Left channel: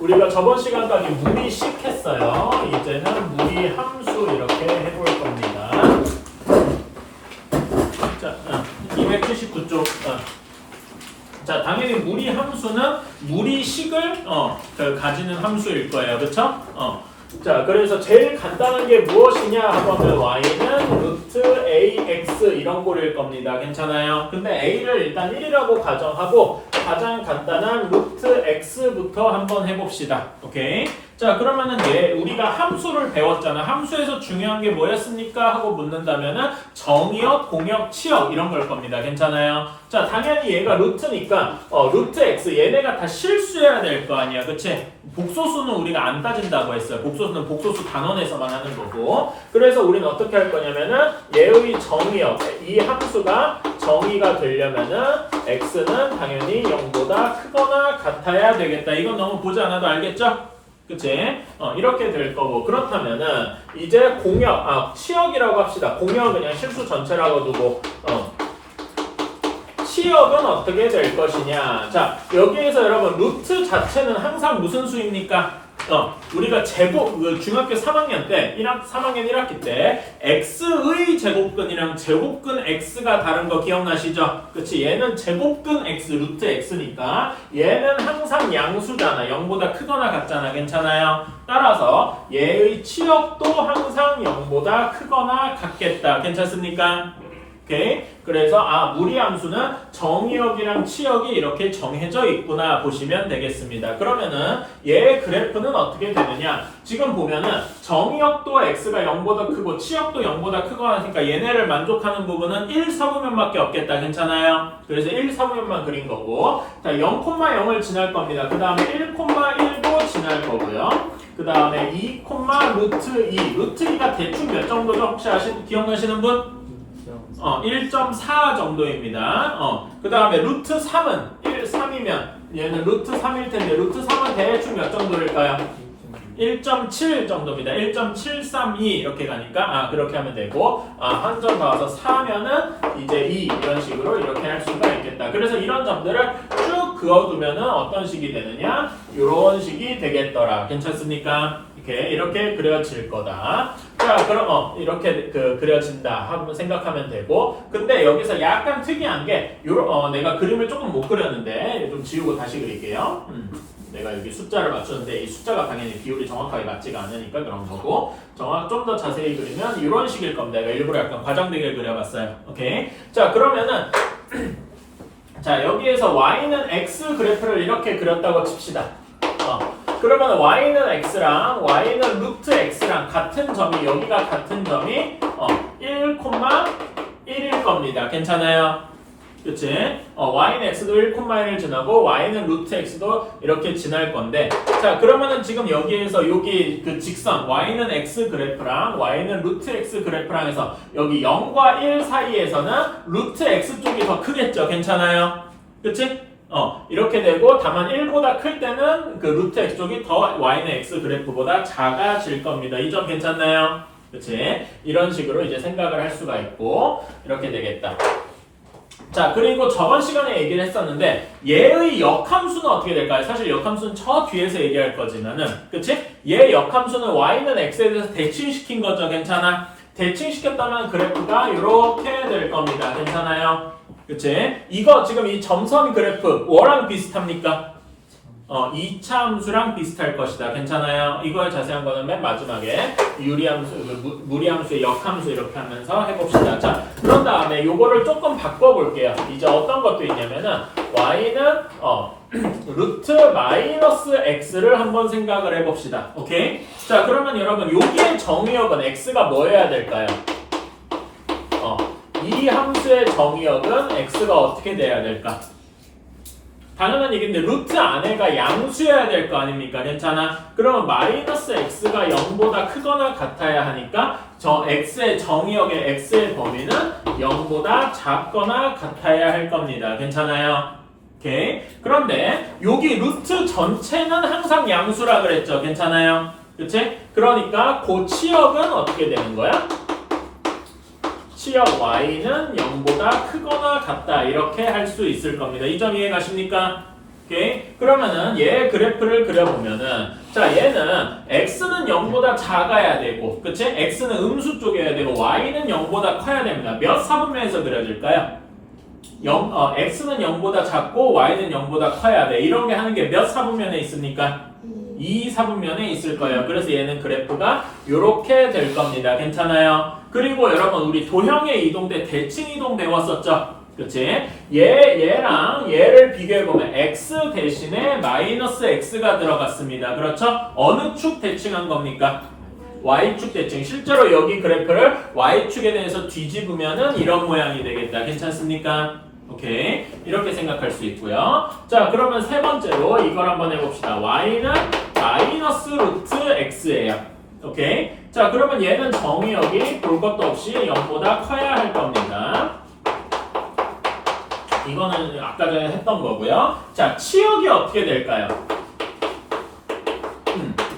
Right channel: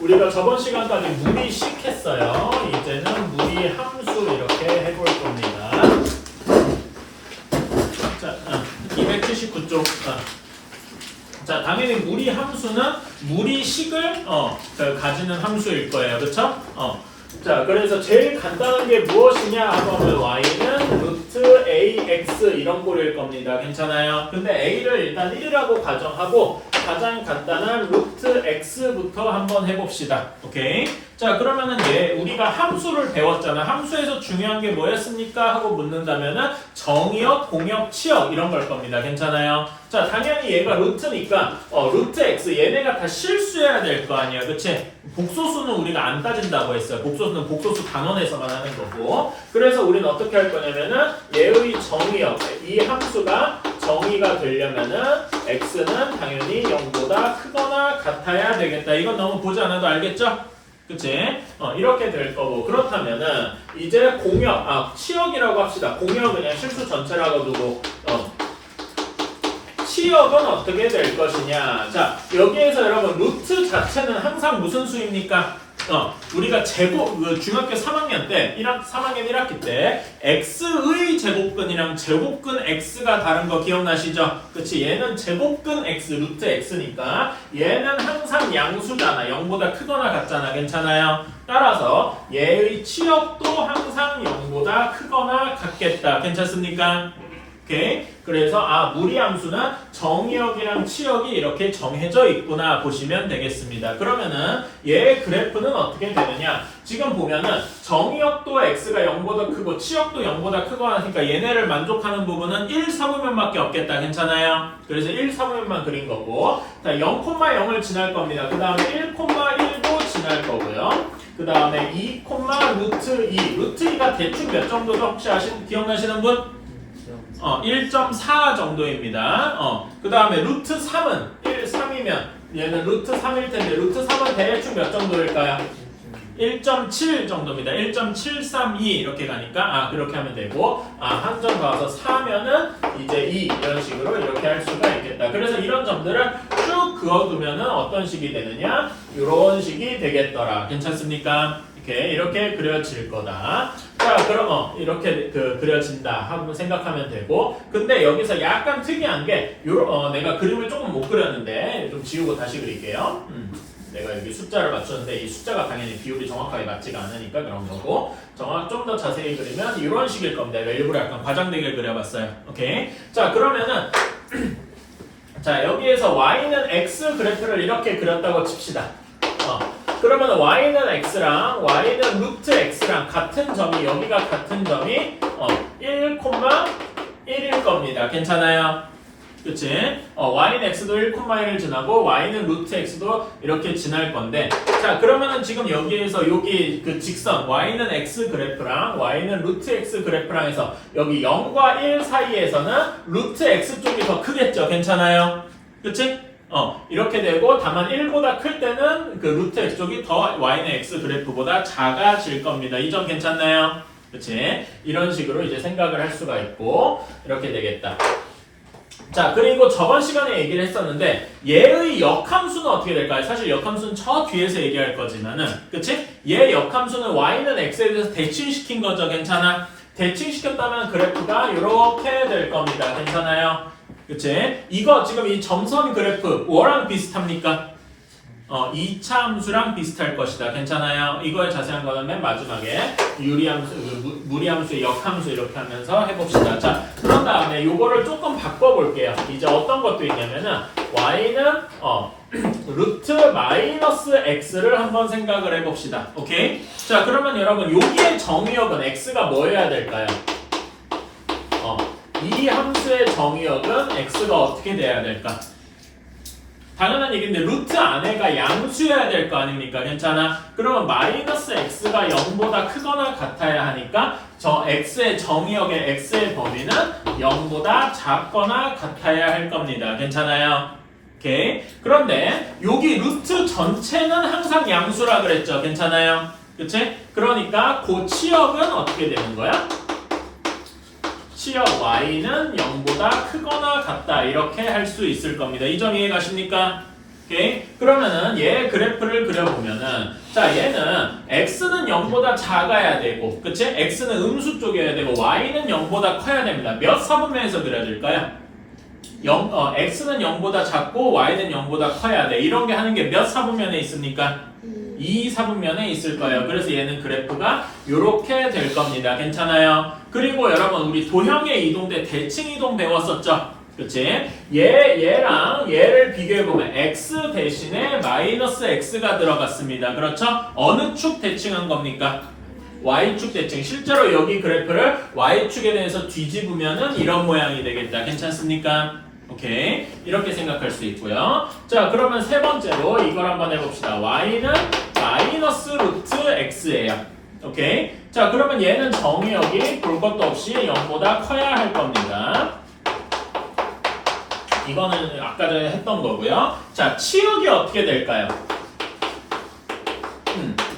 우리가 저번 시간까지 무리식 했어요. 이제는 무리 함수 이렇게 해볼 겁니다. 자, 279쪽. 자, 당연히 무리 함수는 무리식을 가지는 함수일 거예요. 그렇죠? 자, 그래서 제일 간단한 게 무엇이냐 하면 y는 루트 ax 이런 꼴일 겁니다. 괜찮아요? 근데 a를 일단 1이라고 가정하고 가장 간단한 루트 x부터 한번 해봅시다. 오케이? 자, 그러면은 우리가 함수를 배웠잖아. 함수에서 중요한 게 뭐였습니까? 하고 묻는다면은 정의역, 공역, 치역 이런 걸 겁니다. 괜찮아요? 자, 당연히 얘가 루트니까 루트 x 얘네가 다 실수해야 될 거 아니야. 그치? 복소수는 우리가 안 따진다고 했어요. 복소수는 복소수 단원에서만 하는 거고. 그래서 우리는 어떻게 할 거냐면은 얘의 정의역, 이 함수가 정의가 되려면은 x는 당연히 0보다 크거나 같아야 되겠다. 이건 너무 보지 않아도 알겠죠? 그치? 이렇게 될 거고. 그렇다면은 이제 공역, 치역이라고 합시다. 공역은 그냥 실수 전체라고 두고 치역은 어떻게 될 것이냐. 자, 여기에서 여러분 루트 자체는 항상 무슨 수입니까? 우리가 제곱, 중학교 3학년 때, 3학년 1학기 때 x의 제곱근이랑 제곱근 x가 다른 거 기억나시죠? 그치? 얘는 제곱근 x, 루트 x니까 얘는 항상 양수잖아. 0보다 크거나 같잖아. 괜찮아요? 따라서 얘의 치역도 항상 0보다 크거나 같겠다. 괜찮습니까? 오케이? 그래서 무리함수는 정의역이랑 치역이 이렇게 정해져 있구나 보시면 되겠습니다. 그러면은 얘의 그래프는 어떻게 되느냐? 지금 보면은 정의역도 x가 0보다 크고 치역도 0보다 크고 하니까 얘네를 만족하는 부분은 1, 4부면밖에 없겠다. 괜찮아요? 그래서 1, 4부면만 그린 거고, 자, 0,0을 지날 겁니다. 그 다음에 1,1도 지날 거고요. 그 다음에 2, 루트 2. 루트 2가 대충 몇 정도죠? 혹시 기억나시는 분? 1.4 정도입니다. 그 다음에 루트 3은 3이면 얘는 루트 3일 텐데 루트 3은 대충 몇 정도일까요? 1.7 정도입니다. 1.732 이렇게 가니까 그렇게 하면 되고 한 점 더 와서 4면은 이제 2 이런 식으로 이렇게 할 수가 있겠다. 그래서 이런 점들을 쭉 그어두면은 어떤 식이 되느냐? 이런 식이 되겠더라. 괜찮습니까? 이렇게 그려질 거다. 자, 그럼 이렇게 그려진다 하고 생각하면 되고, 근데 여기서 약간 특이한 게 내가 그림을 조금 못 그렸는데 좀 지우고 다시 그릴게요. 내가 여기 숫자를 맞췄는데 이 숫자가 당연히 비율이 정확하게 맞지가 않으니까 그런 거고, 좀 더 자세히 그리면 이런 식일 겁니다. 내가 일부러 약간 과장되게 그려봤어요. 오케이. 자, 그러면은 자, 여기에서 y는 x 그래프를 이렇게 그렸다고 칩시다. 그러면 y는 x랑 y는 루트 x랑 같은 점이 여기가 같은 점이 1,1일 겁니다. 괜찮아요? 그치? y는 x도 1,1을 지나고 y는 루트 x도 이렇게 지날 건데, 자, 그러면은 지금 여기에서 여기 그 직선 y는 x 그래프랑 y는 루트 x 그래프랑 해서 여기 0과 1 사이에서는 루트 x 쪽이 더 크겠죠? 괜찮아요? 그치? 이렇게 되고, 다만 1보다 클 때는 그 루트 x 쪽이 더 y는 x 그래프보다 작아질 겁니다. 이 점 괜찮나요? 그치? 이런 식으로 이제 생각을 할 수가 있고, 이렇게 되겠다. 자, 그리고 저번 시간에 얘기를 했었는데, 얘의 역함수는 어떻게 될까요? 사실 역함수는 저 뒤에서 얘기할 거지만은, 그치? 얘 역함수는 y는 x에 대해서 대칭시킨 거죠. 괜찮아? 대칭시켰다면 그래프가 이렇게 될 겁니다. 괜찮아요? 그치? 이거 지금 이 점선 그래프 뭐랑 비슷합니까? 2차 함수랑 비슷할 것이다. 괜찮아요? 이거에 자세한 거는 맨 마지막에 유리함수, 무리함수의 역함수 이렇게 하면서 해봅시다. 자, 그런 다음에 요거를 조금 바꿔볼게요. 이제 어떤 것도 있냐면은 y는 루트 마이너스 x를 한번 생각을 해봅시다. 오케이? 자, 그러면 여러분 여기의 정의역은 x가 뭐여야 될까요? 이 함수의 정의역은 x가 어떻게 돼야 될까? 당연한 얘기인데 루트 안에가 양수여야 될 거 아닙니까? 괜찮아? 그러면 마이너스 x가 0보다 크거나 같아야 하니까 저 x의 정의역의 x의 범위는 0보다 작거나 같아야 할 겁니다. 괜찮아요? 오케이. 그런데 여기 루트 전체는 항상 양수라 그랬죠? 괜찮아요? 그치? 그러니까 그 치역은 어떻게 되는 거야? 치역 y는 0보다 크거나 같다 이렇게 할 수 있을 겁니다. 이 점 이해 가십니까? 오케이? 그러면은 얘 그래프를 그려보면은 자 얘는 x는 0보다 작아야 되고 그치? x는 음수 쪽이어야 되고 y는 0보다 커야 됩니다. 몇 사분면에서 그려질까요? x는 0보다 작고 y는 0보다 커야 돼. 이런 게 하는 게 몇 사분면에 있습니까? 2사분면에 있을 거예요. 그래서 얘는 그래프가 이렇게 될 겁니다. 괜찮아요? 그리고 여러분 우리 도형의 이동 때 대칭 이동 배웠었죠? 그치? 얘랑 얘를 비교해보면 x 대신에 마이너스 x가 들어갔습니다. 그렇죠? 어느 축 대칭한 겁니까? y축 대칭. 실제로 여기 그래프를 y축에 대해서 뒤집으면은 이런 모양이 되겠다. 괜찮습니까? 오케이. 이렇게 생각할 수 있고요. 자, 그러면 세 번째로 이걸 한번 해봅시다. y는 마이너스 루트 x예요. 오케이. 자, 그러면 얘는 정의역이 볼 것도 없이 0보다 커야 할 겁니다. 이거는 아까 전에 했던 거고요. 자, 치역이 어떻게 될까요?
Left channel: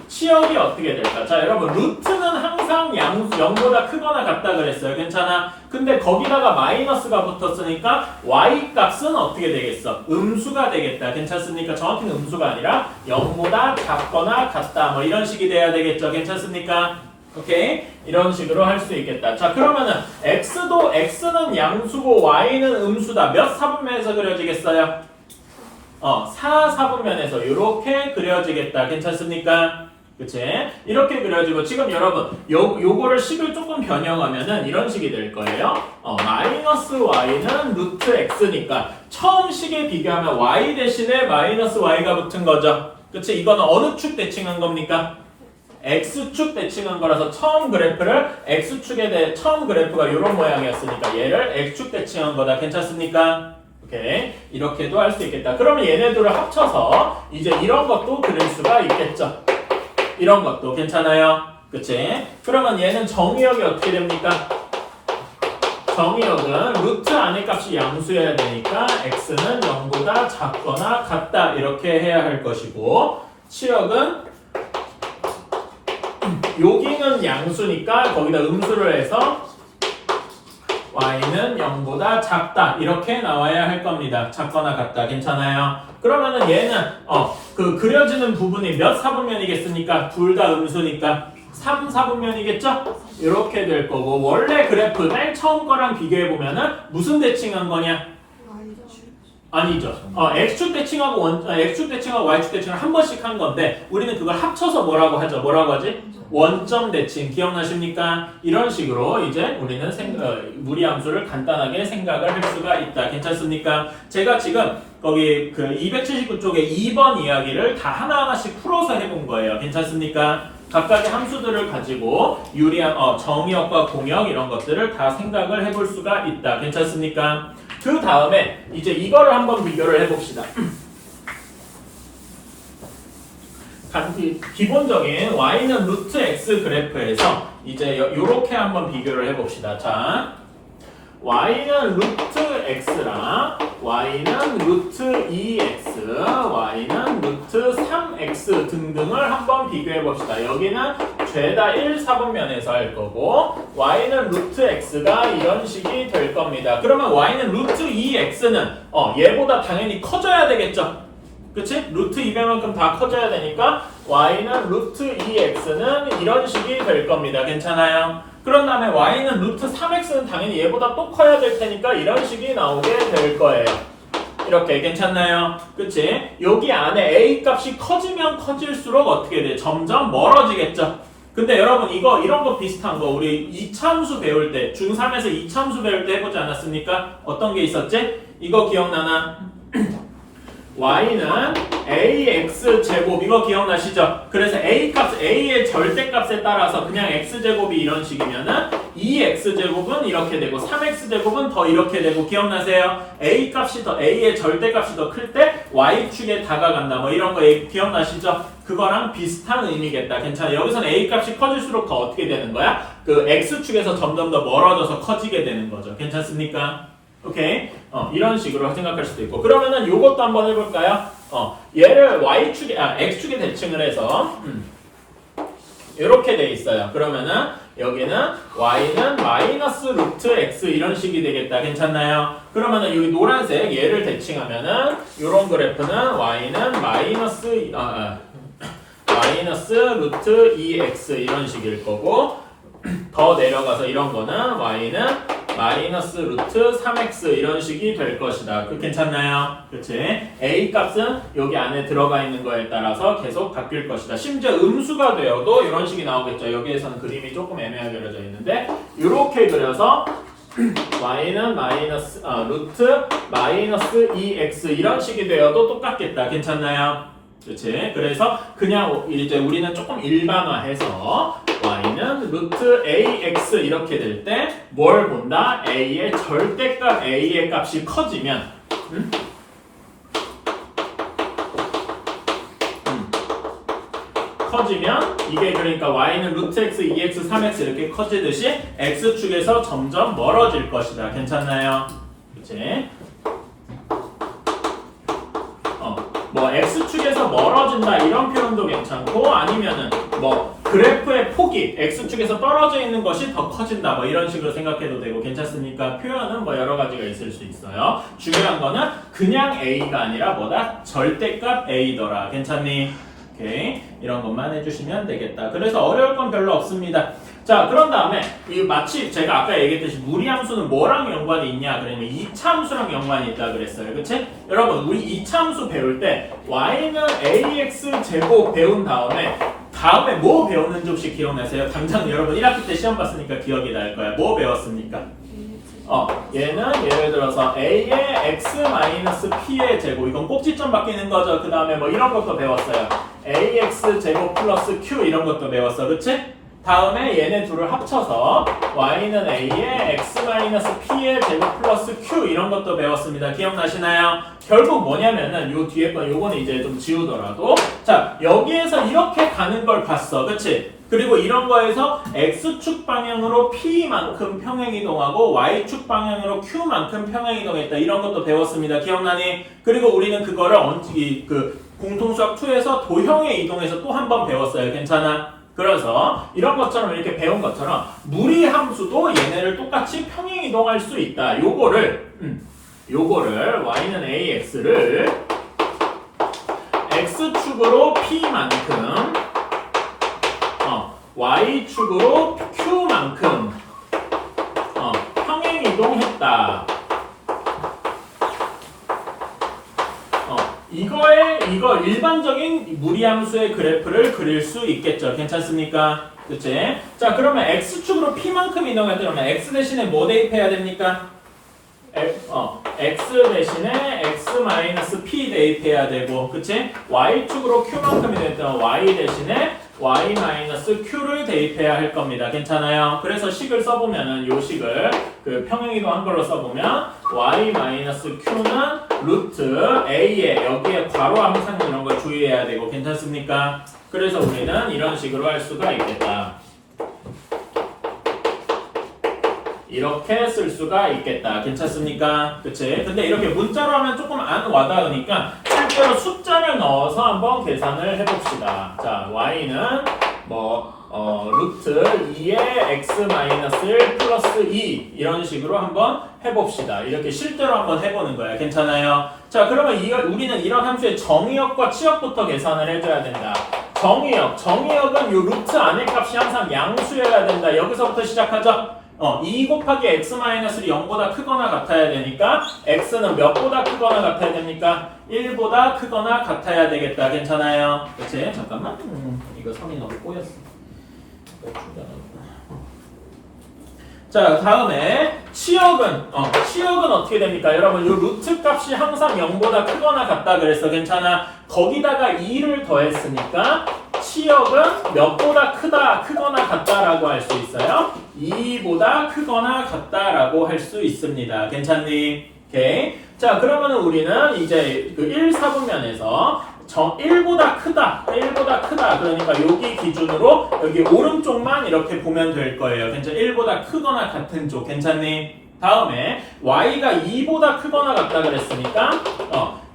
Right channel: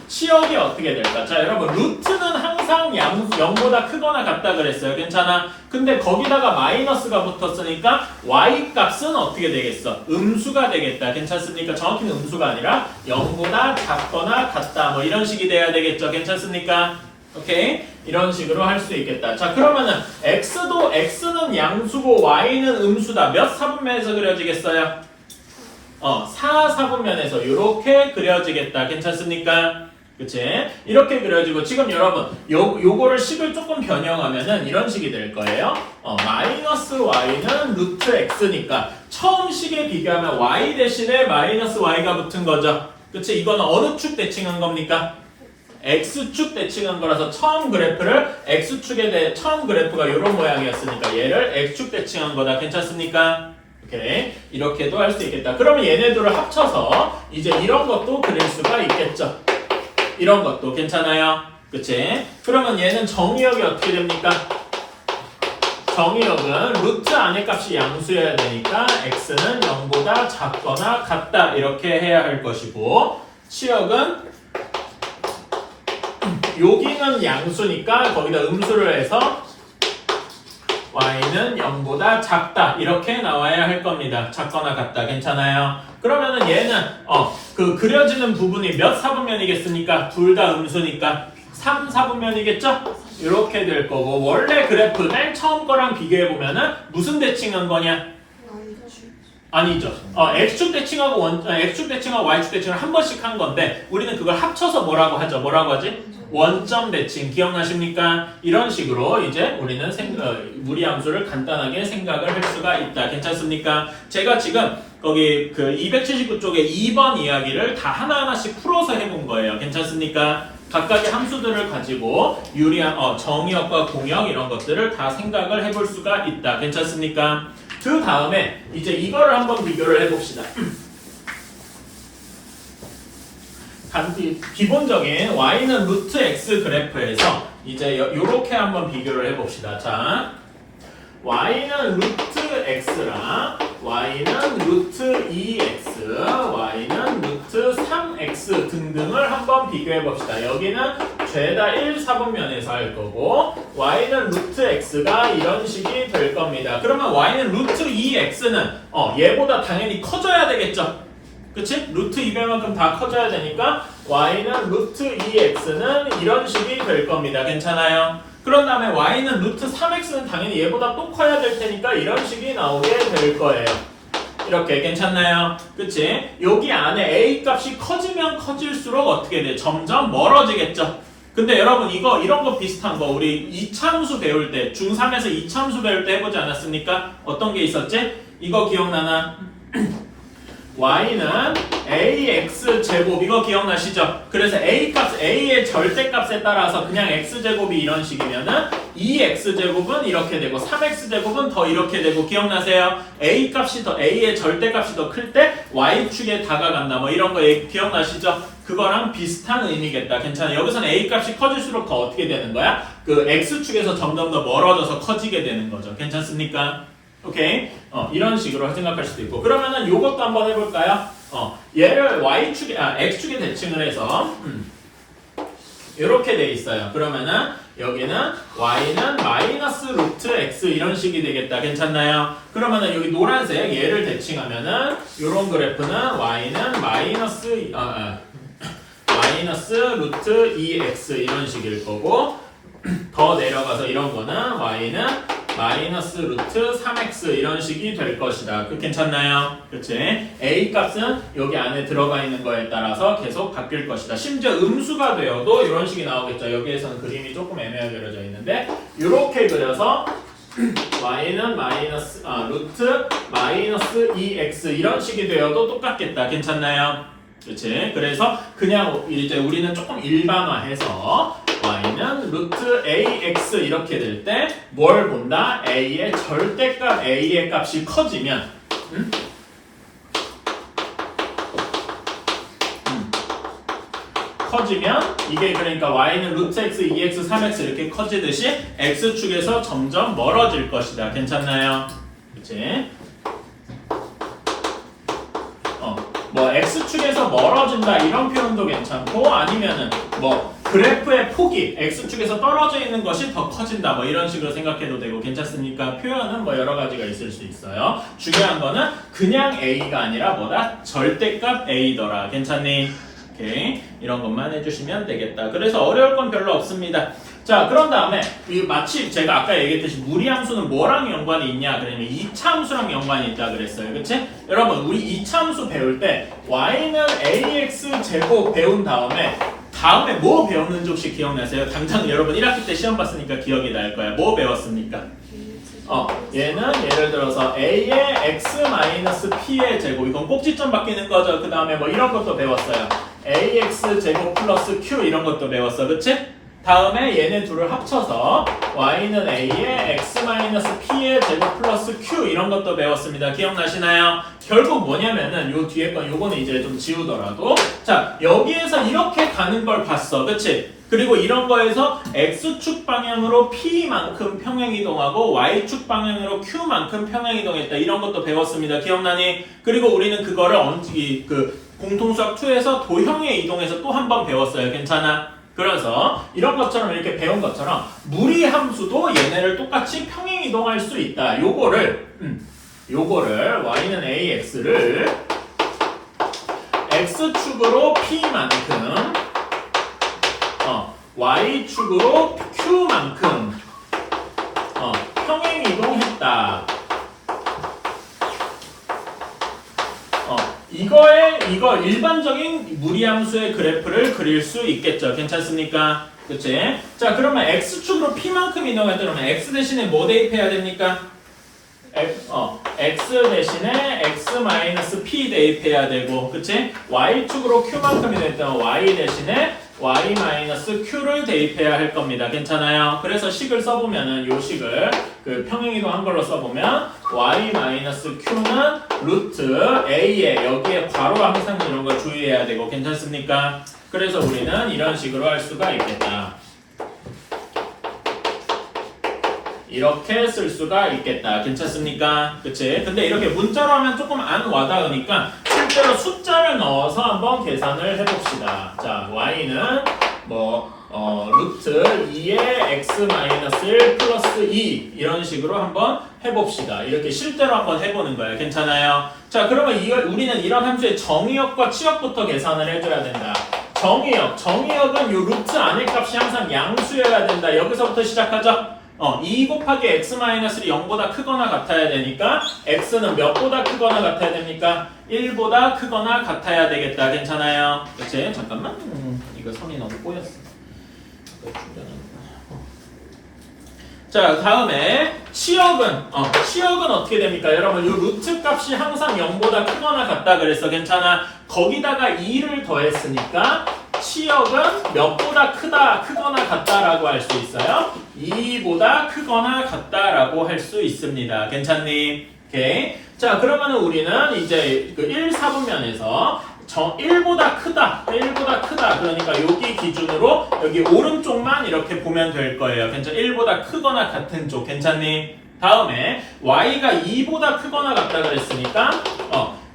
치역이 어떻게 될까? 자, 여러분 루트는 항상 0보다 크거나 같다 그랬어요. 괜찮아? 근데 거기다가 마이너스가 붙었으니까 y 값은 어떻게 되겠어? 음수가 되겠다. 괜찮습니까? 정확히는 음수가 아니라 0보다 작거나 같다. 뭐 이런 식이 돼야 되겠죠. 괜찮습니까? 오케이? 이런 식으로 할 수 있겠다. 자, 그러면은 x는 양수고 y는 음수다. 몇 사분면에서 그려지겠어요? 4사분면에서 이렇게 그려지겠다. 괜찮습니까? 그치? 이렇게 그려지고 지금 여러분 요거를 식을 조금 변형하면은 이런 식이 될 거예요. 마이너스 y는 루트 x니까 처음 식에 비교하면 y 대신에 마이너스 y가 붙은 거죠. 그치? 이거는 어느 축 대칭한 겁니까? x축 대칭한 거라서 처음 그래프를 x축에 대해 처음 그래프가 이런 모양이었으니까 얘를 x축 대칭한 거다. 괜찮습니까? 오케이. 이렇게도 할 수 있겠다. 그러면 얘네들을 합쳐서 이제 이런 것도 그릴 수가 있겠죠. 이런 것도 괜찮아요? 그치? 그러면 얘는 정의역이 어떻게 됩니까? 정의역은 루트 안의 값이 양수여야 되니까 x는 0보다 작거나 같다 이렇게 해야 할 것이고 치역은 여기는 양수니까 거기다 음수를 해서 y는 0보다 작다 이렇게 나와야 할 겁니다. 작거나 같다. 괜찮아요? 그러면은 얘는 그 그려지는 부분이 몇 사분면이겠습니까? 둘 다 음수니까 3사분면이겠죠? 이렇게 될 거고 원래 그래프 맨 처음 거랑 비교해 보면은 무슨 대칭한 거냐? 아니죠. x축 대칭하고 x축 대칭하고 y축 대칭을 한 번씩 한 건데 우리는 그걸 합쳐서 뭐라고 하죠? 뭐라고 하지? 원점 대칭 기억나십니까? 이런 식으로 이제 우리는 무리함수를 간단하게 생각을 할 수가 있다. 괜찮습니까? 제가 지금 거기 그 279쪽에 2번 이야기를 다 하나하나씩 풀어서 해본 거예요. 괜찮습니까? 각각의 함수들을 가지고 유리한 정의역과 공역 이런 것들을 다 생각을 해볼 수가 있다. 괜찮습니까? 그 다음에 이제 이거를 한번 비교를 해봅시다. 기본적인 y는 루트 x 그래프에서 이제 요렇게 한번 비교를 해봅시다. 자, y는 루트 x랑 y는 루트 2x, y는 루트 3x 등등을 한번 비교해 봅시다. 여기는 죄다 1사분면에서 할 거고 y는 루트 x가 이런 식이 될 겁니다. 그러면 y는 루트 2x는 얘보다 당연히 커져야 되겠죠. 그치? 루트 200만큼 다 커져야 되니까 y는 루트 2x는 이런 식이 될 겁니다. 괜찮아요? 그런 다음에 y는 루트 3x는 당연히 얘보다 또 커야 될 테니까 이런 식이 나오게 될 거예요. 이렇게 괜찮나요? 그치? 여기 안에 a 값이 커지면 커질수록 어떻게 돼? 점점 멀어지겠죠? 근데 여러분 이런 거 비슷한 거 우리 이차함수 배울 때 중3에서 이차함수 배울 때 해보지 않았습니까? 어떤 게 있었지? 이거 기억나나? y는 ax 제곱 이거 기억나시죠? 그래서 a의 절대값에 따라서 그냥 x제곱이 이런 식이면은 2x 제곱은 이렇게 되고 3x 제곱은 더 이렇게 되고 기억나세요? a의 절대값이 더 클 때 y축에 다가간다 뭐 이런 거 기억나시죠? 그거랑 비슷한 의미겠다. 괜찮아. 여기서는 a 값이 커질수록 더 어떻게 되는 거야? 그 x축에서 점점 더 멀어져서 커지게 되는 거죠. 괜찮습니까? 오케이? 이런 식으로 생각할 수도 있고 그러면은 요것도 한번 해볼까요? 얘를 x축에 대칭을 해서 이렇게 돼 있어요. 그러면은 여기는 y는 마이너스 루트 x 이런 식이 되겠다. 괜찮나요? 그러면은 여기 노란색 얘를 대칭하면은 요런 그래프는 y는 마이너스 루트 2x 이런 식일 거고 더 내려가서 이런 거는 y는 마이너스 루트 3x 이런 식이 될 것이다. 그 괜찮나요? 그렇지? a 값은 여기 안에 들어가 있는 거에 따라서 계속 바뀔 것이다. 심지어 음수가 되어도 이런 식이 나오겠죠. 여기에서는 그림이 조금 애매하게 그려져 있는데 이렇게 그려서 y는 루트 마이너스 2x 이런 식이 되어도 똑같겠다. 괜찮나요? 그렇지? 그래서 그냥 이제 우리는 조금 일반화해서 y는 루트 ax 이렇게 될 때 뭘 본다? a의 절대값 a의 값이 커지면 커지면 이게 그러니까 y는 루트 x, 2x, 3x 이렇게 커지듯이 x축에서 점점 멀어질 것이다. 괜찮나요? 그렇지? 뭐 x축에서 멀어진다 이런 표현도 괜찮고 아니면은 뭐 그래프의 폭이 x축에서 떨어져 있는 것이 더 커진다 뭐 이런 식으로 생각해도 되고 괜찮습니까? 표현은 뭐 여러 가지가 있을 수 있어요. 중요한 거는 그냥 a가 아니라 뭐다? 절대값 a더라. 괜찮니? 오케이. 이런 것만 해주시면 되겠다. 그래서 어려울 건 별로 없습니다. 자, 그런 다음에 마치 제가 아까 얘기했듯이 무리함수는 뭐랑 연관이 있냐 그러면 이차함수랑 연관이 있다 그랬어요. 그치? 여러분 우리 이차함수 배울 때 y는 ax 제곱 배운 다음에 뭐 배웠는지 혹시 기억나세요? 당장 여러분 1학기 때 시험 봤으니까 기억이 날 거야. 뭐 배웠습니까? 얘는 예를 들어서 a의 x-p의 제곱 이건 꼭지점 바뀌는 거죠. 그 다음에 뭐 이런 것도 배웠어요. ax 제곱 플러스 q 이런 것도 배웠어. 그치? 다음에 얘네 둘을 합쳐서 y는 a의 x-p의 제곱 플러스 q 이런 것도 배웠습니다. 기억나시나요? 결국 뭐냐면은 요 뒤에 건 요거는 이제 좀 지우더라도 자 여기에서 이렇게 가는 걸 봤어. 그치? 그리고 이런 거에서 x축 방향으로 p만큼 평행이동하고 y축 방향으로 q만큼 평행이동했다. 이런 것도 배웠습니다. 기억나니? 그리고 우리는 그거를 공통수학 2에서 도형에 이동해서 또 한 번 배웠어요. 괜찮아? 그래서 이런 것처럼 이렇게 배운 것처럼 무리함수도 얘네를 똑같이 평행이동할 수 있다. 요거를 y는 ax를 x축으로 p만큼 y축으로 q만큼 평행이동했다. 이거 일반적인 무리함수의 그래프를 그릴 수 있겠죠. 괜찮습니까? 그치? 자, 그러면 x축으로 p만큼 이동했다면 x 대신에 뭐 대입해야 됩니까? x 대신에 x-p 대입해야 되고, 그치? y축으로 q만큼 이동했다면 y 대신에 y-q를 대입해야 할 겁니다. 괜찮아요? 그래서 식을 써보면은 요 식을 평행이동한 걸로 써보면 y-q는 루트 a에 여기에 괄호 항상 이런 거 주의해야 되고 괜찮습니까? 그래서 우리는 이런 식으로 할 수가 있겠다. 이렇게 쓸 수가 있겠다. 괜찮습니까? 그치? 근데 이렇게 문자로 하면 조금 안 와닿으니까 실제로 숫자를 넣어서 한번 계산을 해봅시다. 자, y는 루트 2의 x-1 플러스 2 이런 식으로 한번 해봅시다. 이렇게 실제로 한번 해보는 거예요. 괜찮아요? 자, 그러면 우리는 이런 함수의 정의역과 치역부터 계산을 해줘야 된다. 정의역은 요 루트 안의 값이 항상 양수여야 된다. 여기서부터 시작하죠? 2 곱하기 x-를 0보다 크거나 같아야 되니까 x는 몇보다 크거나 같아야 됩니까? 1보다 크거나 같아야 되겠다. 괜찮아요? 그치? 잠깐만. 이거 선이 너무 꼬였어. 자, 다음에 치역은 어떻게 됩니까? 여러분, 요 루트 값이 항상 0보다 크거나 같다 그랬어. 괜찮아? 거기다가 2를 더했으니까 치역은 몇보다 크거나 같다라고 할 수 있어요. 2보다 크거나 같다라고 할 수 있습니다. 괜찮니? 오케이. 자, 그러면은 우리는 이제 그 1, 4분면에서 1보다 크다. 그러니까 여기 기준으로 여기 오른쪽만 이렇게 보면 될 거예요. 괜찮아? 1보다 크거나 같은 쪽. 괜찮니? 다음에 y가 2보다 크거나 같다 그랬으니까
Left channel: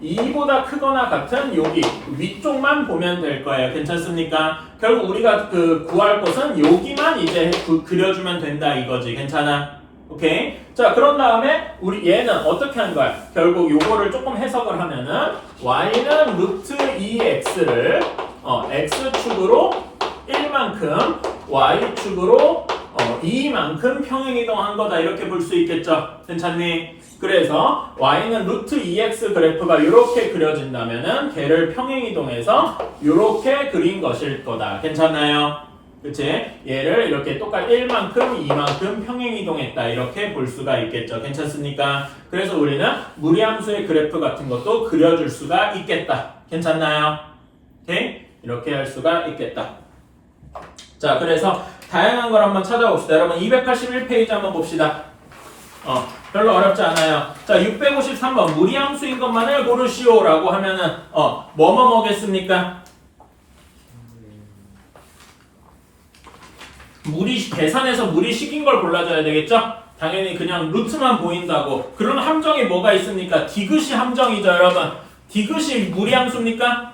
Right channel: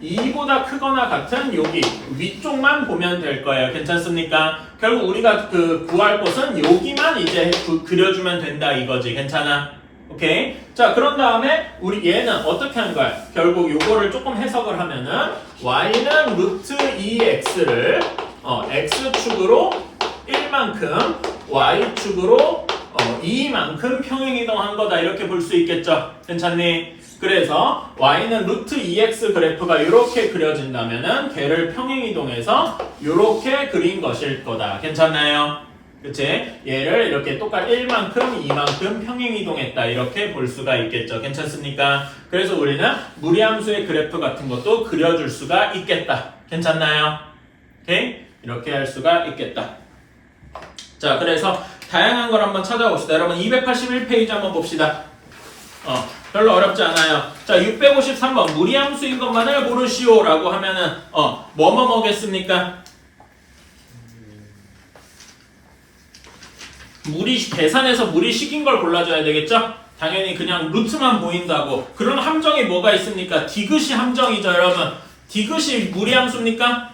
2보다 크거나 같은 여기 위쪽만 보면 될 거예요. 괜찮습니까? 결국 우리가 그 구할 것은 여기만 이제 그려주면 된다 이거지. 괜찮아? 오케이? 자, 그런 다음에 우리 얘는 어떻게 한 거야? 결국 요거를 조금 해석을 하면은 y는 루트 2x를 x축으로 1만큼 y축으로 2만큼 평행이동한 거다 이렇게 볼 수 있겠죠? 괜찮니? 그래서 y는 루트 2x 그래프가 이렇게 그려진다면은 걔를 평행이동해서 이렇게 그린 것일 거다. 괜찮나요? 그치? 얘를 이렇게 똑같이 1만큼, 2만큼 평행이동했다 이렇게 볼 수가 있겠죠. 괜찮습니까? 그래서 우리는 무리함수의 그래프 같은 것도 그려줄 수가 있겠다. 괜찮나요? 오케이? 이렇게 할 수가 있겠다. 자, 그래서 다양한 걸 한번 찾아봅시다. 여러분 281페이지 한번 봅시다. 별로 어렵지 않아요. 자, 653번 무리함수인 것만을 고르시오 라고 하면은 뭐겠습니까? 계산해서 무리식인 걸 골라줘야 되겠죠? 당연히 그냥 루트만 보인다고. 그런 함정이 뭐가 있습니까? 디귿이 함정이죠, 여러분. 디귿이 무리함수입니까?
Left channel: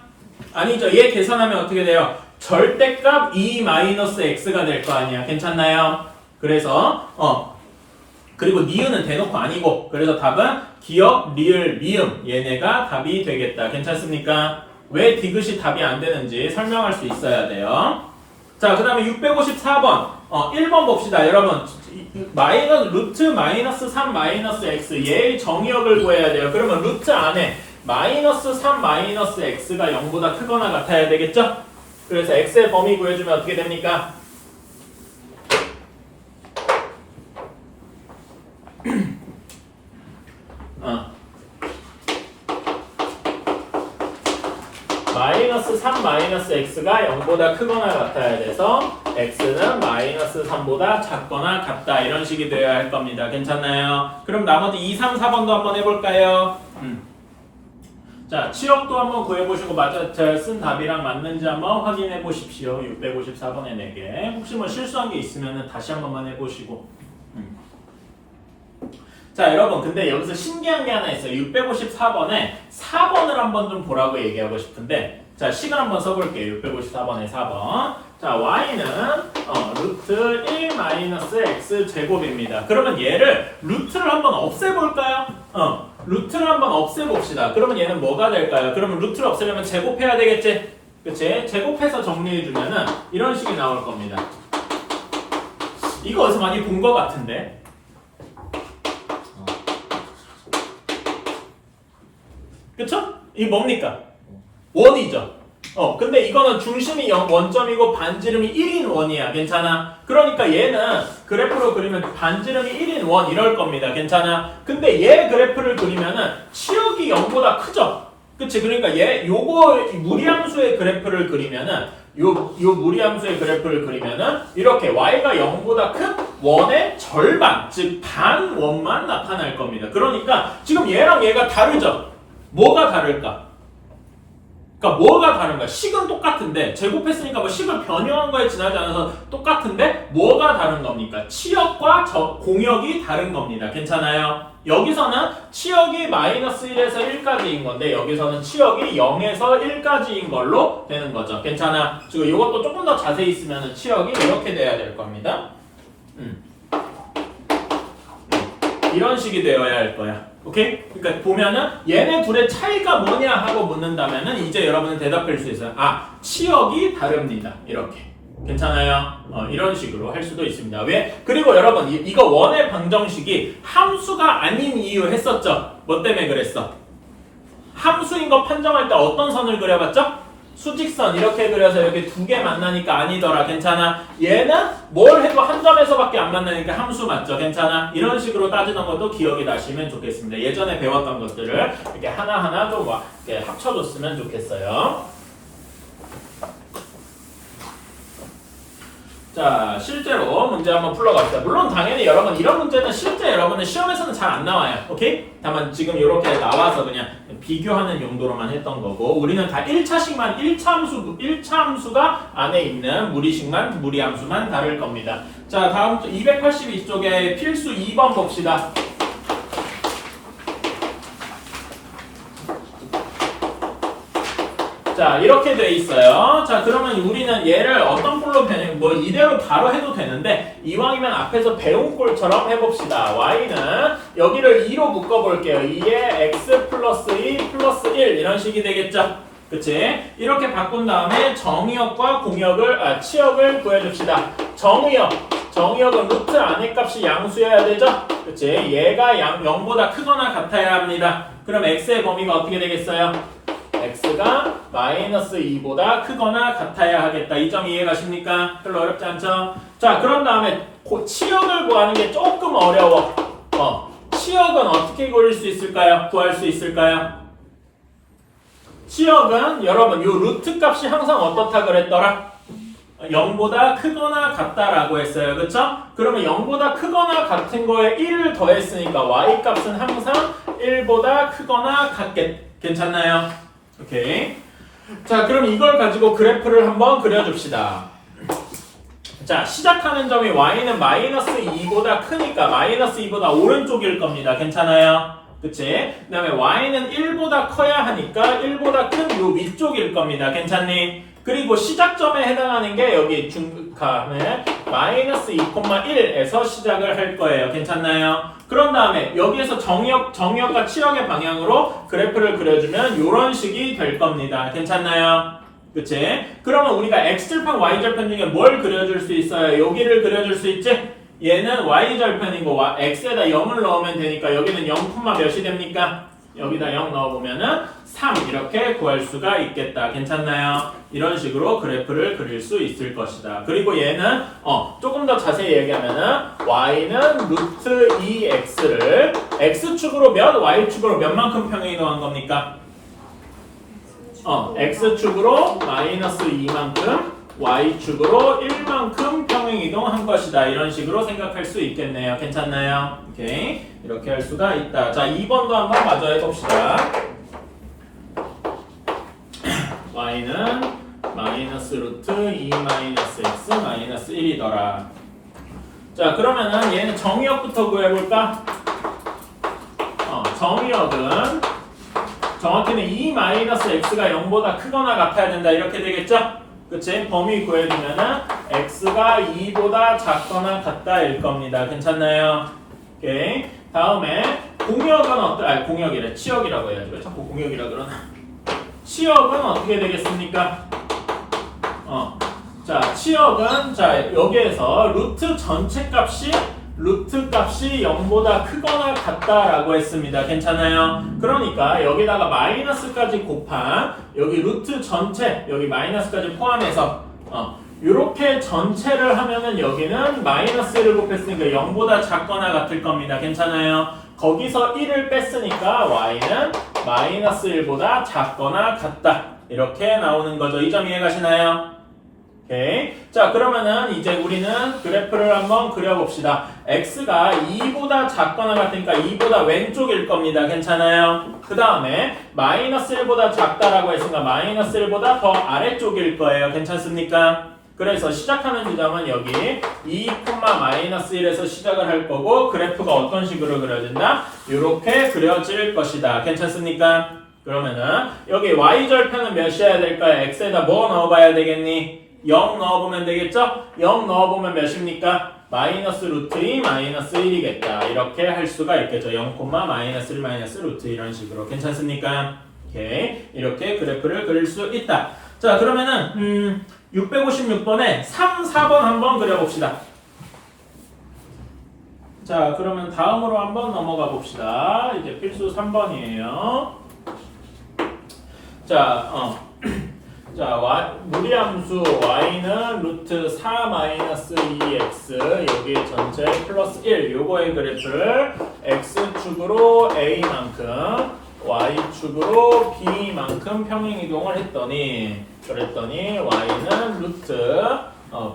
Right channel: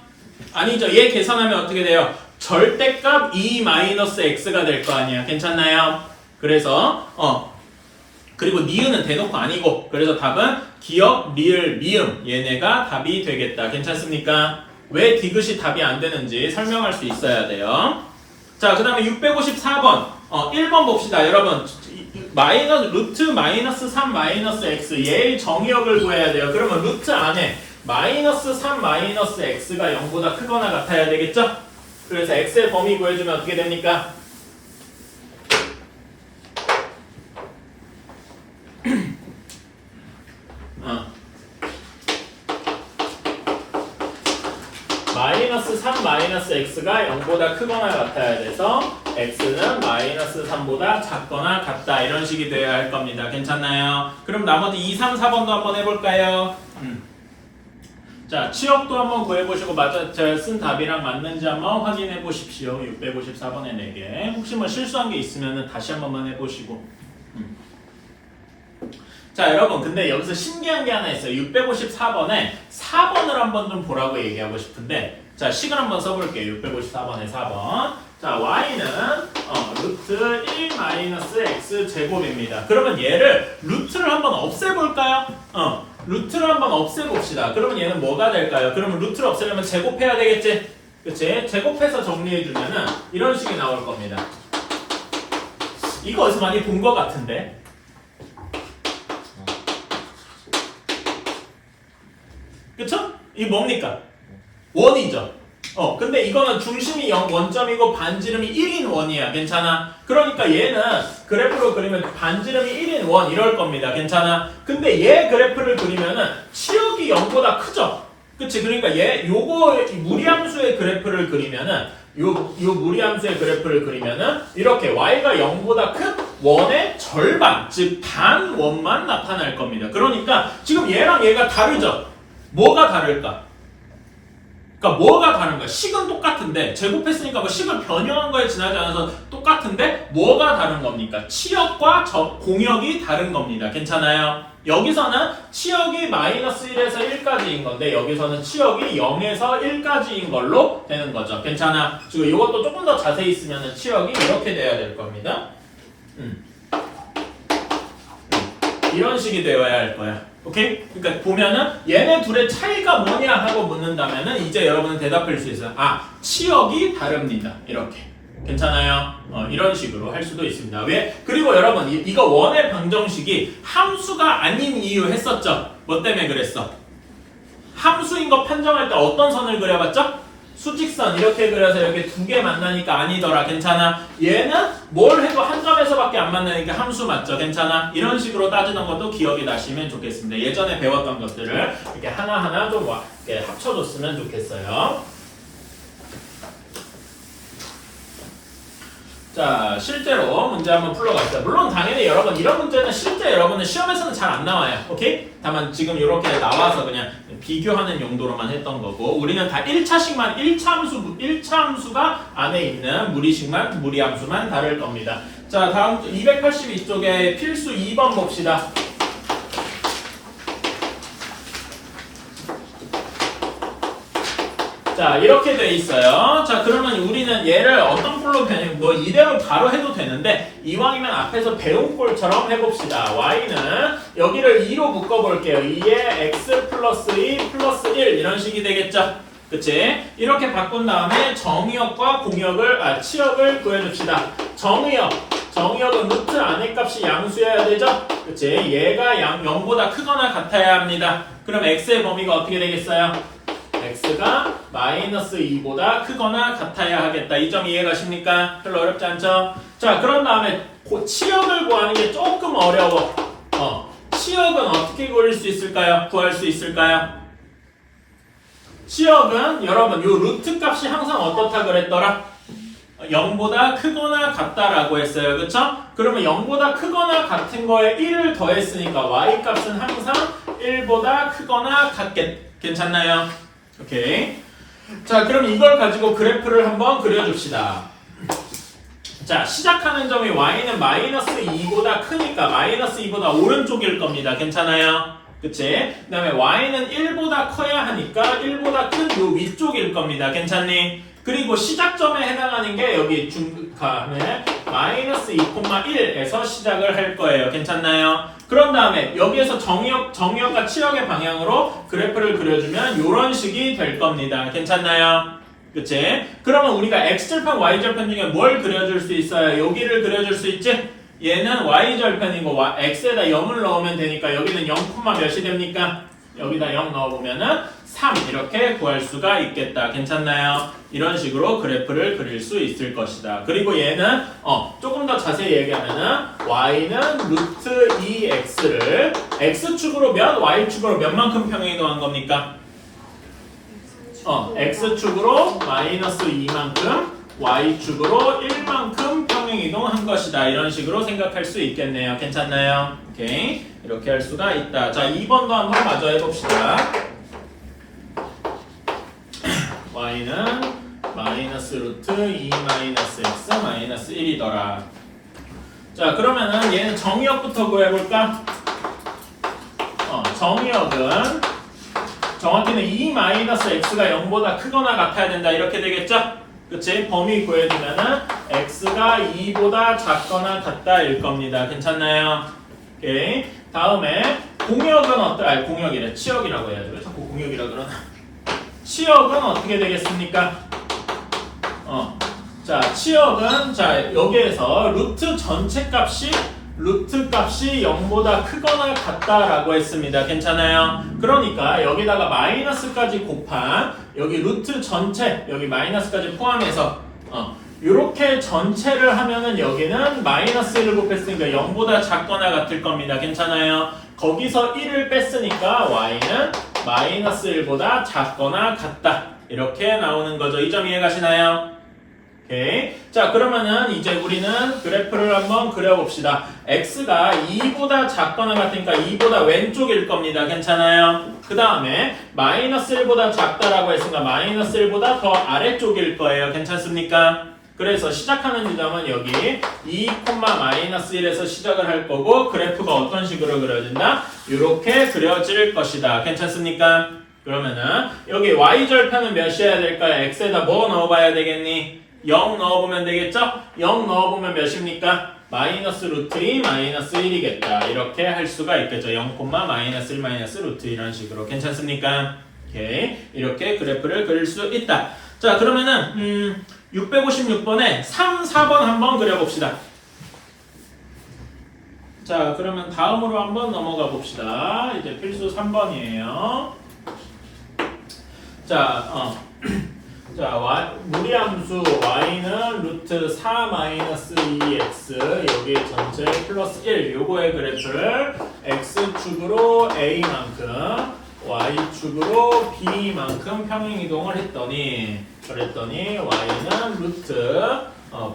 아니죠. 얘 계산하면 어떻게 돼요? 절대값 2-x가 될 거 아니야. 괜찮나요? 그래서 그리고 니은은 대놓고 아니고, 그래서 답은 기역, 리을, 미음 얘네가 답이 되겠다. 괜찮습니까? 왜 디귿이 답이 안 되는지 설명할 수 있어야 돼요. 자, 그 다음에 654번 1번 봅시다. 여러분 루트 마이너스 3 마이너스 x 얘의 정의역을 구해야 돼요. 그러면 루트 안에 마이너스 3 마이너스 x가 0보다 크거나 같아야 되겠죠? 그래서 x의 범위 구해주면 어떻게 됩니까? 마이너스 3 마이너스 x가 0보다 크거나 같아야 돼서 x는 마이너스 3보다 작거나 같다 이런 식이 되어야 할 겁니다. 괜찮나요? 그럼 나머지 2, 3, 4번도 한번 해볼까요? 자, 치역도 한번 구해보시고 제가 쓴 답이랑 맞는지 한번 확인해 보십시오. 654번에 4개. 혹시 뭐 실수한 게 있으면 다시 한 번만 해보시고. 자, 여러분 근데 여기서 신기한 게 하나 있어요. 654번에 4번을 한번 좀 보라고 얘기하고 싶은데, 자, 식을 한번 써볼게요. 654번에 4번. 자, y는 루트 1 마이너스 x 제곱입니다. 그러면 얘를 루트를 한번 없애볼까요? 루트를 한번 없애봅시다. 그러면 얘는 뭐가 될까요? 그러면 루트를 없애려면 제곱해야 되겠지? 그치? 제곱해서 정리해주면은 이런 식이 나올 겁니다. 이거 어디서 많이 본 것 같은데? 그쵸? 이게 뭡니까? 원이죠. 근데 이거는 중심이 0 원점이고 반지름이 1인 원이야. 괜찮아? 그러니까 얘는 그래프로 그리면 반지름이 1인 원 이럴 겁니다. 괜찮아? 근데 얘 그래프를 그리면은 치역이 0보다 크죠? 그치? 그러니까 요거 무리함수의 그래프를 그리면은 요 무리함수의 그래프를 그리면은 이렇게 y가 0보다 큰 원의 절반, 즉 반 원만 나타날 겁니다. 그러니까 지금 얘랑 얘가 다르죠? 뭐가 다를까? 그러니까 뭐가 다른가? 식은 똑같은데 제곱했으니까 뭐 식을 변형한 거에 지나지 않아서 똑같은데 뭐가 다른 겁니까? 치역과 공역이 다른 겁니다. 괜찮아요? 여기서는 치역이 마이너스 1에서 1까지인 건데 여기서는 치역이 0에서 1까지인 걸로 되는 거죠. 괜찮아? 지금 이것도 조금 더 자세히 쓰면 치역이 이렇게 돼야 될 겁니다. 이런 식이 되어야 할 거야. 오케이? 그러니까 보면은 얘네 둘의 차이가 뭐냐 하고 묻는다면은 이제 여러분은 대답할 수 있어요. 치역이 다릅니다. 이렇게. 괜찮아요? 이런 식으로 할 수도 있습니다. 왜? 그리고 여러분 이거 원의 방정식이 함수가 아닌 이유 했었죠? 뭐 때문에 그랬어? 함수인 거 판정할 때 어떤 선을 그려봤죠? 수직선 이렇게 그려서 이렇게 두 개 만나니까 아니더라. 괜찮아? 얘는 뭘 해도 한 점에서밖에 안 만나니까 함수 맞죠? 괜찮아? 이런 식으로 따지는 것도 기억이 나시면 좋겠습니다. 예전에 배웠던 것들을 이렇게 하나하나 좀 이렇게 합쳐줬으면 좋겠어요. 자, 실제로 문제 한번 풀어갑시다. 물론 당연히 여러분 이런 문제는 실제 여러분은 시험에서는 잘 안 나와요. 오케이? 다만 지금 이렇게 나와서 그냥 비교하는 용도로만 했던 거고, 우리는 다 1차식만 1차 함수가 안에 있는 무리함수만 다룰 겁니다. 자, 다음 282쪽에 필수 2번 봅시다. 자, 이렇게 돼 있어요. 자, 그러면 우리는 얘를 어떤 꼴로 뭐 이대로 바로 해도 되는데 이왕이면 앞에서 배운 꼴처럼 해봅시다. y는 여기를 2로 묶어볼게요. 2에 x 플러스 2 플러스 1 이런 식이 되겠죠. 그치? 이렇게 바꾼 다음에 정의역과 치역을 구해줍시다. 정의역은 루트 안의 값이 양수여야 되죠? 그치? 얘가 0보다 크거나 같아야 합니다. 그럼 x의 범위가 어떻게 되겠어요? x가 마이너스 2보다 크거나 같아야 하겠다. 이 점 이해가십니까? 별로 어렵지 않죠? 자, 그런 다음에 치역을 구하는 게 조금 어려워. 치역은 어떻게 구할 수 있을까요? 치역은 여러분 요 루트 값이 항상 어떻다 그랬더라? 0보다 크거나 같다라고 했어요. 그쵸? 그러면 0보다 크거나 같은 거에 1을 더했으니까 y 값은 항상 1보다 크거나 괜찮나요? 오케이. 자, 그럼 이걸 가지고 그래프를 한번 그려줍시다. 자, 시작하는 점이 y는 마이너스 2보다 크니까 마이너스 2보다 오른쪽일 겁니다. 괜찮아요? 그치? 그 다음에 y는 1보다 커야 하니까 1보다 큰 요 위쪽일 겁니다. 괜찮니? 그리고 시작점에 해당하는 게 여기 중간에 마이너스 2,1에서 시작을 할 거예요. 괜찮나요? 그런 다음에 여기에서 정의역과 치역의 방향으로 그래프를 그려주면 이런 식이 될 겁니다. 괜찮나요? 그치? 그러면 우리가 x절편, y절편 중에 뭘 그려줄 수 있어요? 여기를 그려줄 수 있지? 얘는 y절편이고 x에다 0을 넣으면 되니까 여기는 0, 몇이 됩니까? 여기다 0 넣어보면은 3 이렇게 구할 수가 있겠다. 괜찮나요? 이런 식으로 그래프를 그릴 수 있을 것이다. 그리고 얘는 조금 더 자세히 얘기하면은 y는 루트 2x를 x축으로 몇, y축으로 몇만큼 평행이동한 겁니까? x축으로 마이너스 2만큼 y축으로 1만큼 평행이동한 것이다. 이런 식으로 생각할 수 있겠네요. 괜찮나요? 오케이. 이렇게 할 수가 있다. 자, 2번도 한번 마저 해봅시다. y는 마이너스 루트 2 마이너스 x 마이너스 1이더라. 자, 그러면은 얘는 정의역부터 구해볼까? 정의역은 정확히는 2 마이너스 x가 0보다 크거나 같아야 된다. 이렇게 되겠죠? 그치? 범위 구해주면은 x가 2보다 작거나 같다일 겁니다. 괜찮나요? 오케이. 다음에 공역은 공역이래. 치역이라고 해야죠. 왜 자꾸 공역이라 그러나? 치역은 어떻게 되겠습니까? 자, 치역은 여기에서 루트 전체 값이 0보다 크거나 같다라고 했습니다. 괜찮아요? 그러니까 여기다가 마이너스까지 곱한 여기 루트 전체 여기 마이너스까지 포함해서 이렇게 전체를 하면은 여기는 마이너스 1을 곱했으니까 0보다 작거나 같을 겁니다. 괜찮아요? 거기서 1을 뺐으니까 y는 마이너스 1보다 작거나 같다. 이렇게 나오는 거죠. 이 점 이해가시나요? 오케이. 자, 그러면은 이제 우리는 그래프를 한번 그려봅시다. x가 2보다 작거나 같으니까 2보다 왼쪽일 겁니다. 괜찮아요? 그 다음에 마이너스 1보다 작다라고 했으니까 마이너스 1보다 더 아래쪽일 거예요. 괜찮습니까? 그래서 시작하는 지점은 여기 2, 마이너스 1에서 시작을 할 거고 그래프가 어떤 식으로 그려진다? 이렇게 그려질 것이다. 괜찮습니까? 그러면은 여기 y절편은 몇이어야 될까요? x에다 뭐 넣어봐야 되겠니? 0 넣어보면 되겠죠? 0 넣어보면 몇입니까? 마이너스 루트 2 마이너스 1이겠다. 이렇게 할 수가 있겠죠. 0, 마이너스 1 마이너스 루트 이런 식으로. 괜찮습니까? 오케이. 이렇게 그래프를 그릴 수 있다. 자, 그러면은 656번에 3, 4번 한번 그려봅시다. 자, 그러면 다음으로 한번 넘어가 봅시다. 이제 필수 3번이에요. 자, 무리함수 y는 루트 4 마이너스 2x 여기 전체 플러스 1 요거의 그래프를 x축으로 a만큼 y축으로 b만큼 평행이동을 했더니 y는 루트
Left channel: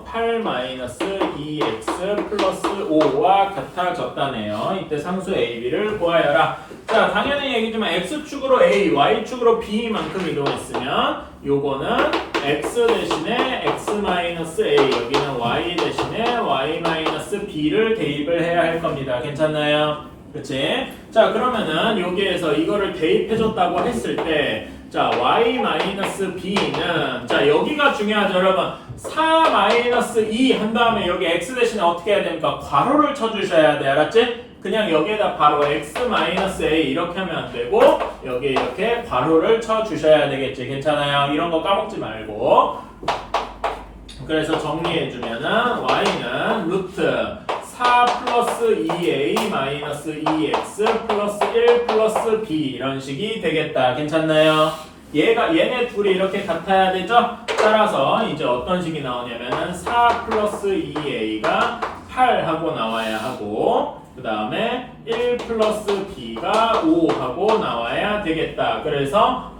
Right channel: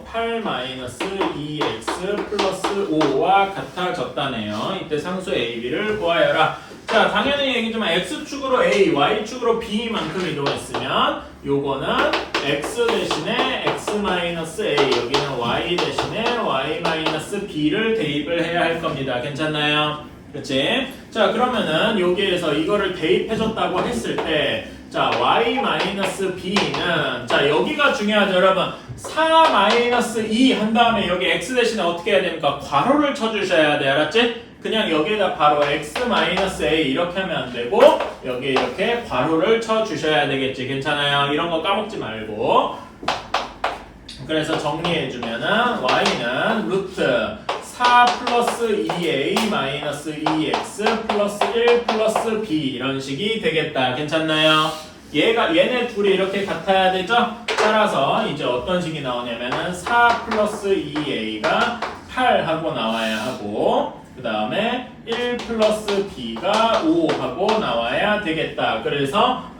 8 마이너스 2x 플러스 5와 같아졌다네요. 이때 상수 a, b를 구하여라. 자, 당연히 얘기지만 x축으로 a, y축으로 b만큼 이동했으면 요거는 x 대신에 x 마이너스 a 여기는 y 대신에 y 마이너스 b를 대입을 해야 할 겁니다. 괜찮나요? 그치? 자, 그러면은 여기에서 이거를 대입해줬다고 했을 때, 자, y-b는, 자, 여기가 중요하죠, 여러분. 4-2 한 다음에 여기 x 대신에 어떻게 해야 됩니까? 괄호를 쳐주셔야 돼, 알았지? 그냥 여기에다 바로 x-a 이렇게 하면 안 되고, 여기 이렇게 괄호를 쳐주셔야 되겠지. 괜찮아요? 이런 거 까먹지 말고. 그래서 정리해주면은, y는 루트 4 플러스 2a 마이너스 2x 플러스 1 플러스 b 이런 식이 되겠다. 괜찮나요? 얘네 둘이 이렇게 같아야 되죠? 따라서 이제 어떤 식이 나오냐면은 4 플러스 2a가 8 하고 나와야 하고 그 다음에 1 플러스 b가 5 하고 나와야 되겠다. 그래서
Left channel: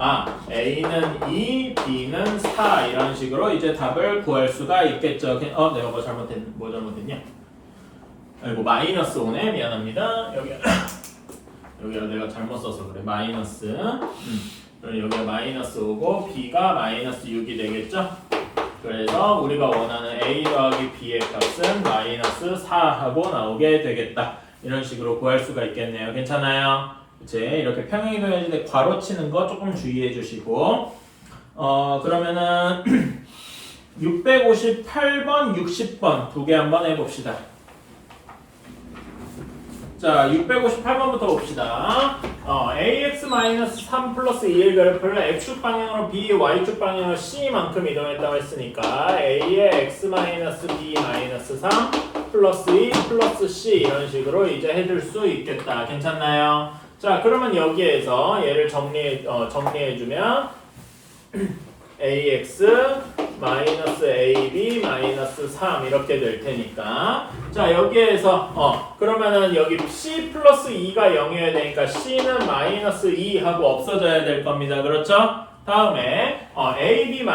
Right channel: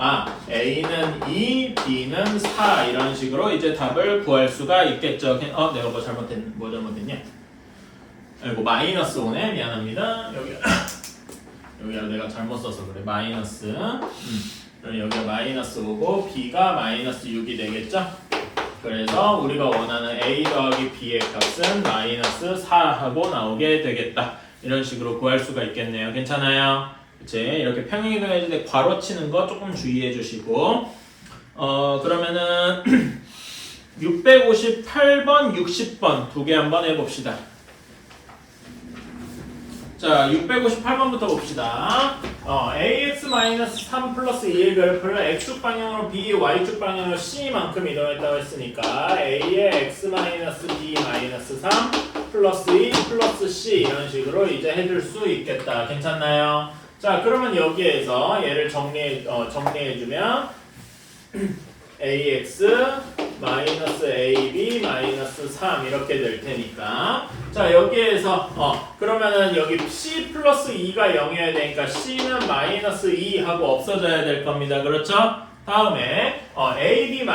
a는 2, b는 4 이런 식으로 이제 답을 구할 수가 있겠죠. 내가 뭐 잘못했냐? 아이고 마이너스 5네. 미안합니다. 여기가 내가 잘못 써서 그래. 마이너스. 그럼 여기가 마이너스 5고 b가 마이너스 6이 되겠죠? 그래서 우리가 원하는 a 더하기 b의 값은 마이너스 4하고 나오게 되겠다. 이런 식으로 구할 수가 있겠네요. 괜찮아요? 그치? 이렇게 평행이동해질 때 괄호 치는 거 조금 주의해 주시고 그러면은 658번, 60번 두 개 한번 해봅시다. 자, 658번부터 봅시다. ax-3 플러스 2의 그래프를 x축 방향으로 b, y축 방향으로 c만큼 이동했다고 했으니까 a의 x-b-3 플러스 2 플러스 c 이런 식으로 이제 해줄 수 있겠다. 괜찮나요? 자, 그러면 여기에서 얘를 정리해주면 ax 마이너스 ab 마이너스 3 이렇게 될 테니까 자 여기에서 그러면은 여기 c 플러스 2가 0이어야 되니까 c는 마이너스 2 하고 없어져야 될 겁니다. 그렇죠? 다음에 a는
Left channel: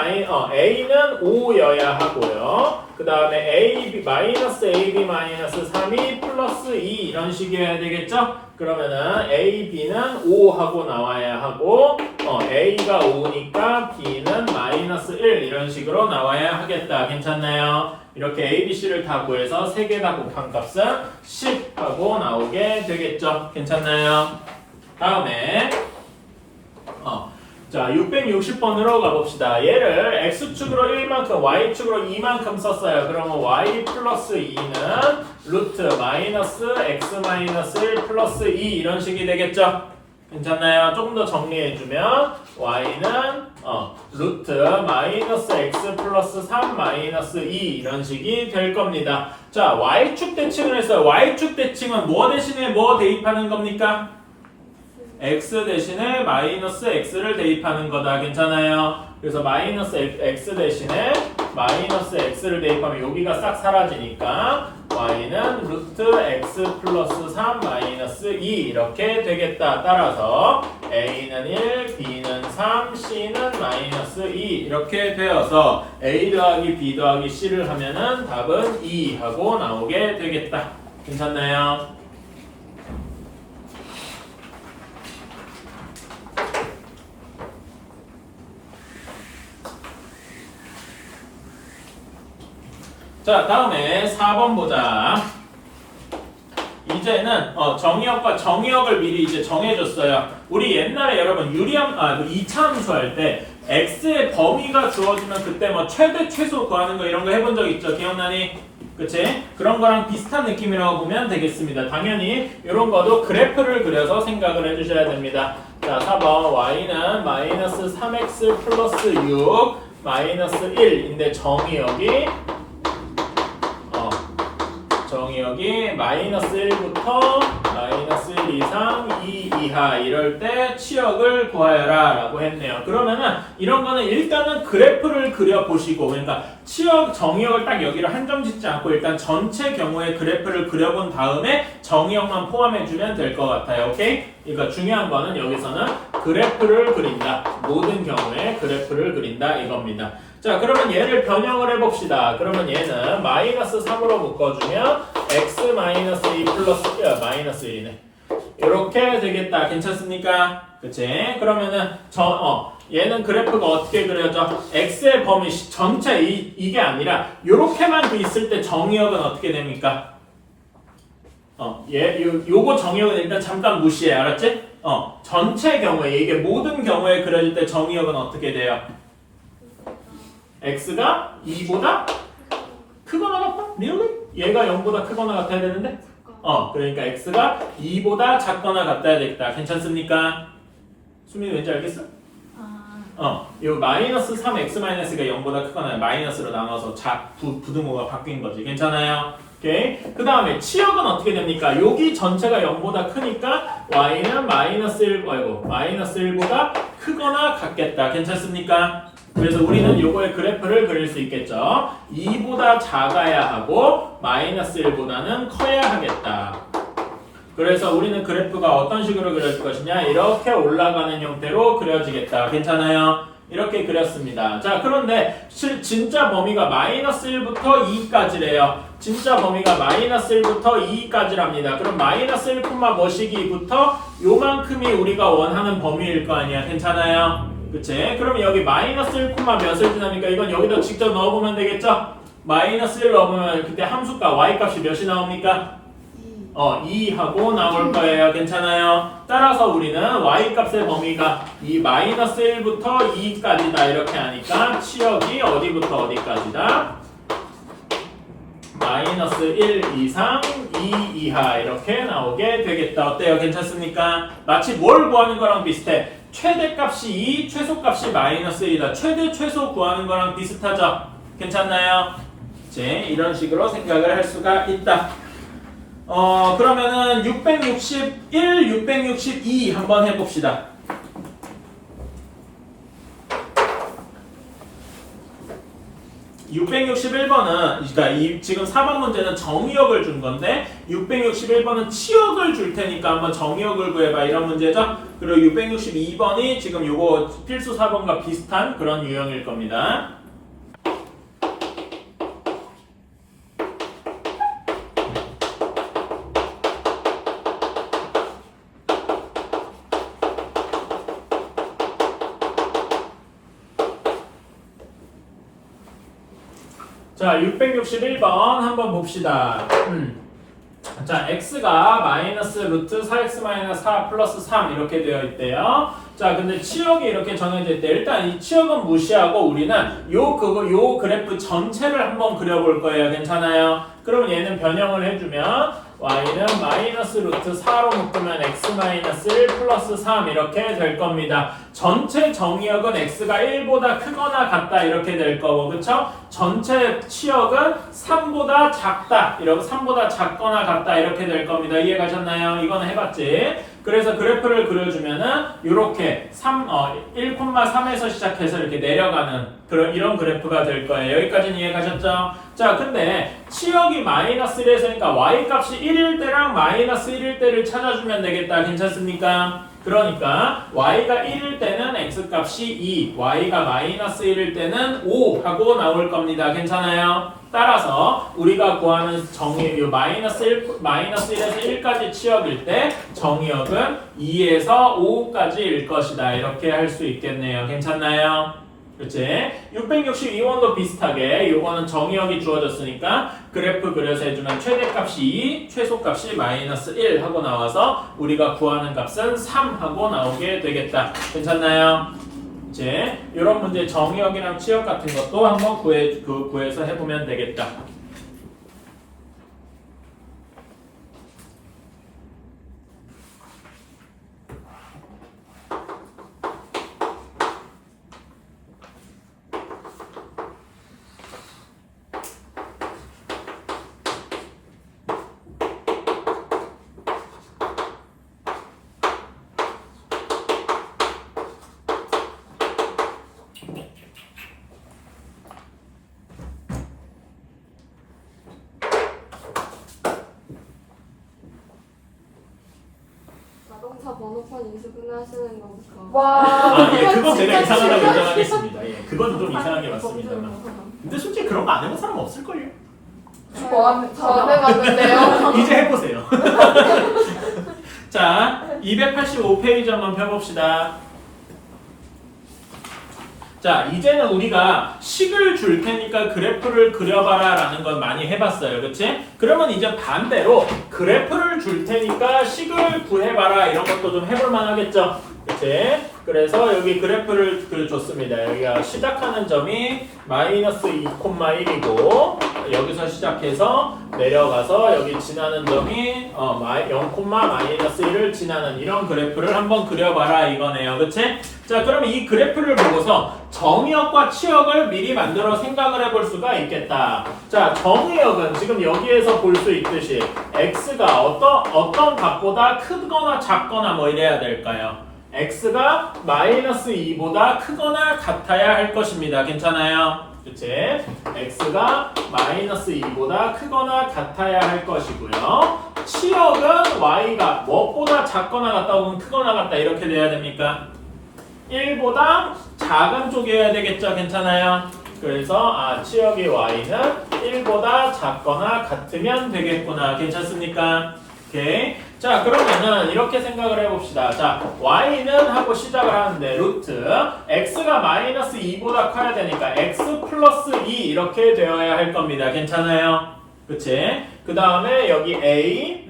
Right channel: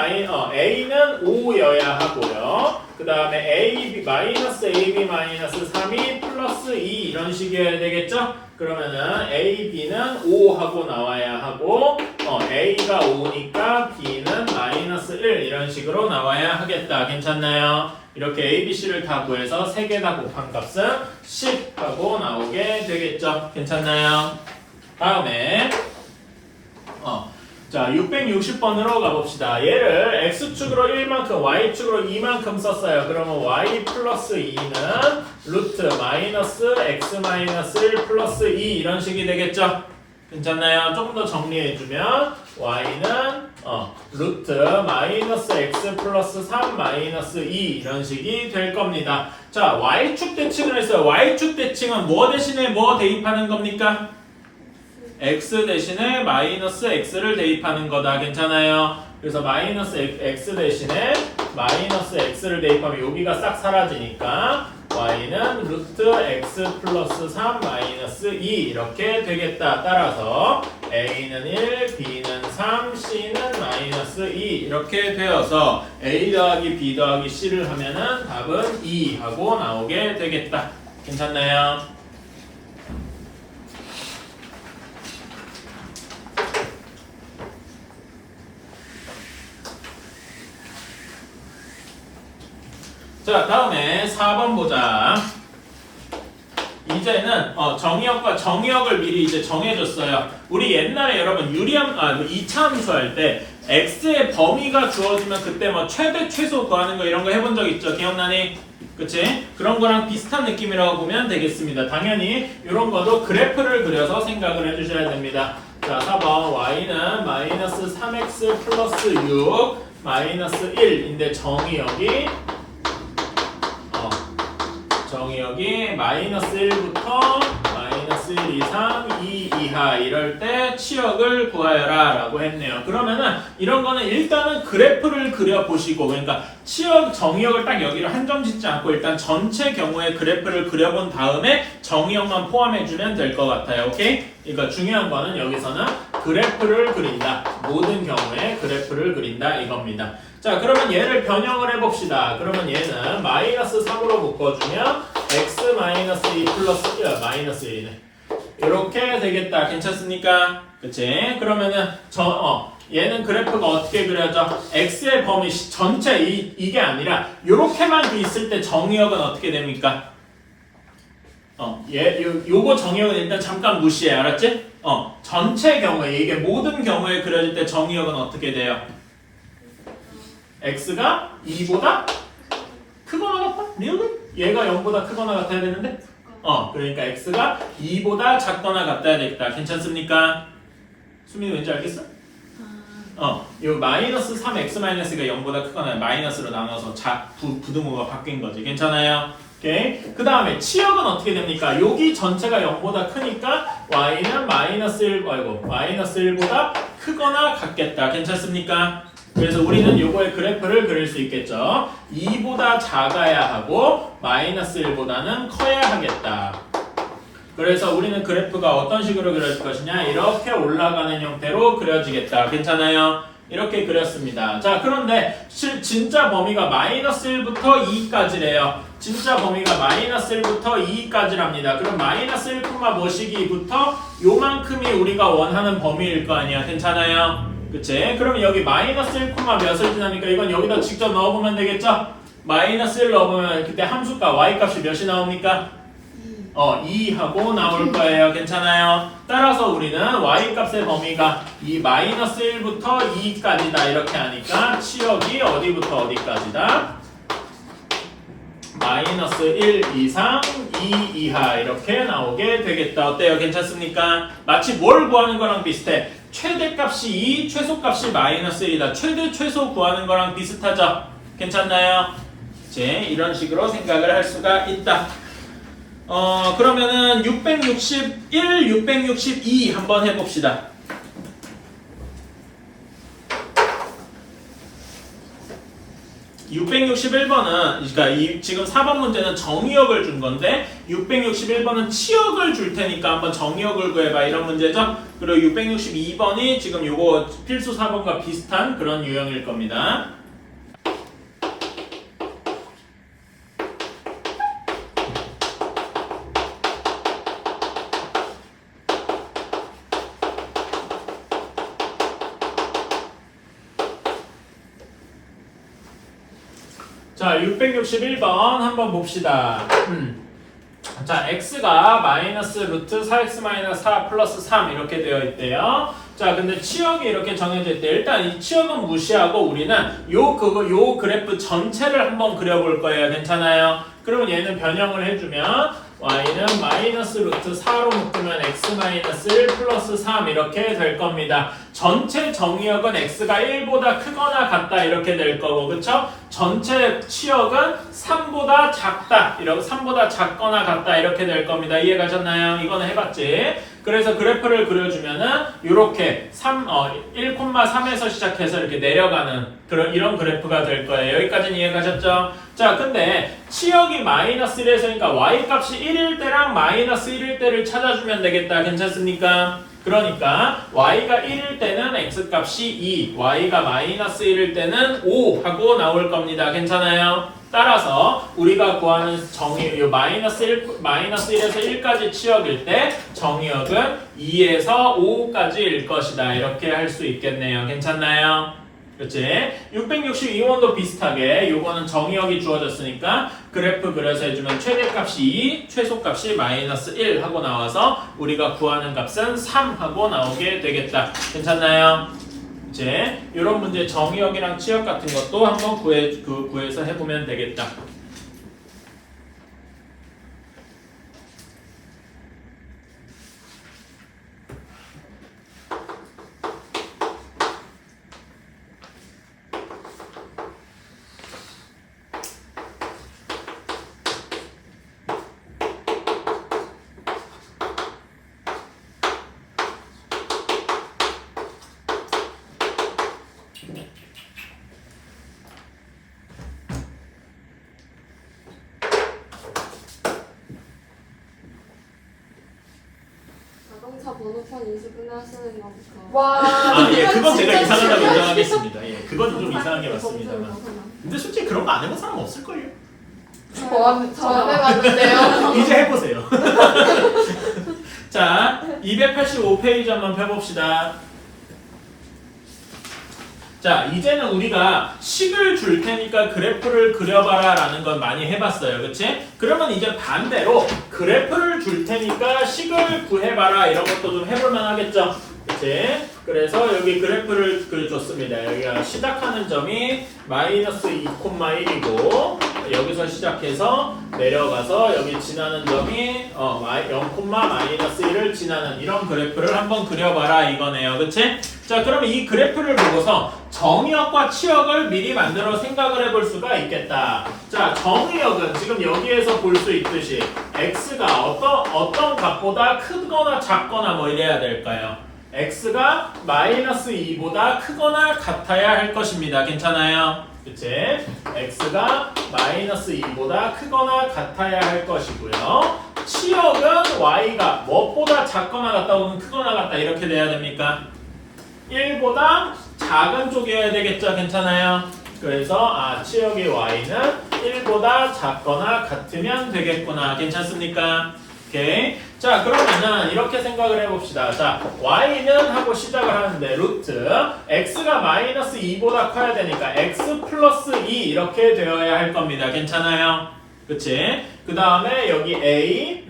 5여야 하고요. 그 다음에 마이너스 ab 마이너스 3이 플러스 2 이런 식이어야 되겠죠? 그러면은 ab는 5 하고 나와야 하고 a가 5니까 b는 마이너스 1 이런 식으로 나와야 하겠다. 괜찮나요? 이렇게 a, b, c를 다 구해서 3개 다 곱한 값은 10 하고 나오게 되겠죠? 괜찮나요? 다음에 자, 660번으로 가봅시다. 얘를 x축으로 1만큼, y축으로 2만큼 썼어요. 그러면 y 플러스 2는 루트 마이너스 x 마이너스 1 플러스 2 이런 식이 되겠죠? 괜찮나요? 조금 더 정리해주면 y는 루트 마이너스 x 플러스 3 마이너스 2 이런 식이 될 겁니다. 자, y축 대칭을 했어요. y축 대칭은 뭐 대신에 뭐 대입하는 겁니까? x 대신에 마이너스 x를 대입하는 거다. 괜찮아요? 그래서 마이너스 x 대신에 마이너스 x를 대입하면 여기가 싹 사라지니까 y는 루트 x 플러스 3 마이너스 2 이렇게 되겠다. 따라서 a는 1, b는 3, c는 마이너스 2 이렇게 되어서 a 더하기 b 더하기 c를 하면은 답은 2 하고 나오게 되겠다. 괜찮나요? 자, 다음에 4번 보자. 이제는 정의역과 정의역을 미리 이제 정해줬어요. 우리 옛날에 여러분 유리함 2차 함수 할 때 x의 범위가 주어지면 그때 뭐 최대 최소 구하는 거 이런 거 해본 적 있죠? 기억나니? 그치? 그런 거랑 비슷한 느낌이라고 보면 되겠습니다. 당연히 이런 거도 그래프를 그려서 생각을 해주셔야 됩니다. 자, 4번 y는 마이너스 3x 플러스 6 마이너스 1인데 정의역이 마이너스 1부터 마이너스 1 이상 2 이하 이럴 때 치역을 구하여라 라고 했네요. 그러면은 이런 거는 일단은 그래프를 그려보시고 그러니까 치역 정의역을 딱 여기로 한정 짓지 않고 일단 전체 경우의 그래프를 그려본 다음에 정의역만 포함해주면 될 것 같아요. 오케이? 그러니까 중요한 거는 여기서는 그래프를 그린다. 모든 경우에 그래프를 그린다 이겁니다. 자, 그러면 얘를 변형을 해봅시다. 그러면 얘는 마이너스 3으로 묶어주면 x 마이너스 2 플러스 마이너스 1이네. 이렇게 되겠다. 괜찮습니까? 그치? 그러면은 얘는 그래프가 어떻게 그려져? x의 범위 전체 이게 아니라 이렇게만 돼 있을 때 정의역은 어떻게 됩니까? 요거 정의역은 일단 잠깐 무시해. 알았지? 전체 경우에 이게 모든 경우에 그려질 때 정의역은 어떻게 돼요? x가 2보다 크거나 같다? 리얼리? 얘가 0보다 크거나 같아야 되는데? 그러니까 x가 2보다 작거나 같아야 되겠다. 괜찮습니까? 수민이 왠지 알겠어? 요 마이너스 3x-가 0보다 크거나 마이너스로 나눠서 부등호가 바뀐 거지. 괜찮아요? 오케이. 그 다음에 치역은 어떻게 됩니까? 여기 전체가 0보다 크니까 y는 마이너스 1보다 크거나 같겠다. 괜찮습니까? 그래서 우리는 요거의 그래프를 그릴 수 있겠죠. 2보다 작아야 하고 마이너스 1보다는 커야 하겠다. 그래서 우리는 그래프가 어떤 식으로 그려질 것이냐, 이렇게 올라가는 형태로 그려지겠다. 괜찮아요? 이렇게 그렸습니다. 자, 그런데 진짜 범위가 마이너스 1부터 2까지래요. 진짜 범위가 마이너스 1부터 2까지랍니다. 그럼 마이너스 1, 뭐시기부터 요만큼이 우리가 원하는 범위일 거 아니야. 괜찮아요? 그치? 그럼 여기 마이너스 1, 몇을 지나니까 이건 여기다 직접 넣어보면 되겠죠? 마이너스 1 넣어보면 그때 함수값 y값이 몇이 나옵니까? 2하고 나올 거예요. 괜찮아요? 따라서 우리는 y값의 범위가 이 마이너스 1부터 2까지다 이렇게 하니까 치역이 어디부터 어디까지다? 마이너스 1 이상 2 이하 이렇게 나오게 되겠다. 어때요? 괜찮습니까? 마치 뭘 구하는 거랑 비슷해. 최대값이 2, 최소값이 마이너스 1이다. 최대, 최소 구하는 거랑 비슷하죠? 괜찮나요? 이제 이런 식으로 생각을 할 수가 있다. 그러면은 661, 662 한번 해봅시다. 661번은 그러니까 지금 4번 문제는 정의역을 준 건데 661번은 치역을 줄 테니까 한번 정의역을 구해봐 이런 문제죠. 그리고 662번이 지금 요거 필수 4번과 비슷한 그런 유형일 겁니다. 자, 661번 한번 봅시다. 자, x가 마이너스 루트 4x 마이너스 4 플러스 3 이렇게 되어 있대요. 자, 근데 치역이 이렇게 정해져 있대. 일단 이 치역은 무시하고 우리는 요 그래프 전체를 한번 그려볼 거예요. 괜찮아요? 그럼 얘는 변형을 해주면 y는 마이너스 루트 4로 묶으면 x 마이너스 1 플러스 3 이렇게 될 겁니다. 전체 정의역은 x가 1보다 크거나 같다 이렇게 될 거고, 그쵸? 전체 치역은 3보다 작다, 이렇게 3보다 작거나 같다 이렇게 될 겁니다. 이해가셨나요? 이거는 해봤지? 그래서 그래프를 그려주면은 이렇게 1,3에서 시작해서 이렇게 내려가는 이런 그래프가 될 거예요. 여기까지는 이해가셨죠? 자, 근데 치역이 마이너스 1에서니까 y값이 1일 때랑 마이너스 1일 때를 찾아주면 되겠다. 괜찮습니까? 그러니까 y가 1일 때는 x값이 2, y가 마이너스 1일 때는 5 하고 나올 겁니다. 괜찮아요? 따라서 우리가 구하는 정의 마이너스 1에서 1까지 치역일 때 정의역은 2에서 5까지일 것이다. 이렇게 할 수 있겠네요. 괜찮나요? 그치? 662원도 비슷하게 요거는 정의역이 주어졌으니까 그래프 그려서 해주면 최대값이 2, 최소값이 마이너스 1 하고 나와서 우리가 구하는 값은 3 하고 나오게 되겠다. 괜찮나요? 이제 이런 문제 정의역이랑 치역 같은 것도 한번 구해서 해보면 되겠다. 자동차 번호판 인수분해 하시는 거니까. 와. 예, 그건 제가 이상하다고 인정하겠습니다. 예, 그건 좀 이상한 게 맞습니다만. 근데 솔직히 그런 거 안 해본 사람 없을걸요? 저안 해봤는데요. 이제 해보세요. 자, 285페이지 한번 펴봅시다. 자, 이제는 우리가 식을 줄 테니까 그래프를 그려봐라 라는 건 많이 해봤어요. 그치? 그러면 이제 반대로 그래프를 줄 테니까 식을 구해봐라 이런 것도 좀 해볼만 하겠죠? 그치? 그래서 여기 그래프를 줬습니다. 여기가 시작하는 점이 마이너스 2,1이고 여기서 시작해서 내려가서 여기 지나는 점이 0,-1을 지나는 이런 그래프를 한번 그려봐라 이거네요. 그치? 자, 그러면 이 그래프를 보고서 정의역과 치역을 미리 만들어 생각을 해볼 수가 있겠다. 자, 정의역은 지금 여기에서 볼 수 있듯이 x가 어떤 값보다 크거나 작거나 뭐 이래야 될까요? x가 마이너스 2보다 크거나 같아야 할 것입니다. 괜찮아요? 그치? x가 마이너스 2보다 크거나 같아야 할 것이고요. 치역은 y가 무엇보다 작거나 같다 혹은 크거나 같다 이렇게 돼야 됩니까? 1보다 작은 쪽이어야 되겠죠? 괜찮아요? 그래서 치역이 y는 1보다 작거나 같으면 되겠구나. 괜찮습니까? 오케이. 자, 그러면은 이렇게 생각을 해봅시다. 자, y는 하고 시작을 하는데 루트 x가 마이너스 2보다 커야 되니까 x 플러스 2 이렇게 되어야 할 겁니다. 괜찮아요? 그치? 그 다음에 여기 a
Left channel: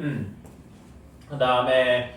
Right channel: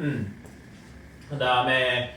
그 다음에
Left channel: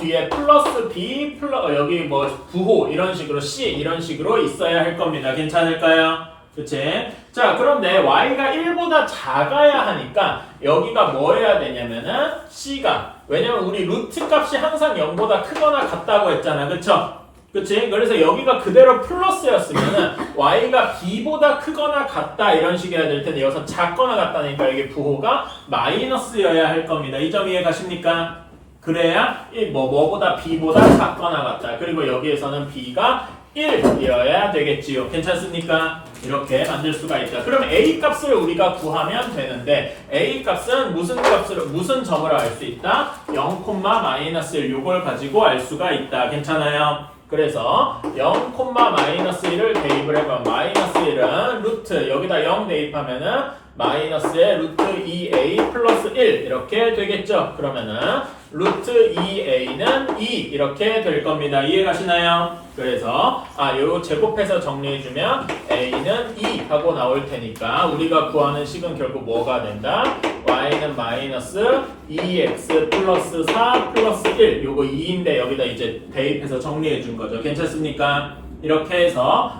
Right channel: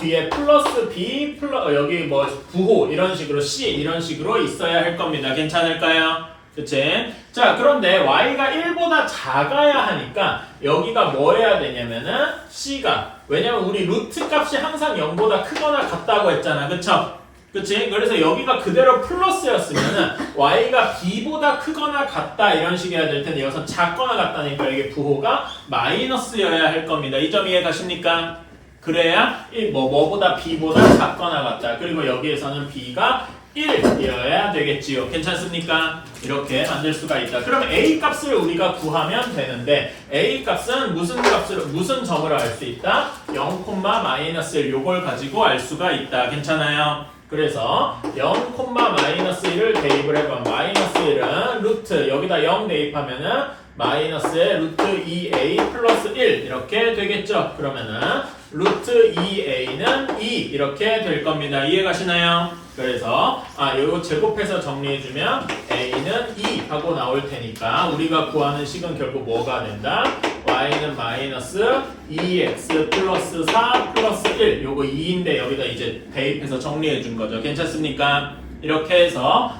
뒤에 플러스 b 여기 뭐 부호 이런 식으로 c 이런 식으로 있어야 할 겁니다. 괜찮을까요? 그치? 자, 그런데 y가 1보다 작아야 하니까 여기가 뭐 해야 되냐면은 c가 왜냐면 우리 루트 값이 항상 0보다 크거나 같다고 했잖아. 그쵸? 그치? 그래서 여기가 그대로 플러스였으면은 y가 b보다 크거나 같다 이런 식이어야 될 텐데 여기서 작거나 같다니까 여기 부호가 마이너스여야 할 겁니다. 이 점 이해 가십니까? 그래야 뭐보다 b보다 작거나 같다. 그리고 여기에서는 b가 1이어야 되겠지요. 괜찮습니까? 이렇게 만들 수가 있다. 그럼 a 값을 우리가 구하면 되는데 a 값은 무슨 점으로 알 수 있다? 0,-1 요걸 가지고 알 수가 있다. 괜찮아요? 그래서 0,-1을 대입을 해봐. 마이너스 1은 루트 여기다 0 대입하면은 마이너스의 루트 2a 플러스 1 이렇게 되겠죠. 그러면은 루트 2a는 2 이렇게 될 겁니다. 이해 가시나요? 그래서 요거 제곱해서 정리해주면 a는 2 하고 나올 테니까 우리가 구하는 식은 결국 뭐가 된다? y는 마이너스 2x 플러스 4 플러스 1 요거 2인데 여기다 이제 대입해서 정리해준 거죠. 괜찮습니까? 이렇게 해서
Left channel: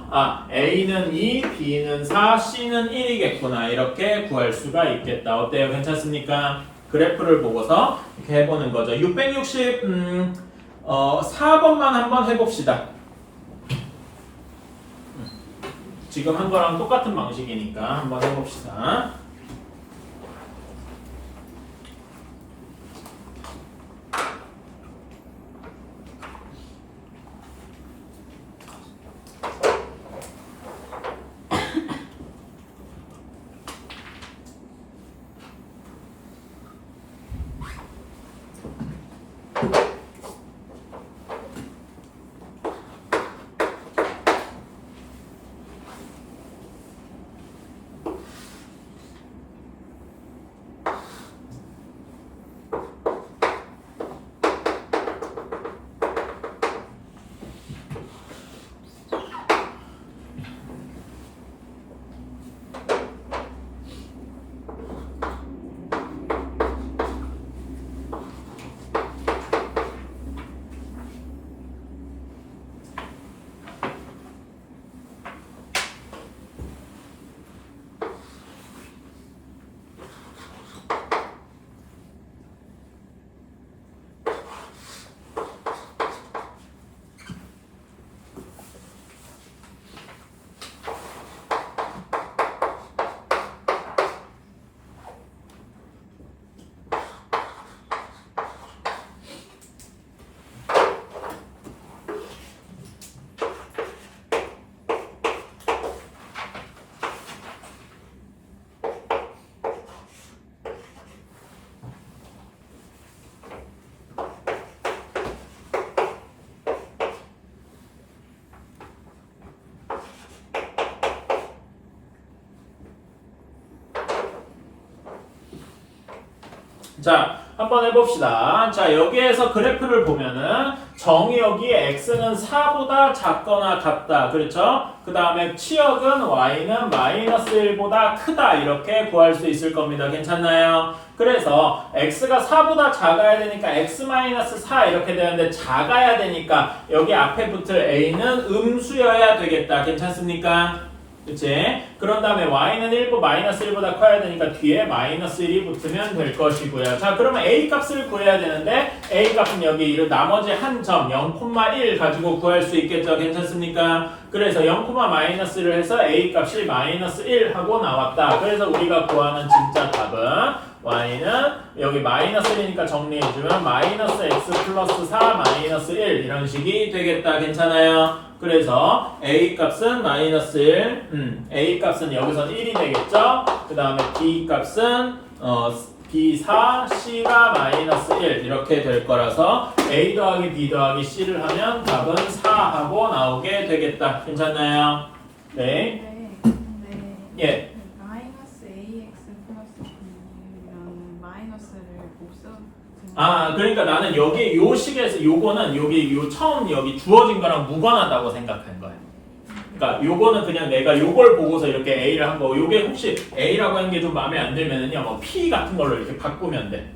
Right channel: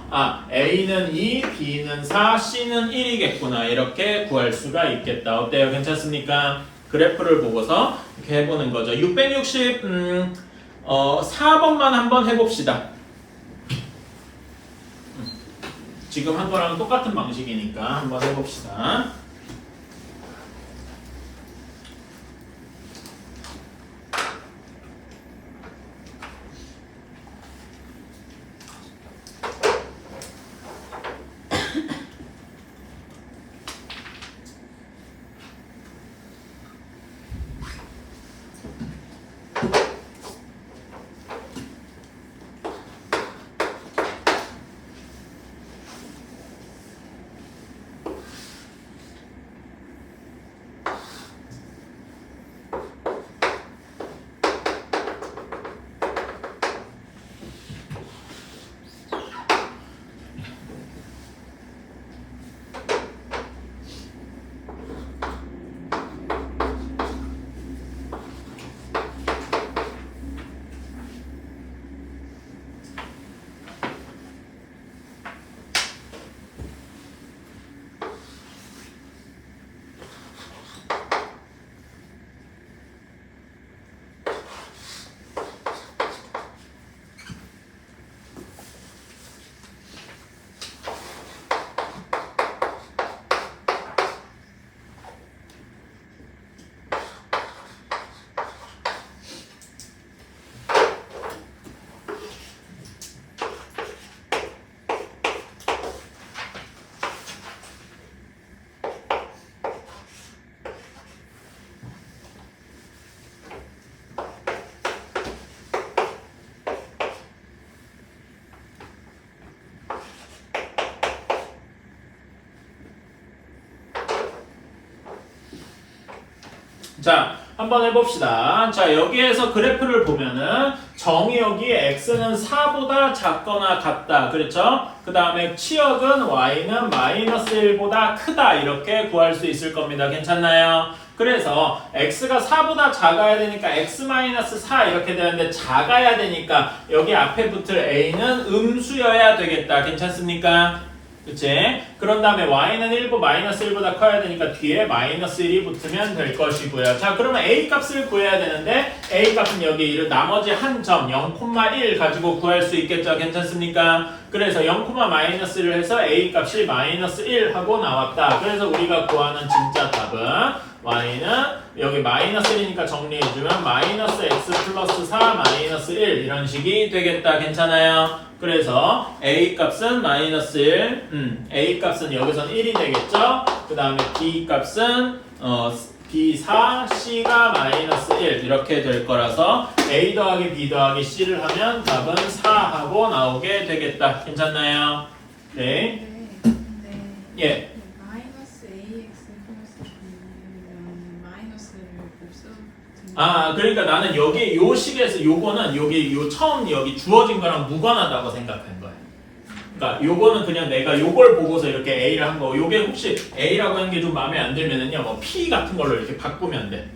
a는 2, b는 4, c는 1이겠구나 이렇게 구할 수가 있겠다. 어때요? 괜찮습니까? 그래프를 보고서 이렇게 해보는 거죠. 660 4번만 한번 해봅시다. 지금 한 거랑 똑같은 방식이니까 한번 해봅시다. 자, 한번 해봅시다. 자, 여기에서 그래프를 보면은 정의역이 x는 4보다 작거나 같다. 그렇죠? 그 다음에 치역은 y는 마이너스 1보다 크다 이렇게 구할 수 있을 겁니다. 괜찮나요? 그래서 x가 4보다 작아야 되니까 x-4 이렇게 되는데 작아야 되니까 여기 앞에 붙을 a는 음수여야 되겠다. 괜찮습니까? 그치? 그런 다음에 y는 마이너스 1보다 커야 되니까 뒤에 마이너스 1이 붙으면 될 것이고요. 자, 그러면 a 값을 구해야 되는데 a 값은 여기 나머지 한 점 0,1 가지고 구할 수 있겠죠. 괜찮습니까? 그래서 0,-1을 해서 a 값이 마이너스 1 하고 나왔다. 그래서 우리가 구하는 진짜 답은 y는 여기 마이너스 1이니까 정리해주면 마이너스 x 플러스 4 마이너스 1 이런 식이 되겠다. 괜찮아요? 그래서 a 값은 마이너스 1, a 값은 여기선 1이 되겠죠? 그 다음에 b 값은 b4, c가 마이너스 1 이렇게 될 거라서 a 더하기 b 더하기 c를 하면 답은 4하고 나오게 되겠다. 괜찮나요? 네. 예. 마이너스 ax 플러스 b는 마이너스를 못 써도 그러니까 나는 여기 요 식에서 요거는 여기 요 처음 여기 주어진 거랑 무관하다고 생각한 거예요. 그러니까 요거는 그냥 내가 요걸 보고서 이렇게 A를 한 거고 요게 혹시 A라고 하는 게 좀 마음에 안 들면은요 뭐 P 같은 걸로 이렇게 바꾸면 돼.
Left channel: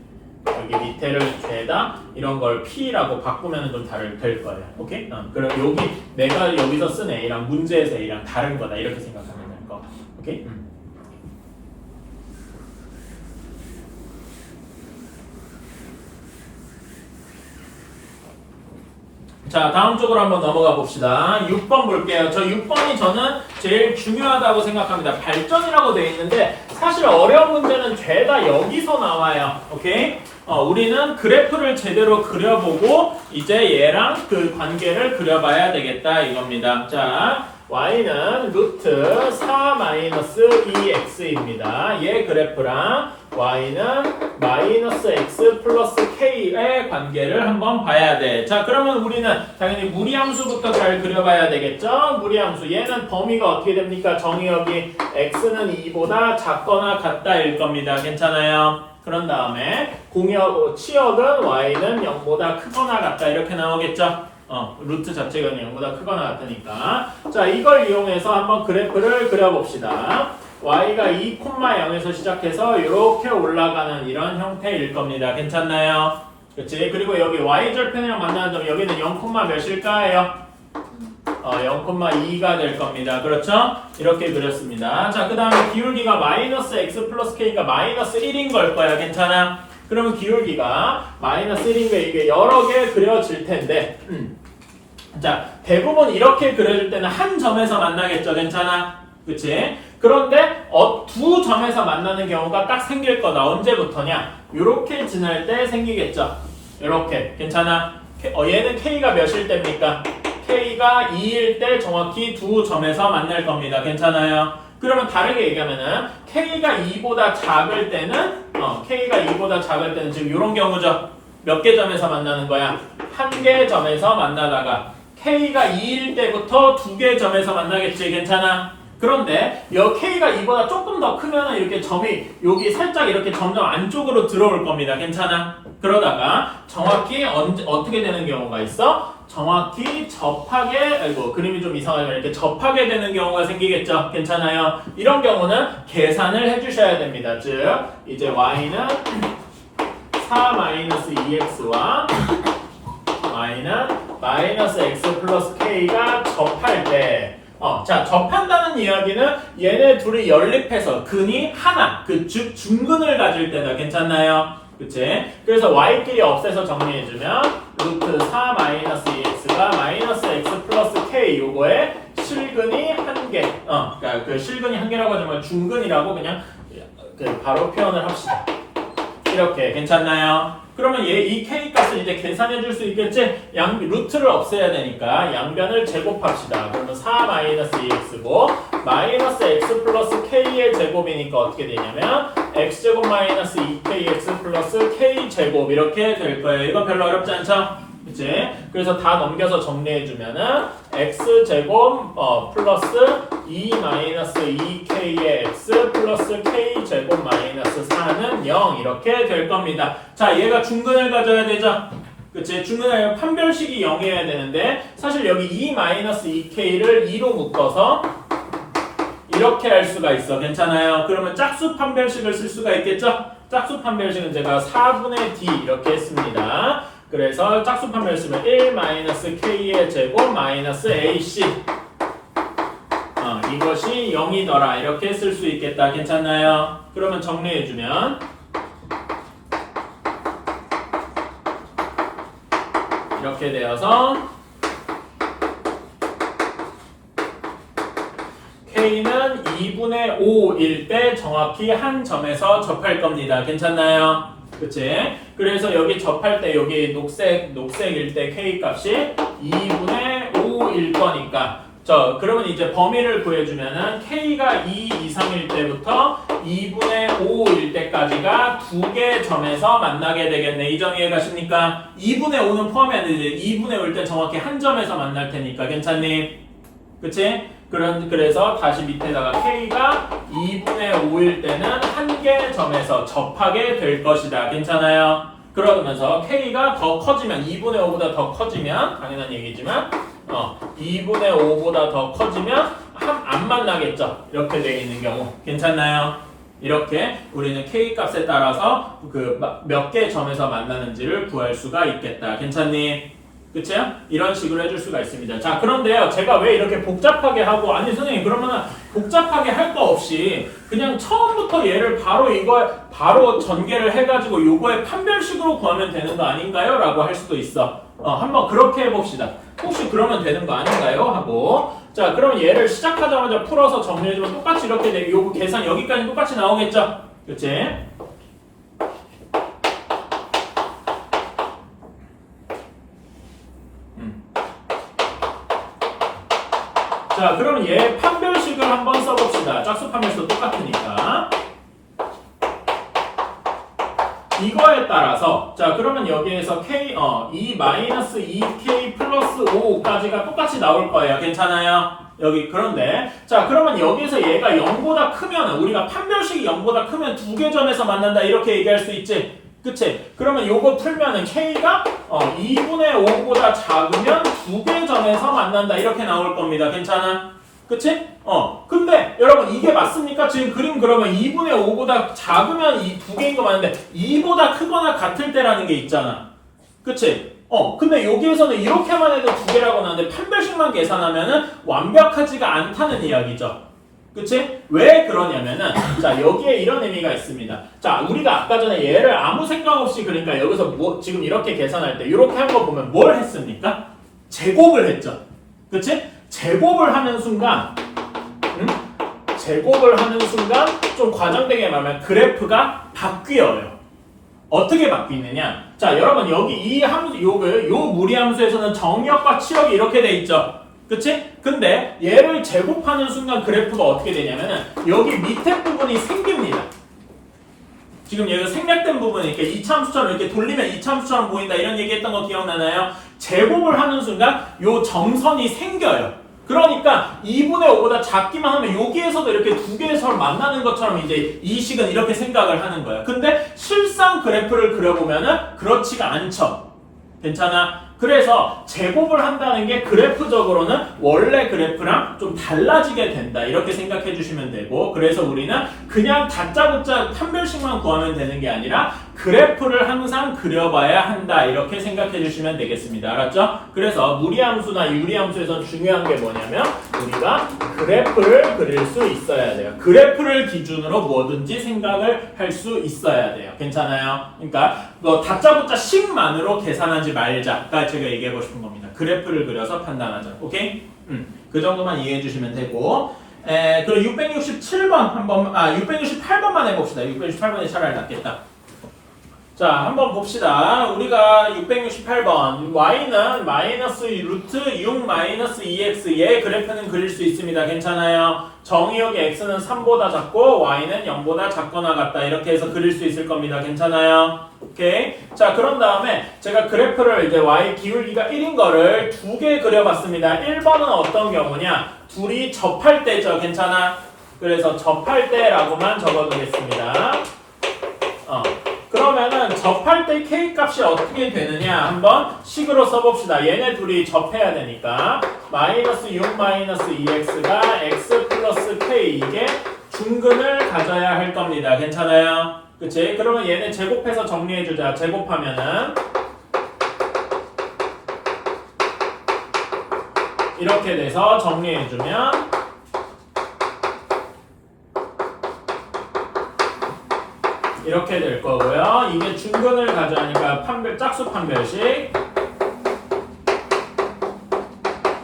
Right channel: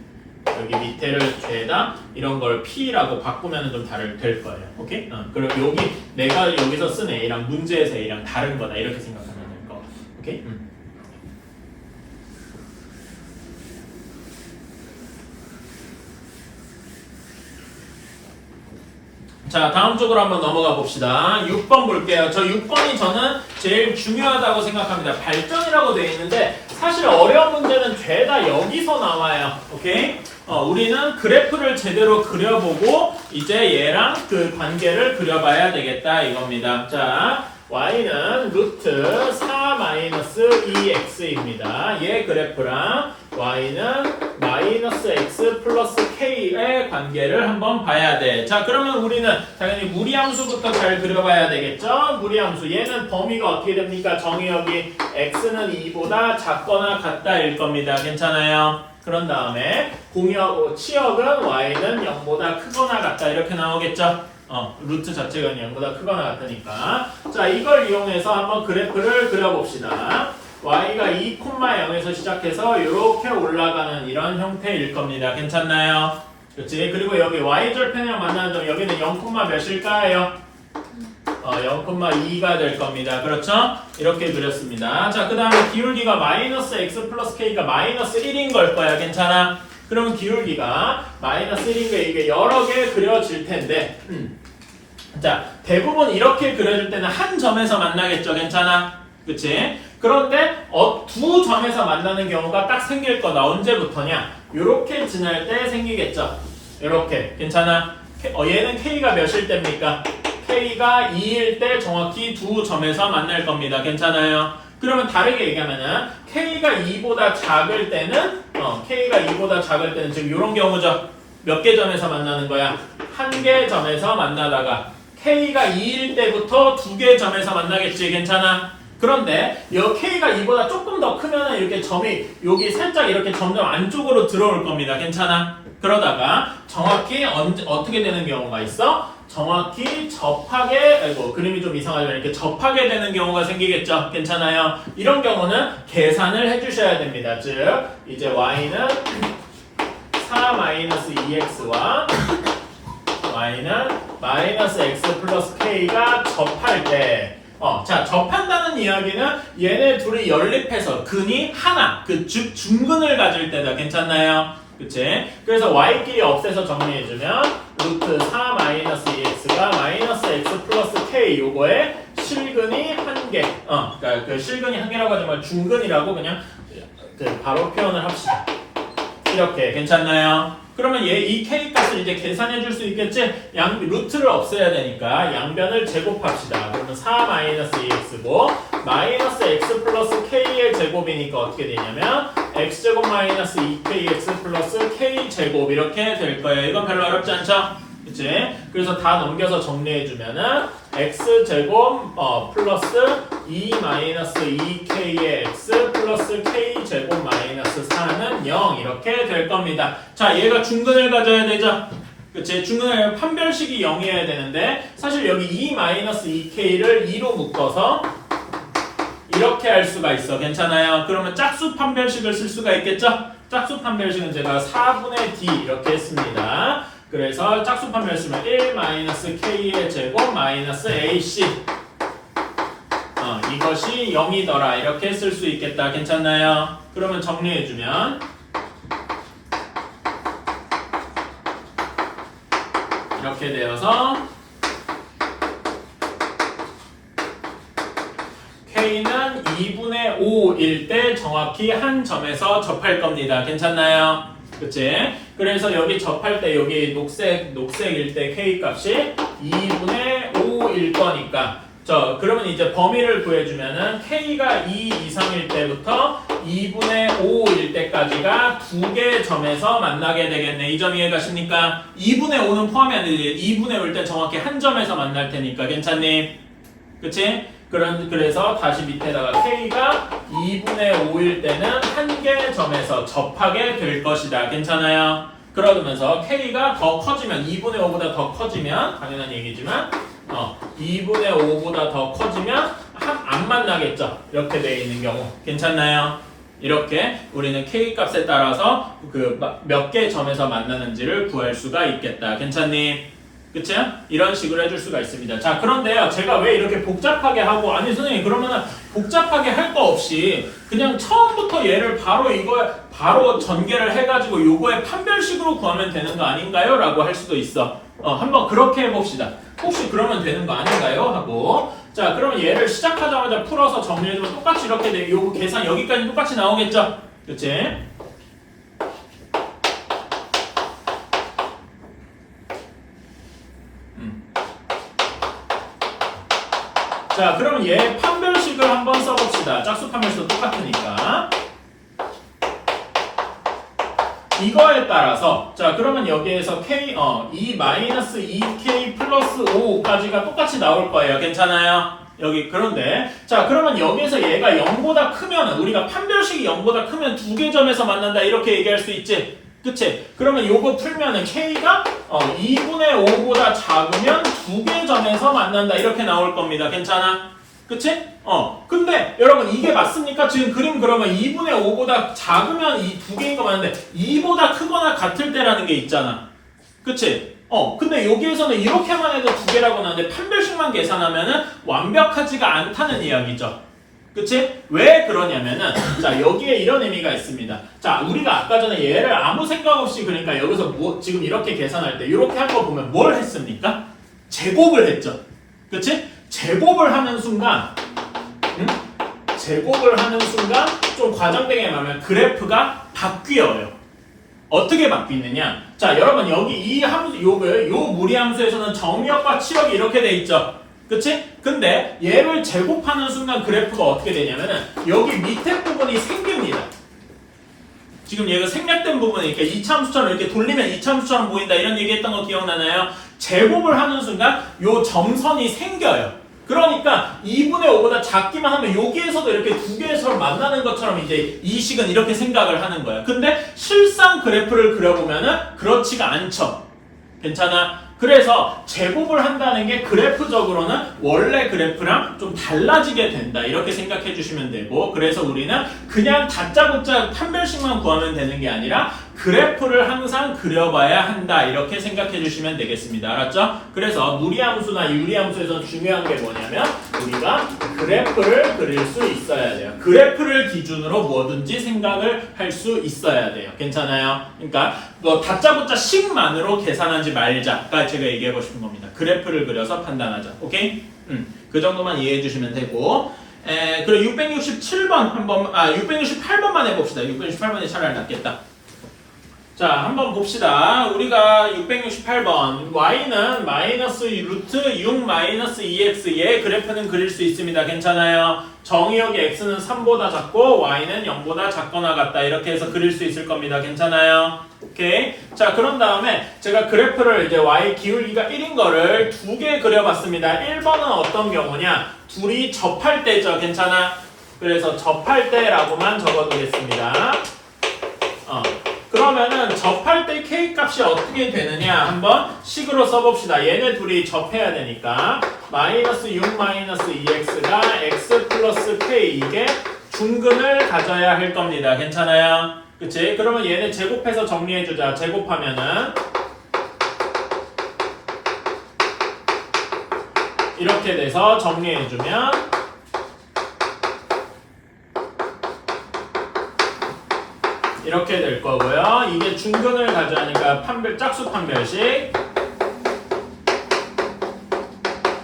여기 밑에를 죄다 이런 걸 P라고 바꾸면은 좀 될 거예요. 오케이? 그럼 여기 내가 여기서 쓴 A랑 문제에서 A랑 다른 거다 이렇게 생각하면 될 거. 오케이? 자, 다음 쪽으로 한번 넘어가 봅시다. 6번 볼게요. 저 6번이 저는 제일 중요하다고 생각합니다. 발전이라고 되어 있는데 사실 어려운 문제는 죄다 여기서 나와요. 오케이? 우리는 그래프를 제대로 그려보고 이제 얘랑 그 관계를 그려봐야 되겠다 이겁니다. 자, y는 루트 4 마이너스 2x입니다. 얘 그래프랑 y는 마이너스 x 플러스 k의 관계를 한번 봐야 돼. 자, 그러면 우리는 당연히 무리함수부터 잘 그려봐야 되겠죠? 무리함수. 얘는 범위가 어떻게 됩니까? 정의역이 x는 2보다 작거나 같다일 겁니다. 괜찮아요? 그런 다음에 치역은 y는 0보다 크거나 같다 이렇게 나오겠죠? 루트 자체가 0보다 크거나 같으니까. 자, 이걸 이용해서 한번 그래프를 그려봅시다. y가 2,0에서 시작해서 이렇게 올라가는 이런 형태일 겁니다. 괜찮나요? 그렇지? 그리고 여기 y절편이랑 만나는 점 여기는 0, 몇일까요? 0,2가 될 겁니다. 그렇죠? 이렇게 그렸습니다. 자, 그 다음에 기울기가 마이너스 x 플러스 k가 마이너스 1인 걸 거야. 괜찮아? 그러면 기울기가 마이너스 1인 게 이게 여러 개 그려질 텐데 자, 대부분 이렇게 그려질 때는 한 점에서 만나겠죠. 괜찮아? 그치? 그런데 두 점에서 만나는 경우가 딱 생길 거다. 언제부터냐? 요렇게 지날 때 생기겠죠. 요렇게. 괜찮아? 얘는 k가 몇일 때입니까? k가 2일 때 정확히 두 점에서 만날 겁니다. 괜찮아요? 그러면 다르게 얘기하면은 k가 2보다 작을 때는 k가 2보다 작을 때는 지금 이런 경우죠. 몇 개 점에서 만나는 거야? 한 개 점에서 만나다가 k가 2일 때부터 두 개 점에서 만나겠지. 괜찮아? 그런데 이 k가 2보다 조금 더 크면은 이렇게 점이 여기 살짝 이렇게 점점 안쪽으로 들어올 겁니다. 괜찮아? 그러다가 정확히 어떻게 되는 경우가 있어? 정확히 접하게, 그림이 좀 이상하지만 이렇게 접하게 되는 경우가 생기겠죠. 괜찮아요? 이런 경우는 계산을 해주셔야 됩니다. 즉, 이제 y는 4-2x와 y는 마이너스 x 플러스 k가 접할 때, 자, 접한다는 이야기는 얘네 둘이 연립해서 근이 하나, 즉 중근을 가질 때다. 괜찮나요? 그치? 그래서 y끼리 없애서 정리해주면 루트 4-2x가 마이너스 x 플러스 k 요거에 실근이 한 개. 그러니까 그 실근이 한 개라고 하지만 중근이라고 그냥 바로 표현을 합시다. 이렇게 괜찮나요? 그러면 이 k 값을 이제 계산해 줄 수 있겠지? 루트를 없애야 되니까 양변을 제곱합시다. 그러면 4-2x고 마이너스 x 플러스 k의 제곱이니까 어떻게 되냐면 x제곱 마이너스 2kx 플러스 k제곱 이렇게 될 거예요. 이거 별로 어렵지 않죠? 그치? 그래서 다 넘겨서 정리해주면은 x제곱 플러스 2 마이너스 2k의 x 플러스 k제곱 마이너스 4는 0 이렇게 될 겁니다. 자, 얘가 중근을 가져야 되죠? 그치? 중간에 판별식이 0이어야 되는데 사실 여기 2-2k를 2로 묶어서 이렇게 할 수가 있어. 괜찮아요? 그러면 짝수 판별식을 쓸 수가 있겠죠? 짝수 판별식은 제가 4분의 d 이렇게 했습니다. 그래서 짝수 판별 쓰면 1-k의 제곱 마이너스 ac 이것이 0이더라 이렇게 쓸 수 있겠다. 괜찮나요? 그러면 정리해주면 이렇게 되어서 K는 2분의 5일 때 정확히 한 점에서 접할 겁니다. 괜찮나요? 그치? 그래서 여기 접할 때 여기 녹색일 때 K 값이 2분의 5일 거니까 그러면 이제 범위를 구해주면은 K가 2 이상일 때부터 2분의 5일 때까지가 두 개 점에서 만나게 되겠네. 이 점 이해가십니까? 2분의 5는 포함이 안 되지. 2분의 5일 때 정확히 한 점에서 만날 테니까. 괜찮니? 그치? 그래서 다시 밑에다가 K가 2분의 5일 때는 한 개 점에서 접하게 될 것이다. 괜찮아요? 그러면서 K가 더 커지면 2분의 5보다 더 커지면 당연한 얘기지만 2분의 5보다 더 커지면 안 만나겠죠. 이렇게 되어 있는 경우. 괜찮나요? 이렇게 우리는 K 값에 따라서 그 몇 개 점에서 만나는지를 구할 수가 있겠다. 괜찮니? 그쵸? 이런 식으로 해줄 수가 있습니다. 자, 그런데요, 제가 왜 이렇게 복잡하게 하고, 아니, 선생님, 그러면은 복잡하게 할 거 없이 그냥 처음부터 얘를 바로 전개를 해가지고 요거의 판별식으로 구하면 되는 거 아닌가요? 라고 할 수도 있어. 한번 그렇게 해봅시다. 혹시 그러면 되는 거 아닌가요? 하고. 자, 그럼 얘를 시작하자마자 풀어서 정리해주면 똑같이 이렇게 돼. 요거 계산 여기까지 똑같이 나오겠죠? 그치? 자, 그럼 얘 판별식을 한번 써봅시다. 짝수 판별식도 똑같으니까. 이거에 따라서 자, 그러면 여기에서 K 2-2K 플러스 5까지가 똑같이 나올 거예요. 괜찮아요? 여기 그런데 자, 그러면 여기에서 얘가 0보다 크면 우리가 판별식이 0보다 크면 두 개 점에서 만난다 이렇게 얘기할 수 있지. 그치? 그러면 요거 풀면은 K가 2분의 5보다 작으면 두 개 점에서 만난다 이렇게 나올 겁니다. 괜찮아? 그치? 근데 여러분 이게 맞습니까? 지금 그림 그러면 2분의 5보다 작으면 이 두 개인 거 맞는데 2보다 크거나 같을 때라는 게 있잖아. 그치? 근데 여기에서는 이렇게만 해도 두 개라고 나오는데 판별식만 계산하면은 완벽하지가 않다는 이야기죠. 그치? 왜 그러냐면은 자, 여기에 이런 의미가 있습니다. 자, 우리가 아까 전에 얘를 아무 생각 없이 그러니까 여기서 지금 이렇게 계산할 때 이렇게 한 거 보면 뭘 했습니까? 제곱을 했죠. 그치? 제곱을 하는 순간 좀 과장되게 말하면 그래프가 바뀌어요. 어떻게 바뀌느냐? 자, 여러분 여기 이 함수 요 무리함수에서는 정역과 치역이 이렇게 돼 있죠. 그치? 근데 얘를 제곱하는 순간 그래프가 어떻게 되냐면은 여기 밑에 부분이 생깁니다. 지금 얘가 생략된 부분이니까 이차함수처럼 이렇게 돌리면 이차함수처럼 보인다 이런 얘기했던 거 기억나나요? 제곱을 하는 순간 요 점선이 생겨요. 그러니까 2분의 5보다 작기만 하면 여기에서도 이렇게 두 개의 선 만나는 것처럼 이제 이 식은 이렇게 생각을 하는 거예요. 근데 실상 그래프를 그려보면은 그렇지가 않죠. 괜찮아? 그래서 제곱을 한다는 게 그래프적으로는 원래 그래프랑 좀 달라지게 된다 이렇게 생각해 주시면 되고, 그래서 우리는 그냥 다짜고짜 판별식만 구하면 되는 게 아니라 그래프를 항상 그려봐야 한다 이렇게 생각해 주시면 되겠습니다. 알았죠? 그래서 무리함수나 유리함수에서 중요한 게 뭐냐면 우리가 그래프를 그릴 수 있어야 돼요. 그래프를 기준으로 뭐든지 생각을 할 수 있어야 돼요. 괜찮아요? 그러니까 뭐 다짜고짜 식만으로 계산하지 말자가 제가 얘기하고 싶은 겁니다. 그래프를 그려서 판단하자. 오케이? 그 정도만 이해해 주시면 되고, 그리고 667번 668번만 해봅시다. 668번이 차라리 낫겠다. 자, 한번 봅시다. 우리가 668번 y는 마이너스 루트 6 마이너스 2x 얘 그래프는 그릴 수 있습니다. 괜찮아요? 정의역의 x는 3보다 작고 y는 0보다 작거나 같다 이렇게 해서 그릴 수 있을 겁니다. 괜찮아요? 오케이. 자, 그런 다음에 제가 그래프를 이제 y 기울기가 1인 거를 두 개 그려봤습니다. 1번은 어떤 경우냐? 둘이 접할 때죠. 괜찮아? 그래서 접할 때라고만 적어두겠습니다. 그러면 그러면은 접할 때 k 값이 어떻게 되느냐 한번 식으로 써봅시다. 얘네 둘이 접해야 되니까 마이너스 6 마이너스 2x가 x 플러스 k 이게 중근을 가져야 할 겁니다. 괜찮아요? 그치? 그러면 얘네 제곱해서 정리해주자. 제곱하면은 이렇게 돼서 정리해주면 이렇게 될 거고요. 이게 중근을 가져가니까 짝수 판별식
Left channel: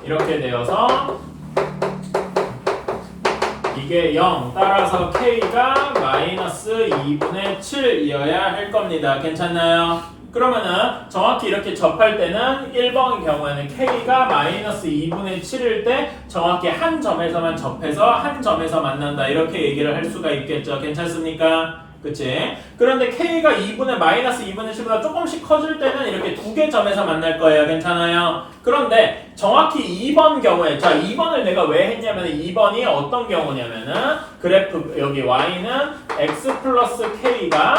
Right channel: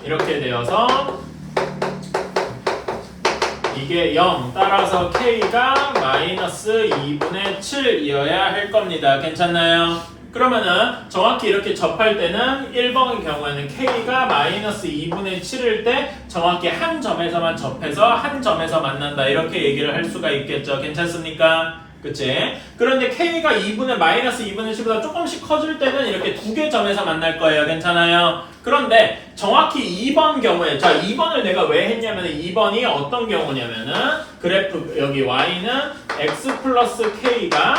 이렇게 되어서 이게 0 따라서 k가 마이너스 2분의 7이어야 할 겁니다. 괜찮나요? 그러면은 정확히 이렇게 접할 때는 1번의 경우에는 k가 마이너스 2분의 7일 때 정확히 한 점에서만 접해서 한 점에서 만난다 이렇게 얘기를 할 수가 있겠죠. 괜찮습니까? 그치? 그런데 k가 마이너스 2분의 7보다 조금씩 커질 때는 이렇게 두 개 점에서 만날 거예요. 괜찮아요? 그런데 정확히 2번 경우에 자 2번을 내가 왜 했냐면 2번이 어떤 경우냐면은 그래프 여기 y는 x 플러스 k가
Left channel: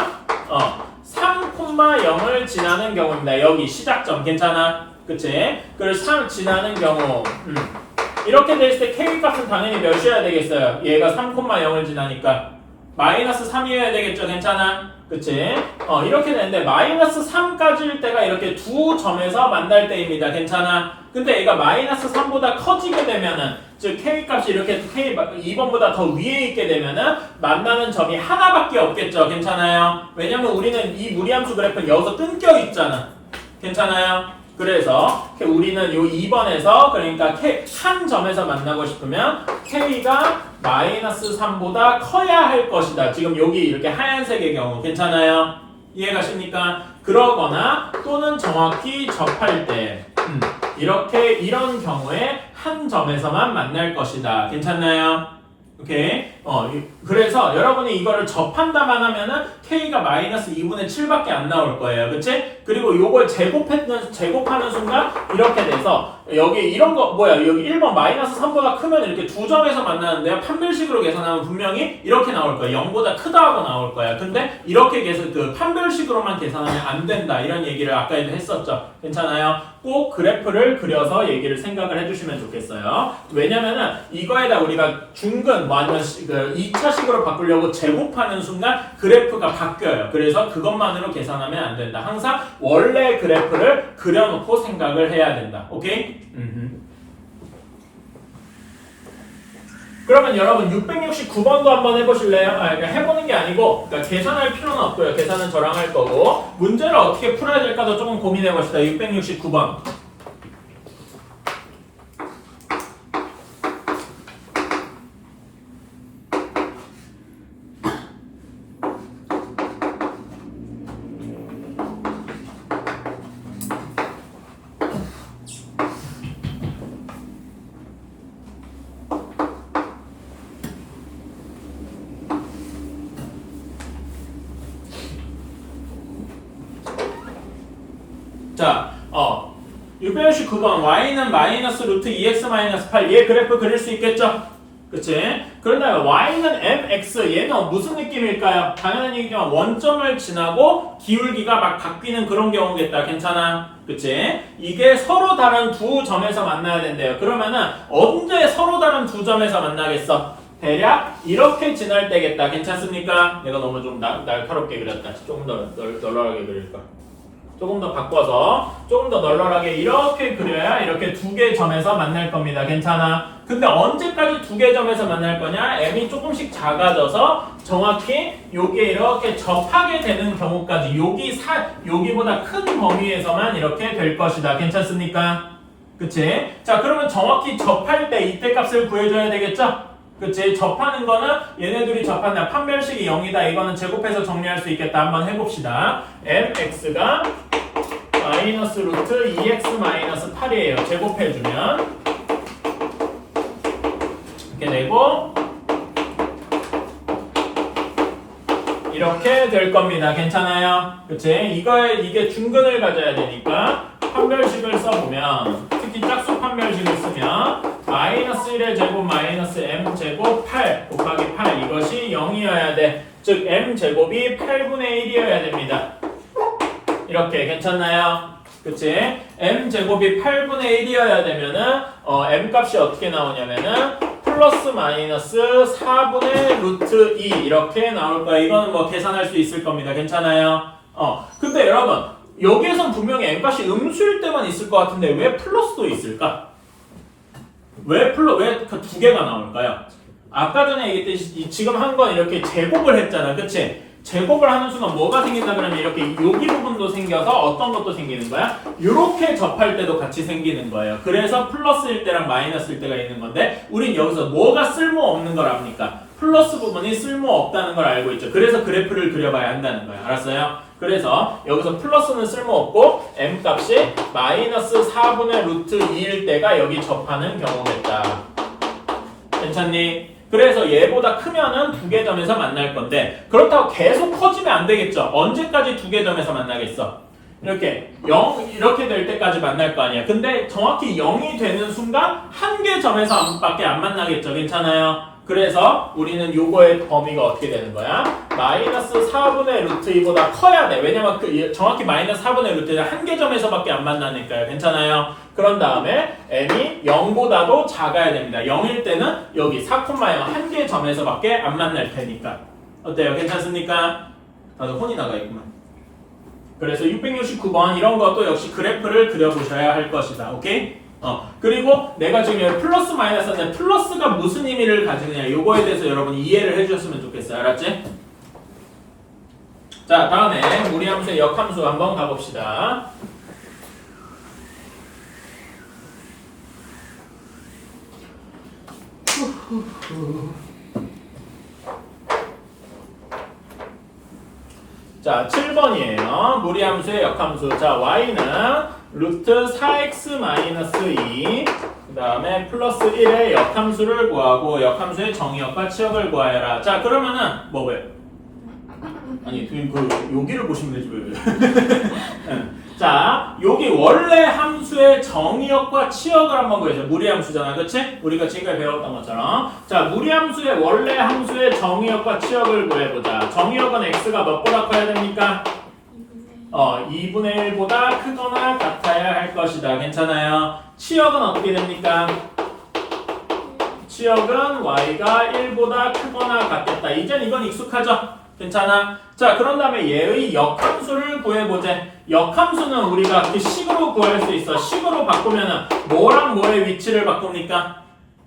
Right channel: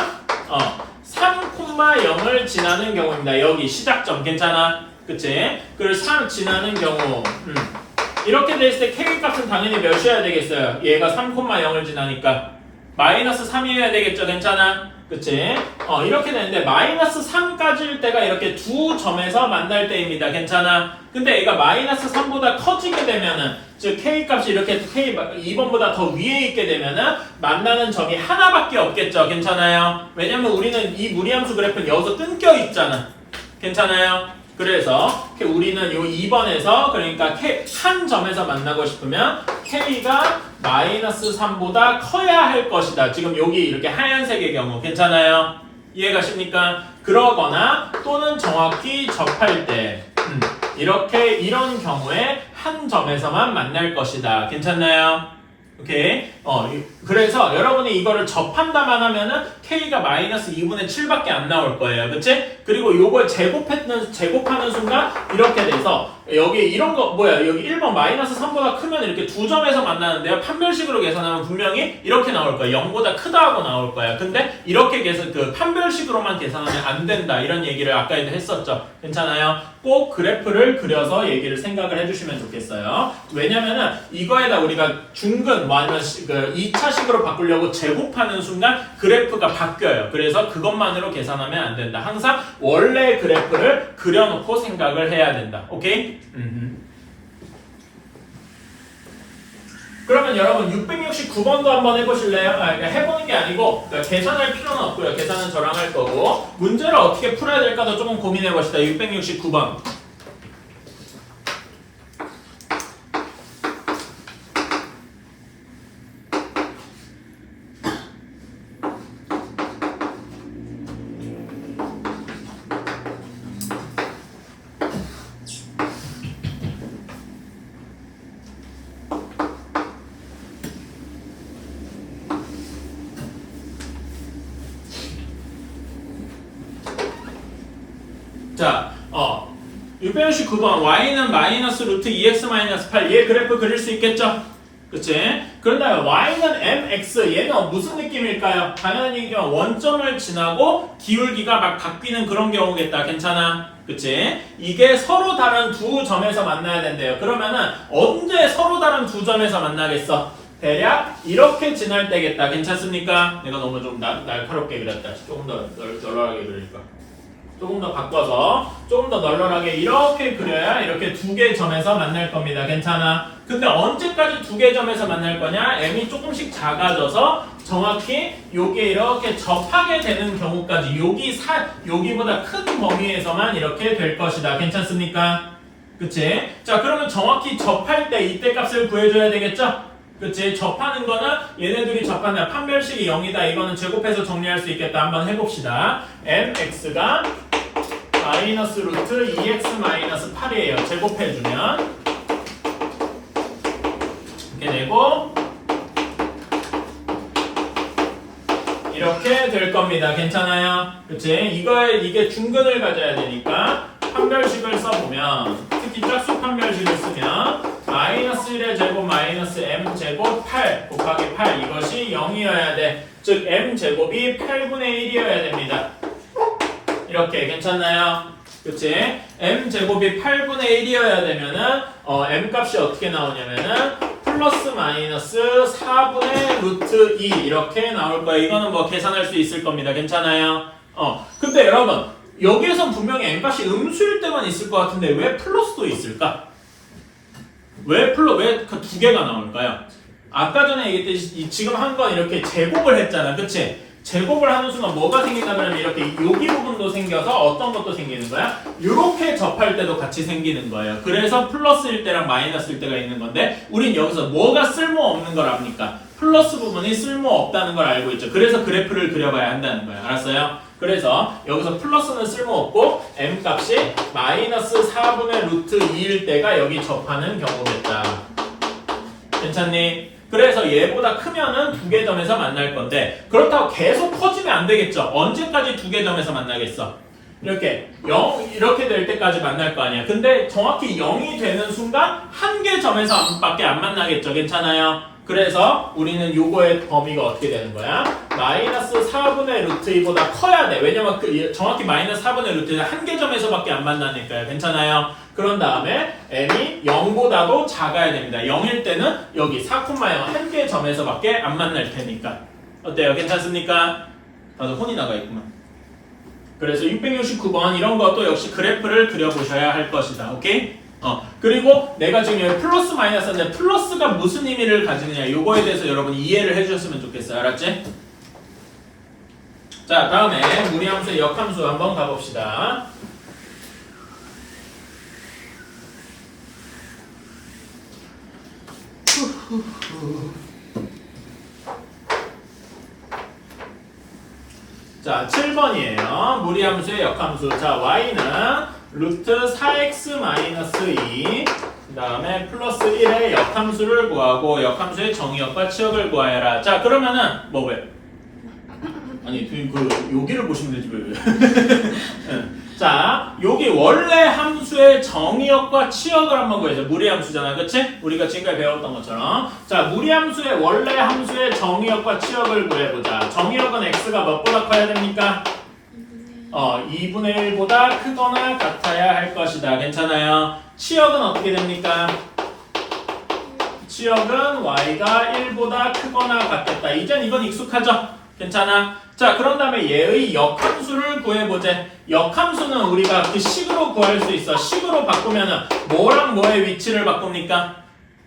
3,0을 지나는 경우입니다. 여기 시작점 괜찮아? 그치? 그래서 3 지나는 경우 이렇게 돼 있을 때 k 값은 당연히 몇이어야 되겠어요? 얘가 3,0을 지나니까 마이너스 3이어야 되겠죠? 괜찮아? 그치? 이렇게 되는데 마이너스 3까지일 때가 이렇게 두 점에서 만날 때입니다. 괜찮아? 근데 얘가 마이너스 3보다 커지게 되면은 즉 k 값이 이렇게 k 2번보다 더 위에 있게 되면은 만나는 점이 하나밖에 없겠죠? 괜찮아요? 왜냐면 우리는 이 무리함수 그래프는 여기서 끊겨 있잖아. 괜찮아요? 그래서 우리는 요 2번에서 그러니까 한 점에서 만나고 싶으면 k가 마이너스 3보다 커야 할 것이다. 지금 여기 이렇게 하얀색의 경우 괜찮아요? 이해가십니까? 그러거나 또는 정확히 접할 때 이런 경우에 한 점에서만 만날 것이다. 괜찮나요? 오케이. 그래서 여러분이 이거를 접한다만 하면은 k가 마이너스 2분의 7밖에 안 나올 거예요. 그치? 그리고 요걸 제곱하는 순간 이렇게 돼서 여기 이런 거 여기 1번 마이너스 3보다 크면 이렇게 두 점에서 만나는데요. 판별식으로 계산하면 분명히 이렇게 나올 거예요. 0보다 크다 하고 나올 거예요. 근데 이렇게 판별식으로만 계산하면 안 된다. 이런 얘기를 아까에도 했었죠. 괜찮아요? 꼭 그래프를 그려서 얘기를 생각을 해주시면 좋겠어요. 왜냐면은 이거에다 우리가 중근 아니면 2차식으로 바꾸려고 제곱하는 순간 그래프가 바뀌어요. 그래서 그것만으로 계산하면 안 된다. 항상 원래 그래프를 그려놓고 생각을 해야 된다. 오케이? 그러면 여러분 669번도 한번 해보실래요? 그러니까 해보는 게 아니고 그러니까 계산할 필요는 없고요. 계산은 저랑 할 거고 문제를 어떻게 풀어야 될까도 조금 고민해봅시다. 669번 자, 669번 y는 마이너스 루트 2x 마이너스 8 얘 그래프 그릴 수 있겠죠? 그치? 그런데 y는 mx 얘는 무슨 느낌일까요? 당연한 얘기지만 원점을 지나고 기울기가 막 바뀌는 그런 경우겠다. 괜찮아? 그치? 이게 서로 다른 두 점에서 만나야 된대요. 그러면은 언제 서로 다른 두 점에서 만나겠어? 대략 이렇게 지날 때겠다. 괜찮습니까? 내가 너무 좀 날카롭게 그렸다. 조금 더 널널하게 그릴까? 조금 더 바꿔서 조금 더 널널하게 이렇게 그려야 이렇게 두 개 점에서 만날 겁니다. 괜찮아? 근데 언제까지 두 개 점에서 만날 거냐? m이 조금씩 작아져서 정확히 요게 이렇게 접하게 되는 경우까지 여기보다 큰 범위에서만 이렇게 될 것이다. 괜찮습니까? 그치? 자, 그러면 정확히 접할 때 이때 값을 구해줘야 되겠죠? 그치? 접하는 거는 얘네들이 접하는 판별식이 0이다. 이거는 제곱해서 정리할 수 있겠다. 한번 해봅시다. mx가 마이너스 루트 2x 마이너스 8이에요. 제곱해주면 이렇게 되고 이렇게 될 겁니다. 괜찮아요? 그치? 이게 중근을 가져야 되니까 판별식을 써보면 특히 짝수 판별식을 쓰면 마이너스 1의 제곱 마이너스 m 제곱 8 곱하기 8 이것이 0이어야 돼. 즉 m 제곱이 8분의 1이어야 됩니다. 이렇게 괜찮나요? 그치? m제곱이 8분의 1이어야 되면은 m 값이 어떻게 나오냐면은 플러스 마이너스 4분의 루트 2 이렇게 나올 거예요. 이거는 뭐 계산할 수 있을 겁니다. 괜찮아요? 근데 여러분 여기에선 분명히 m 값이 음수일 때만 있을 것 같은데 왜 플러스도 있을까? 왜 그 두 개가 나올까요? 아까 전에 얘기했듯이 지금 한 건 이렇게 제곱을 했잖아. 그치? 제곱을 하는 순간 뭐가 생긴다 그러면 이렇게 여기 부분도 생겨서 어떤 것도 생기는 거야? 이렇게 접할 때도 같이 생기는 거예요. 그래서 플러스일 때랑 마이너스일 때가 있는 건데 우린 여기서 뭐가 쓸모없는 걸 압니까? 플러스 부분이 쓸모없다는 걸 알고 있죠. 그래서 그래프를 그려봐야 한다는 거예요. 알았어요? 그래서 여기서 플러스는 쓸모없고 m 값이 마이너스 4분의 루트 2일 때가 여기 접하는 경우겠다. 괜찮니? 그래서 얘보다 크면은 두 개 점에서 만날 건데 그렇다고 계속 커지면 안 되겠죠. 언제까지 두 개 점에서 만나겠어? 이렇게 0 이렇게 될 때까지 만날 거 아니야. 근데 정확히 0이 되는 순간 한 개 점에서밖에 안 만나겠죠. 괜찮아요? 그래서 우리는 요거의 범위가 어떻게 되는 거야? 마이너스 4분의 루트 2보다 커야 돼. 왜냐면 정확히 마이너스 4분의 루트 2는 한 개 점에서밖에 안 만나니까요. 괜찮아요? 그런 다음에 m이 0보다도 작아야 됩니다. 0일 때는 여기 4,0 한 개 점에서밖에 안 만날 테니까. 어때요? 괜찮습니까? 다들 혼이 나가 있구나. 그래서 669번 이런 것도 역시 그래프를 그려보셔야 할 것이다. 오케이? 그리고 내가 지금 여기 플러스 마이너스인데 플러스가 무슨 의미를 가지느냐 요거에 대해서 여러분 이해를 해주셨으면 좋겠어요. 알았지? 자, 다음에 무리함수의 역함수 한번 가봅시다. 자, 7번이에요. 무리함수의 역함수. 자, y는 루트 4x-2 그 다음에 플러스 1의 역함수를 구하고 역함수의 정의역과 치역을 구하여라. 자, 그러면은 뭐 왜? 아니 여기를 보시면 되지 왜? 자, 여기 원래 함수의 정의역과 치역을 한번 구해줘. 무리함수잖아, 그치? 우리가 지금까지 배웠던 것처럼. 자, 무리함수의 원래 함수의 정의역과 치역을 구해보자. 정의역은 x가 몇보다 커야 됩니까? 2분의 1보다 크거나 같아야 할 것이다. 괜찮아요? 치역은 어떻게 됩니까? 치역은 y가 1보다 크거나 같겠다. 이젠 이건 익숙하죠? 괜찮아? 자, 그런 다음에 얘의 역함수를 구해보자. 역함수는 우리가 그 식으로 구할 수 있어. 식으로 바꾸면은 뭐랑 뭐의 위치를 바꿉니까?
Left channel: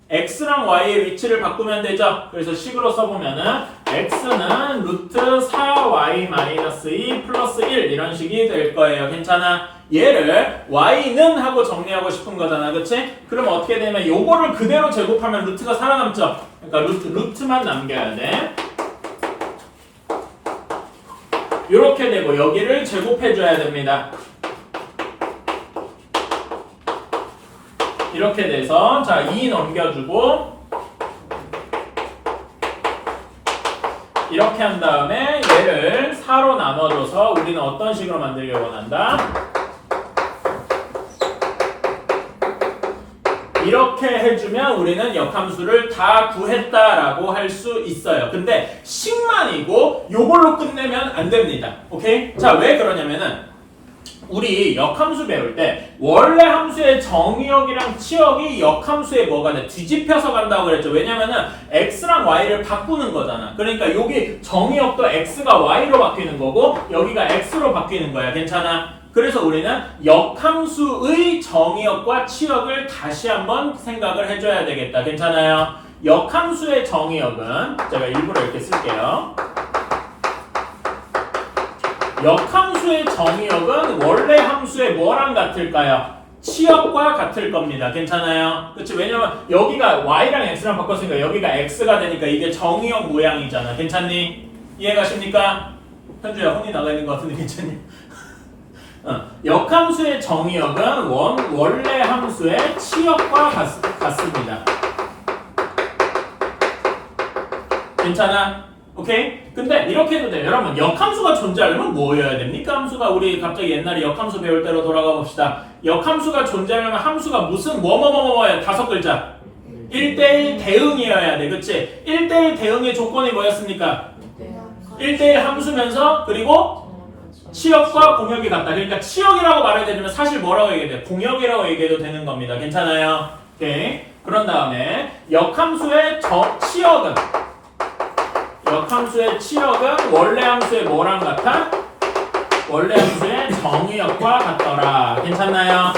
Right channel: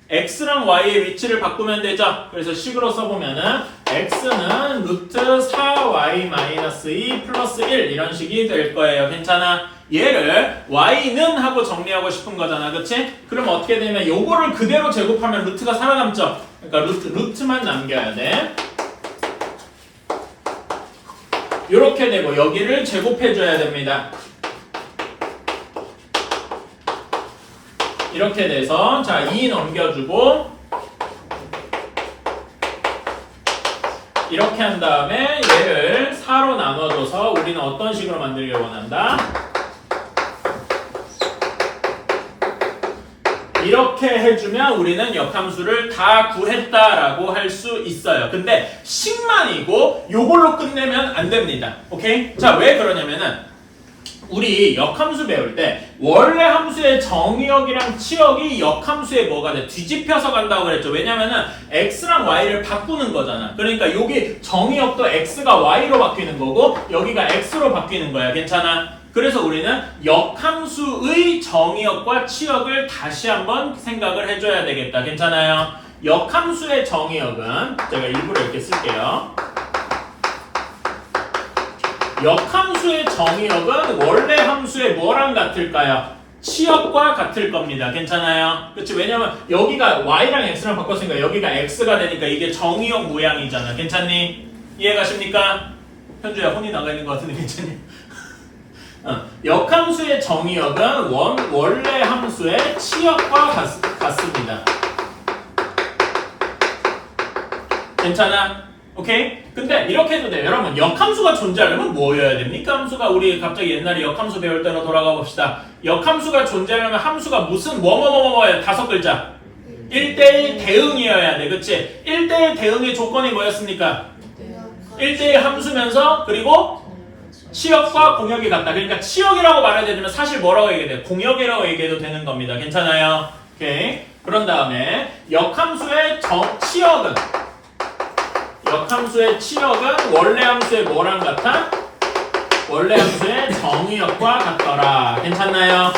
x랑 y의 위치를 바꾸면 되죠. 그래서 식으로 써보면은 x는 루트 4y-2 플러스 1 이런 식이 될 거예요. 괜찮아? 얘를 y는 하고 정리하고 싶은 거잖아. 그치? 그럼 어떻게 되면 요거를 그대로 제곱하면 루트가 살아남죠. 그러니까 루트만 남겨야 돼. 요렇게 되고 여기를 제곱해줘야 됩니다. 이렇게 돼서 자 2 넘겨주고 이렇게 한 다음에 얘를 4로 나눠줘서 우리는 어떤 식으로 만들길 원한다? 이렇게 해주면 우리는 역함수를 다 구했다라고 할 수 있어요. 근데 식만이고 요걸로 끝내면 안 됩니다. 오케이? 자, 왜 그러냐면은 우리 역함수 배울 때 원래 함수의 정의역이랑 치역이 역함수에 뭐가 돼? 뒤집혀서 간다고 그랬죠. 왜냐면은 x랑 y를 바꾸는 거잖아. 그러니까 여기 정의역도 x가 y로 바뀌는 거고 여기가 x로 바뀌는 거야. 괜찮아? 그래서 우리는 역함수의 정의역과 치역을 다시 한번 생각을 해줘야 되겠다. 괜찮아요? 역함수의 정의역은 제가 일부러 이렇게 쓸게요. 역함수의 정의역은 원래 함수의 뭐랑 같을까요? 치역과 같을 겁니다. 괜찮아요? 그렇지? 왜냐면 여기가 y랑 x랑 바꿨으니까 여기가 x가 되니까 이게 정의역 모양이잖아. 괜찮니? 이해가십니까? 현주야 혼이 나가 있는 것 같은데 괜찮니? 역함수의 정의역은 원래 함수의 치역과 같습니다. 괜찮아? 오케이? 근데 이렇게 해도 돼요. 여러분 역함수가 존재하려면 뭐여야 됩니까? 함수가 우리 갑자기 옛날에 역함수 배울 때로 돌아가 봅시다. 역함수가 존재하려면 함수가 무슨 뭐뭐뭐뭐야 5글자 1대1 대응이어야 돼. 그치? 1대1 대응의 조건이 뭐였습니까? 1대1 함수면서 그리고 치역과 공역이 같다. 그러니까 치역이라고 말해야 되면 사실 뭐라고 얘기해야 돼? 공역이라고 얘기해도 되는 겁니다. 괜찮아요? 오케이. 그런 다음에 역함수의 치역은 원래 함수의 뭐랑 같아? 원래 함수의 정의역과 같더라. 괜찮나요?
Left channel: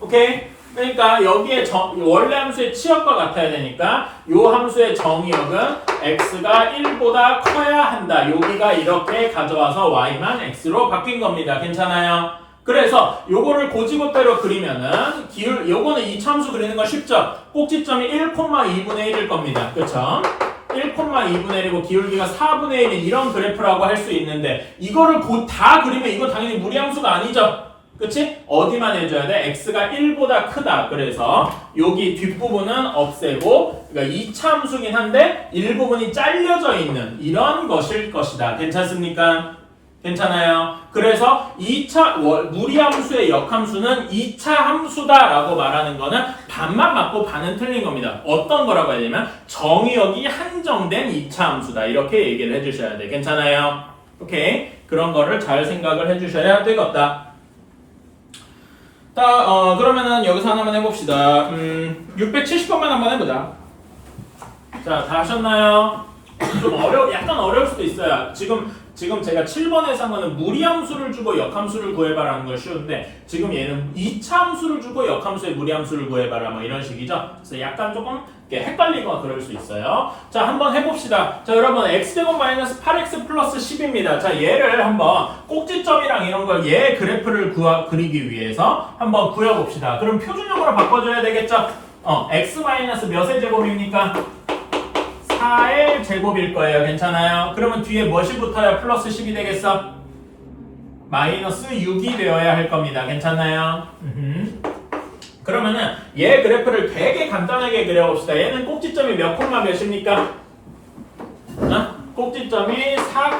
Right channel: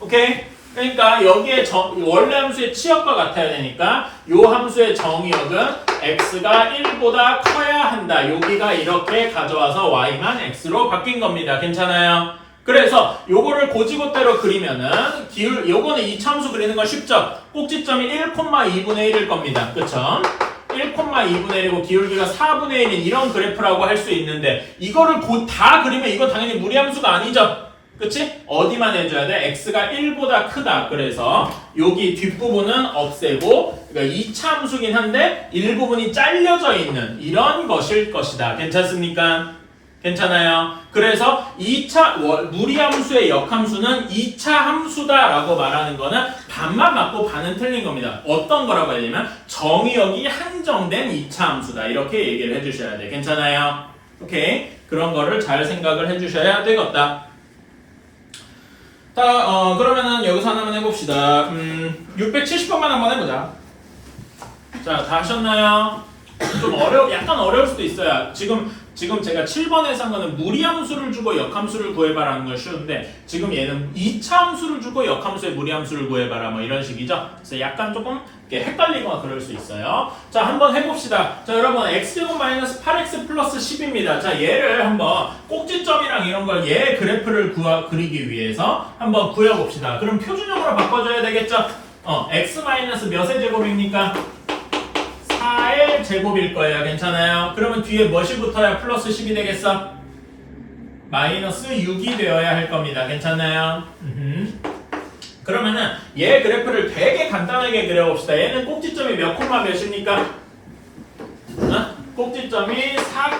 오케이? 그러니까 여기에 원래 함수의 치역과 같아야 되니까 요 함수의 정의역은 x가 1보다 커야 한다. 여기가 이렇게 가져와서 y만 x로 바뀐 겁니다. 괜찮아요? 그래서 요거를 고지고대로 그리면은 요거는 이차함수 그리는 건 쉽죠? 꼭지점이 1,2분의 1일 겁니다. 그쵸? 1,2분의 1이고 기울기가 4분의 1인 이런 그래프라고 할 수 있는데 이거를 다 그리면 이건 당연히 무리함수가 아니죠? 그치? 어디만 해줘야 돼? x가 1보다 크다. 그래서 여기 뒷부분은 없애고 그러니까 2차 함수긴 한데 일부분이 잘려져 있는 이런 것일 것이다. 괜찮습니까? 괜찮아요? 그래서 무리함수의 역함수는 2차 함수다라고 말하는 거는 반만 맞고 반은 틀린 겁니다. 어떤 거라고 해야 되냐면 정의역이 한정된 2차 함수다. 이렇게 얘기를 해주셔야 돼. 괜찮아요? 오케이? 그런 거를 잘 생각을 해주셔야 되겠다. 그러면은 여기서 하나만 해봅시다. 670번만 한번 해보자. 자, 다 하셨나요? 좀 약간 어려울 수도 있어요. 지금 제가 7번에서 한 거는 무리함수를 주고 역함수를 구해봐라는 건 쉬운데 지금 얘는 2차 함수를 주고 역함수의 무리함수를 구해봐라 뭐 이런 식이죠. 그래서 약간 조금 헷갈리거나 그럴 수 있어요. 자, 한번 해봅시다. 자, 여러분 x제곱 마이너스 8x 플러스 10입니다. 자, 얘를 한번 꼭지점이랑 이런 걸 얘 그래프를 그리기 위해서 한번 구해봅시다. 그럼 표준형으로 바꿔줘야 되겠죠? x 마이너스 몇의 제곱입니까? 4의 제곱일 거예요. 괜찮아요? 그러면 뒤에 무엇이 붙어야 플러스 10이 되겠어? 마이너스 6이 되어야 할 겁니다. 괜찮나요? 그러면은 얘 그래프를 되게 간단하게 그려봅시다. 얘는 꼭지점이 몇 콤마 몇입니까? 꼭지점이 4,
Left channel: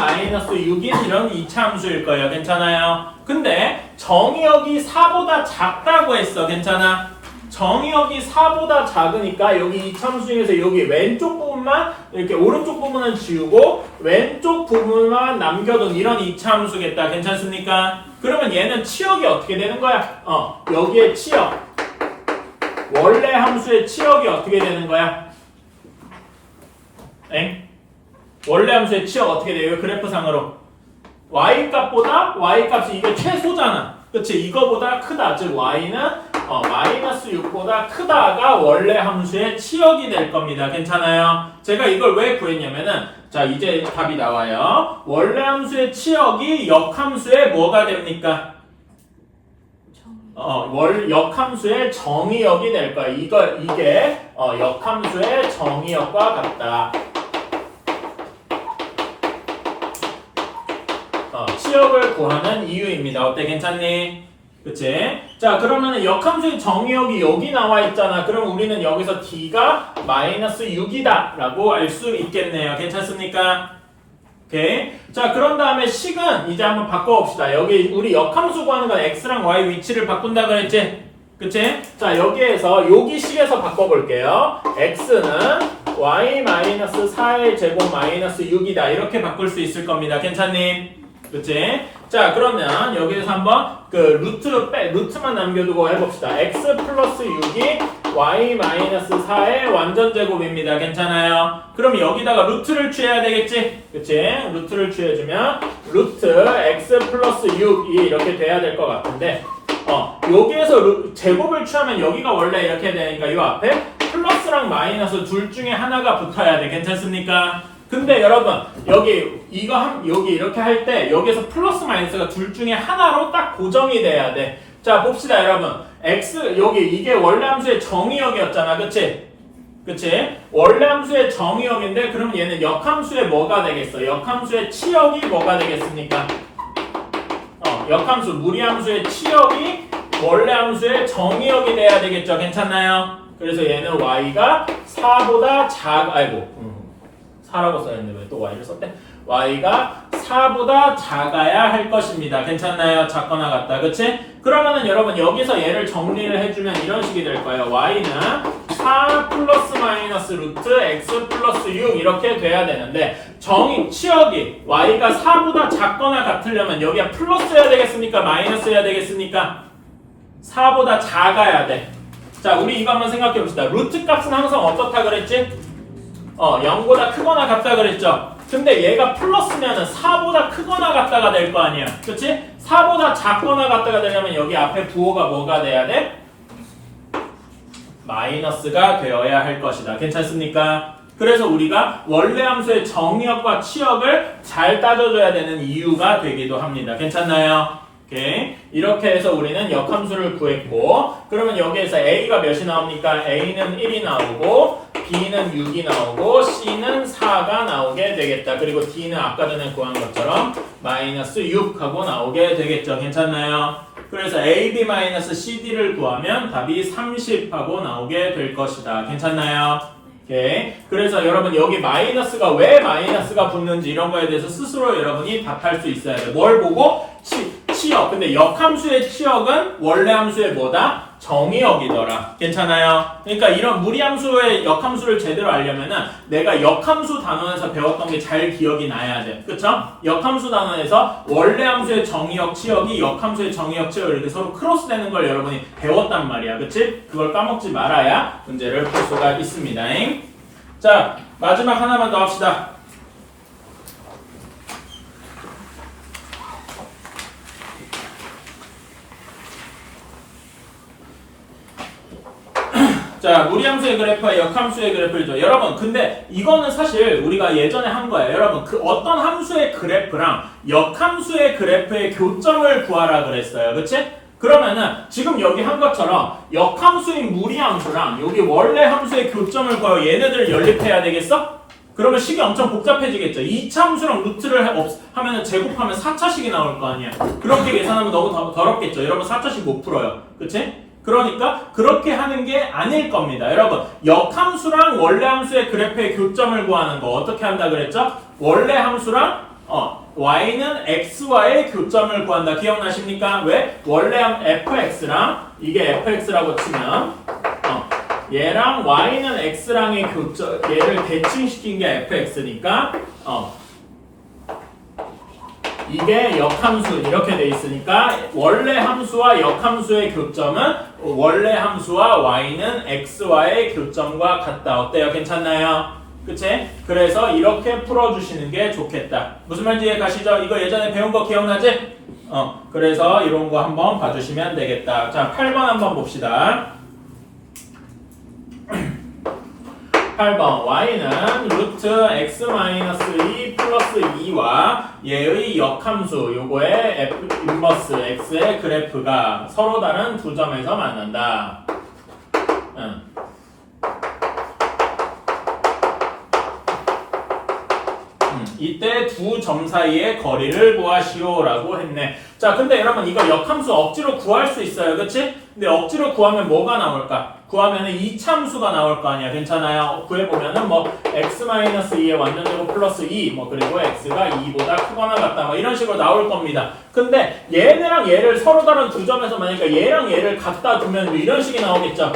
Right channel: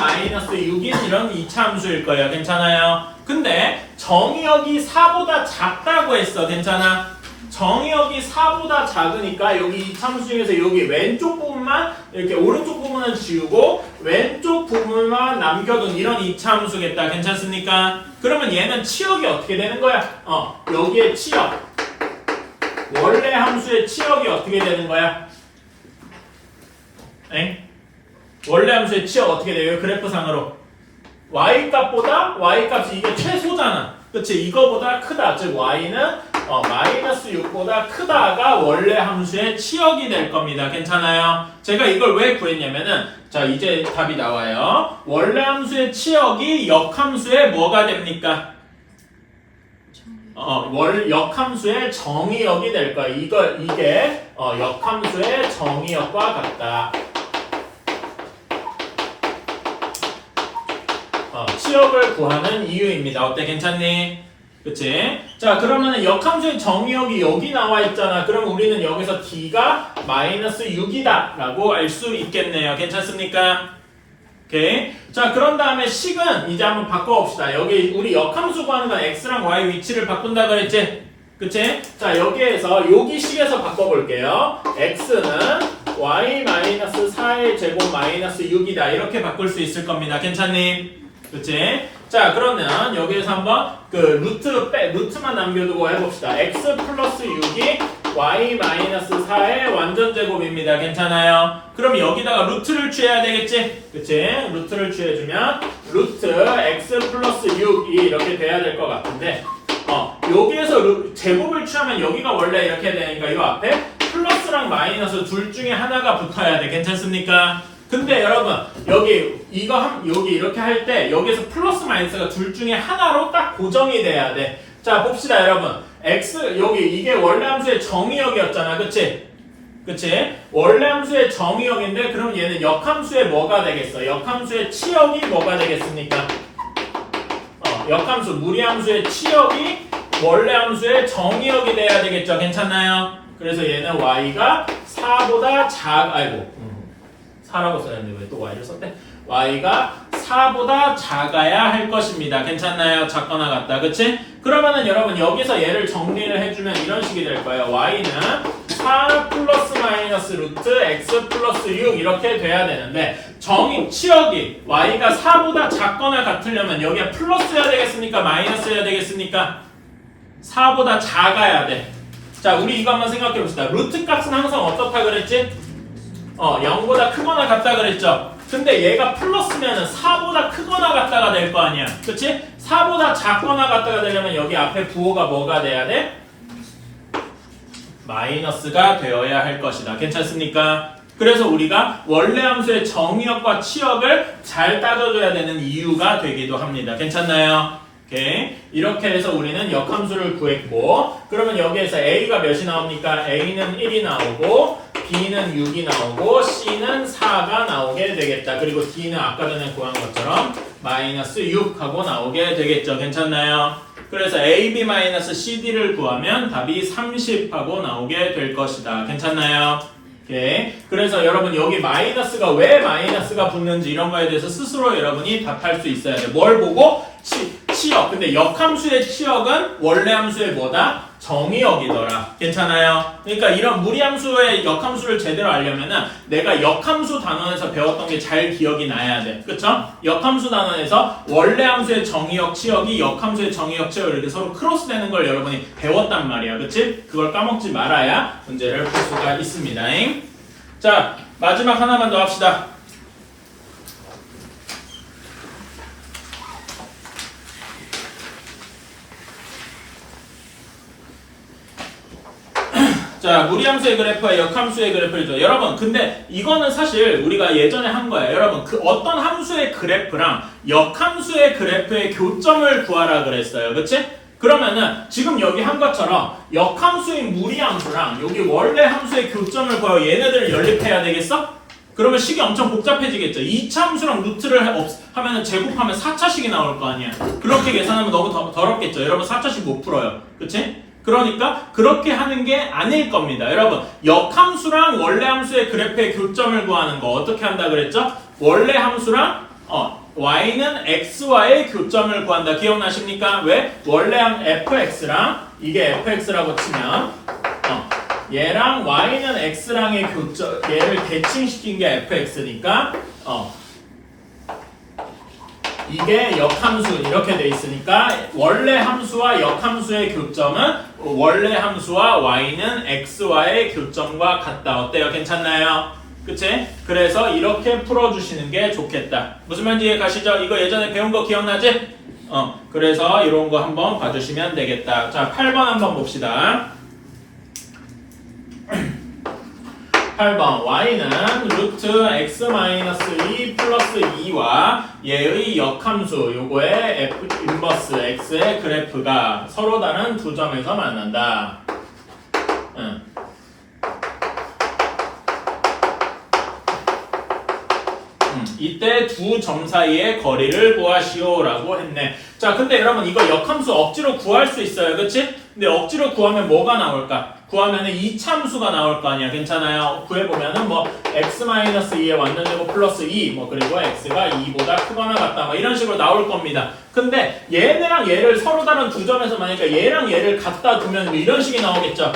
마이너스 6인 이런 2차 함수일 거예요. 괜찮아요? 근데 정의역이 4보다 작다고 했어. 괜찮아? 정의역이 4보다 작으니까 여기 이차함수 중에서 여기 왼쪽 부분만 이렇게 오른쪽 부분은 지우고 왼쪽 부분만 남겨둔 이런 이차함수겠다. 괜찮습니까? 그러면 얘는 치역이 어떻게 되는 거야? 여기에 치역 원래 함수의 치역이 어떻게 되는 거야? 원래 함수의 치역 어떻게 돼요? 그래프상으로 y값이 이게 최소잖아. 그치? 이거보다 크다. 즉 y는 마이너스 6보다 크다가 원래 함수의 치역이 될 겁니다. 괜찮아요? 제가 이걸 왜 구했냐면은 자, 이제 답이 나와요. 원래 함수의 치역이 역함수의 뭐가 됩니까? 역함수의 정의역이 될 거야. 이게 역함수의 정의역과 같다. 치역을 구하는 이유입니다. 어때? 괜찮니? 그치? 자, 그러면은 역함수의 정의역이 여기 나와 있잖아. 그럼 우리는 여기서 d가 마이너스 6이다 라고 알 수 있겠네요. 괜찮습니까? 오케이. 자, 그런 다음에 식은 이제 한번 바꿔봅시다. 여기 우리 역함수 구하는 건 x랑 y 위치를 바꾼다 그랬지? 그치? 자, 여기에서 여기 식에서 바꿔볼게요. x는 y 마이너스 4의 제곱 마이너스 6이다. 이렇게 바꿀 수 있을 겁니다. 괜찮니? 그치? 자, 그러면 여기에서 한번 루트만 남겨두고 해봅시다. x 플러스 6이 y 마이너스 4의 완전 제곱입니다. 괜찮아요? 그럼 여기다가 루트를 취해야 되겠지? 그치? 루트를 취해주면 루트 x 플러스 6이 이렇게 돼야 될 것 같은데 여기에서 제곱을 취하면 여기가 원래 이렇게 되니까 이 앞에 플러스랑 마이너스 둘 중에 하나가 붙어야 돼. 괜찮습니까? 근데 여러분 여기 이렇게 할 때 여기에서 플러스 마이너스가 둘 중에 하나로 딱 고정이 돼야 돼. 자, 봅시다 여러분. x 이게 원래 함수의 정의역이었잖아. 그치? 원래 함수의 정의역인데 그러면 얘는 역함수의 뭐가 되겠어? 역함수의 치역이 뭐가 되겠습니까? 역함수 무리함수의 치역이 원래 함수의 정의역이 돼야 되겠죠. 괜찮나요? 그래서 얘는 y가 4보다 4라고 써야했는데 왜 또 y를 썼대? y가 4보다 작아야 할 것입니다. 괜찮나요? 작거나 같다. 그치? 그러면은 여러분 여기서 얘를 정리를 해주면 이런 식이 될 거예요. y는 4 플러스 마이너스 루트 x 플러스 6 이렇게 돼야 되는데 치역이 y가 4보다 작거나 같으려면 여기가 플러스여야 되겠습니까? 마이너스여야 되겠습니까? 4보다 작아야 돼. 자, 우리 이거 한번 생각해 봅시다. 루트 값은 항상 어떻다 그랬지? 0보다 크거나 같다 그랬죠? 근데 얘가 플러스면은 4보다 크거나 같다가 될 거 아니야. 그치? 4보다 작거나 같다가 되려면 여기 앞에 부호가 뭐가 돼야 돼? 마이너스가 되어야 할 것이다. 괜찮습니까? 그래서 우리가 원래 함수의 정의역과 치역을 잘 따져줘야 되는 이유가 되기도 합니다. 괜찮나요? 오케이. 이렇게 해서 우리는 역함수를 구했고, 그러면 여기에서 A가 몇이 나옵니까? A는 1이 나오고 B는 6이 나오고 C는 4가 나오게 되겠다. 그리고 D는 아까 전에 구한 것처럼 마이너스 6하고 나오게 되겠죠. 괜찮나요? 그래서 AB-CD를 구하면 답이 30하고 나오게 될 것이다. 괜찮나요? 오케이. 그래서 여러분 여기 마이너스가 왜 마이너스가 붙는지 이런 거에 대해서 스스로 여러분이 답할 수 있어야 돼요. 뭘 보고? 치역. 근데 역함수의 치역은 원래 함수의 뭐다? 정의역이더라. 괜찮아요? 그러니까 이런 무리함수의 역함수를 제대로 알려면은 내가 역함수 단원에서 배웠던 게 잘 기억이 나야 돼. 그쵸? 역함수 단원에서 원래 함수의 정의역, 치역이 역함수의 정의역, 치역 이렇게 서로 크로스되는 걸 여러분이 배웠단 말이야. 그치? 그걸 까먹지 말아야 문제를 풀 수가 있습니다. 자, 마지막 하나만 더 합시다. 자, 무리함수의 그래프와 역함수의 그래프죠. 여러분, 근데 이거는 사실 우리가 예전에 한 거예요. 여러분, 그 어떤 함수의 그래프랑 역함수의 그래프의 교점을 구하라 그랬어요. 그치? 그러면은 지금 여기 한 것처럼 역함수인 무리함수랑 여기 원래 함수의 교점을 구하여 얘네들을 연립해야 되겠어? 그러면 식이 엄청 복잡해지겠죠. 2차 함수랑 루트를 하면은 제곱하면 4차식이 나올 거 아니야. 그렇게 계산하면 너무 더럽겠죠. 여러분 4차식 못 풀어요. 그치? 그러니까 그렇게 하는 게 아닐 겁니다. 여러분 역함수랑 원래 함수의 그래프의 교점을 구하는 거 어떻게 한다 그랬죠? 원래 함수랑 y는 x와의 교점을 구한다. 기억나십니까? 왜? 원래 fx랑 이게 fx라고 치면 얘랑 y는 x랑의 교점, 얘를 대칭시킨 게 fx니까 이게 역함수 이렇게 돼 있으니까 원래 함수와 역함수의 교점은 원래 함수와 y는 x와의 교점과 같다. 어때요? 괜찮나요? 그치? 그래서 이렇게 풀어주시는 게 좋겠다. 무슨 말인지 이해 가시죠? 이거 예전에 배운 거 기억나지? 그래서 이런 거 한번 봐주시면 되겠다. 자, 8번 한번 봅시다. 8번 y는 루트 x-2 플러스 2와 얘의 역함수 요거의 f 인버스 x의 그래프가 서로 다른 두 점에서 만난다. 이때 두 점 사이의 거리를 구하시오라고 했네. 자, 근데 여러분 이거 역함수 억지로 구할 수 있어요. 그치? 근데 억지로 구하면 뭐가 나올까? 구하면은 2차 함수가 나올 거 아니야. 괜찮아요? 구해보면은 뭐 x-2의 완전제곱 플러스 2 뭐 그리고 x가 2보다 크거나 같다 뭐 이런 식으로 나올 겁니다. 근데 얘네랑 얘를 서로 다른 두 점에서 만약에 얘랑 얘를 갖다 두면 뭐 이런 식이 나오겠죠.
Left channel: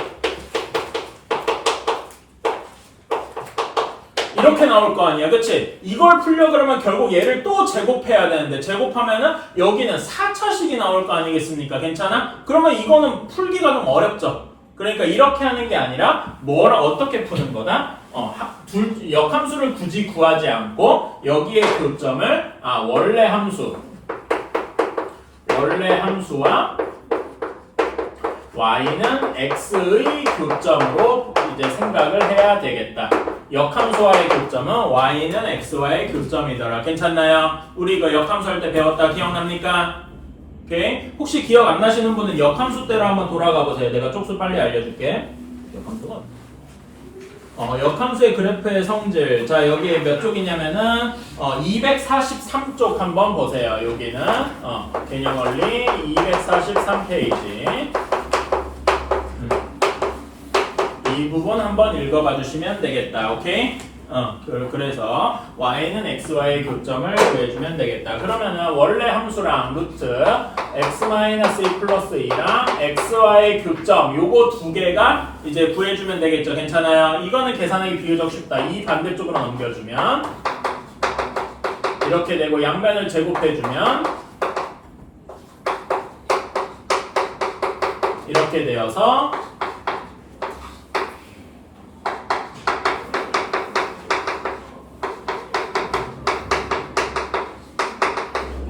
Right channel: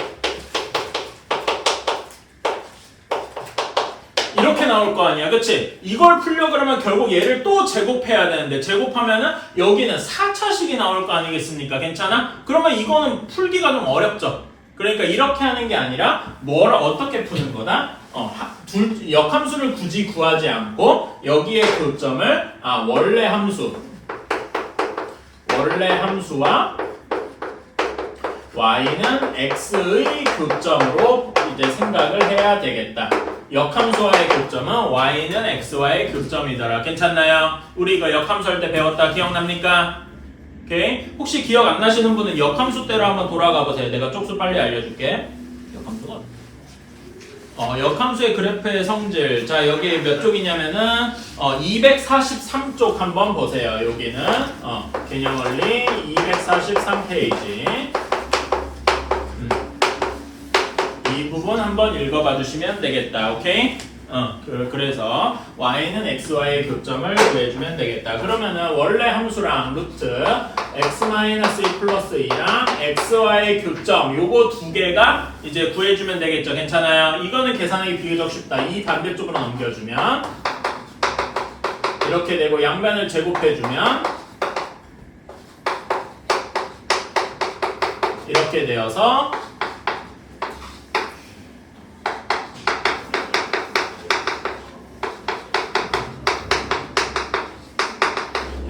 이렇게 나올 거 아니야. 그치? 이걸 풀려 그러면 결국 얘를 또 제곱해야 되는데 제곱하면은 여기는 4차식이 나올 거 아니겠습니까? 괜찮아? 그러면 이거는 풀기가 좀 어렵죠. 그러니까 이렇게 하는 게 아니라 어떻게 푸는 거다? 역함수를 굳이 구하지 않고 여기에 교점을 원래 함수와 y는 x의 교점으로 이제 생각을 해야 되겠다. 역함수와의 교점은 y는 x와의 교점이더라. 괜찮나요? 우리 이거 역함수 할 때 배웠다. 기억납니까? 오케이. 혹시 기억 안 나시는 분은 역함수대로 한번 돌아가 보세요. 내가 쪽수 빨리 알려줄게. 역함수가 역함수의 그래프의 성질. 자, 여기 몇 쪽이냐면은 243쪽 한번 보세요. 여기는 개념 원리 243페이지. 이 부분 한번 읽어봐 주시면 되겠다. 오케이? 그래서 y는 xy의 교점을 구해주면 되겠다. 그러면은 원래 함수랑 루트 x-2 플러스 2랑 xy의 교점 요거 두 개가 이제 구해주면 되겠죠. 괜찮아요? 이거는 계산하기 비교적 쉽다. 이 반대쪽으로 넘겨주면 이렇게 되고 양변을 제곱해주면 이렇게 되어서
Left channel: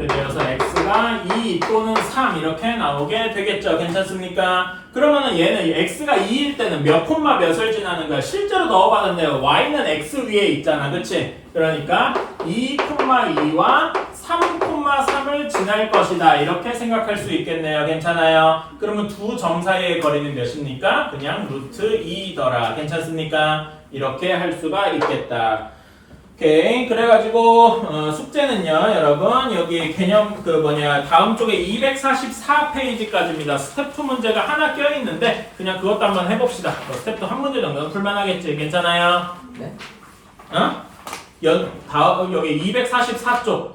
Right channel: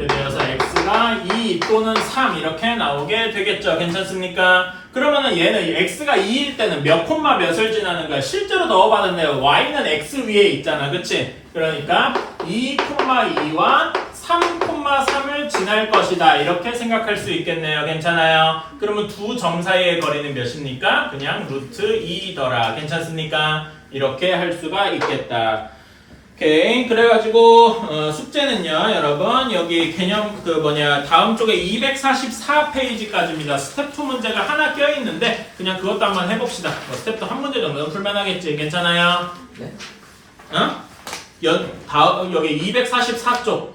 x가 2 또는 3 이렇게 나오게 되겠죠. 괜찮습니까? 그러면은 얘는 x가 2일 때는 몇 콤마 몇을 지나는가 실제로 넣어봤는데요. y는 x 위에 있잖아. 그치? 그러니까 2,2와 3,3을 지날 것이다. 이렇게 생각할 수 있겠네요. 괜찮아요? 그러면 두 점 사이의 거리는 몇입니까? 그냥 루트 2더라. 괜찮습니까? 이렇게 할 수가 있겠다. 오케이. 그래가지고 숙제는요 여러분 여기 개념 다음 쪽에 244페이지까지입니다. 스텝 2 문제가 하나 껴있는데 그냥 그것도 한번 해봅시다. 스텝 2 한 문제 정도는 풀만하겠지. 괜찮아요? 네? 여기 244쪽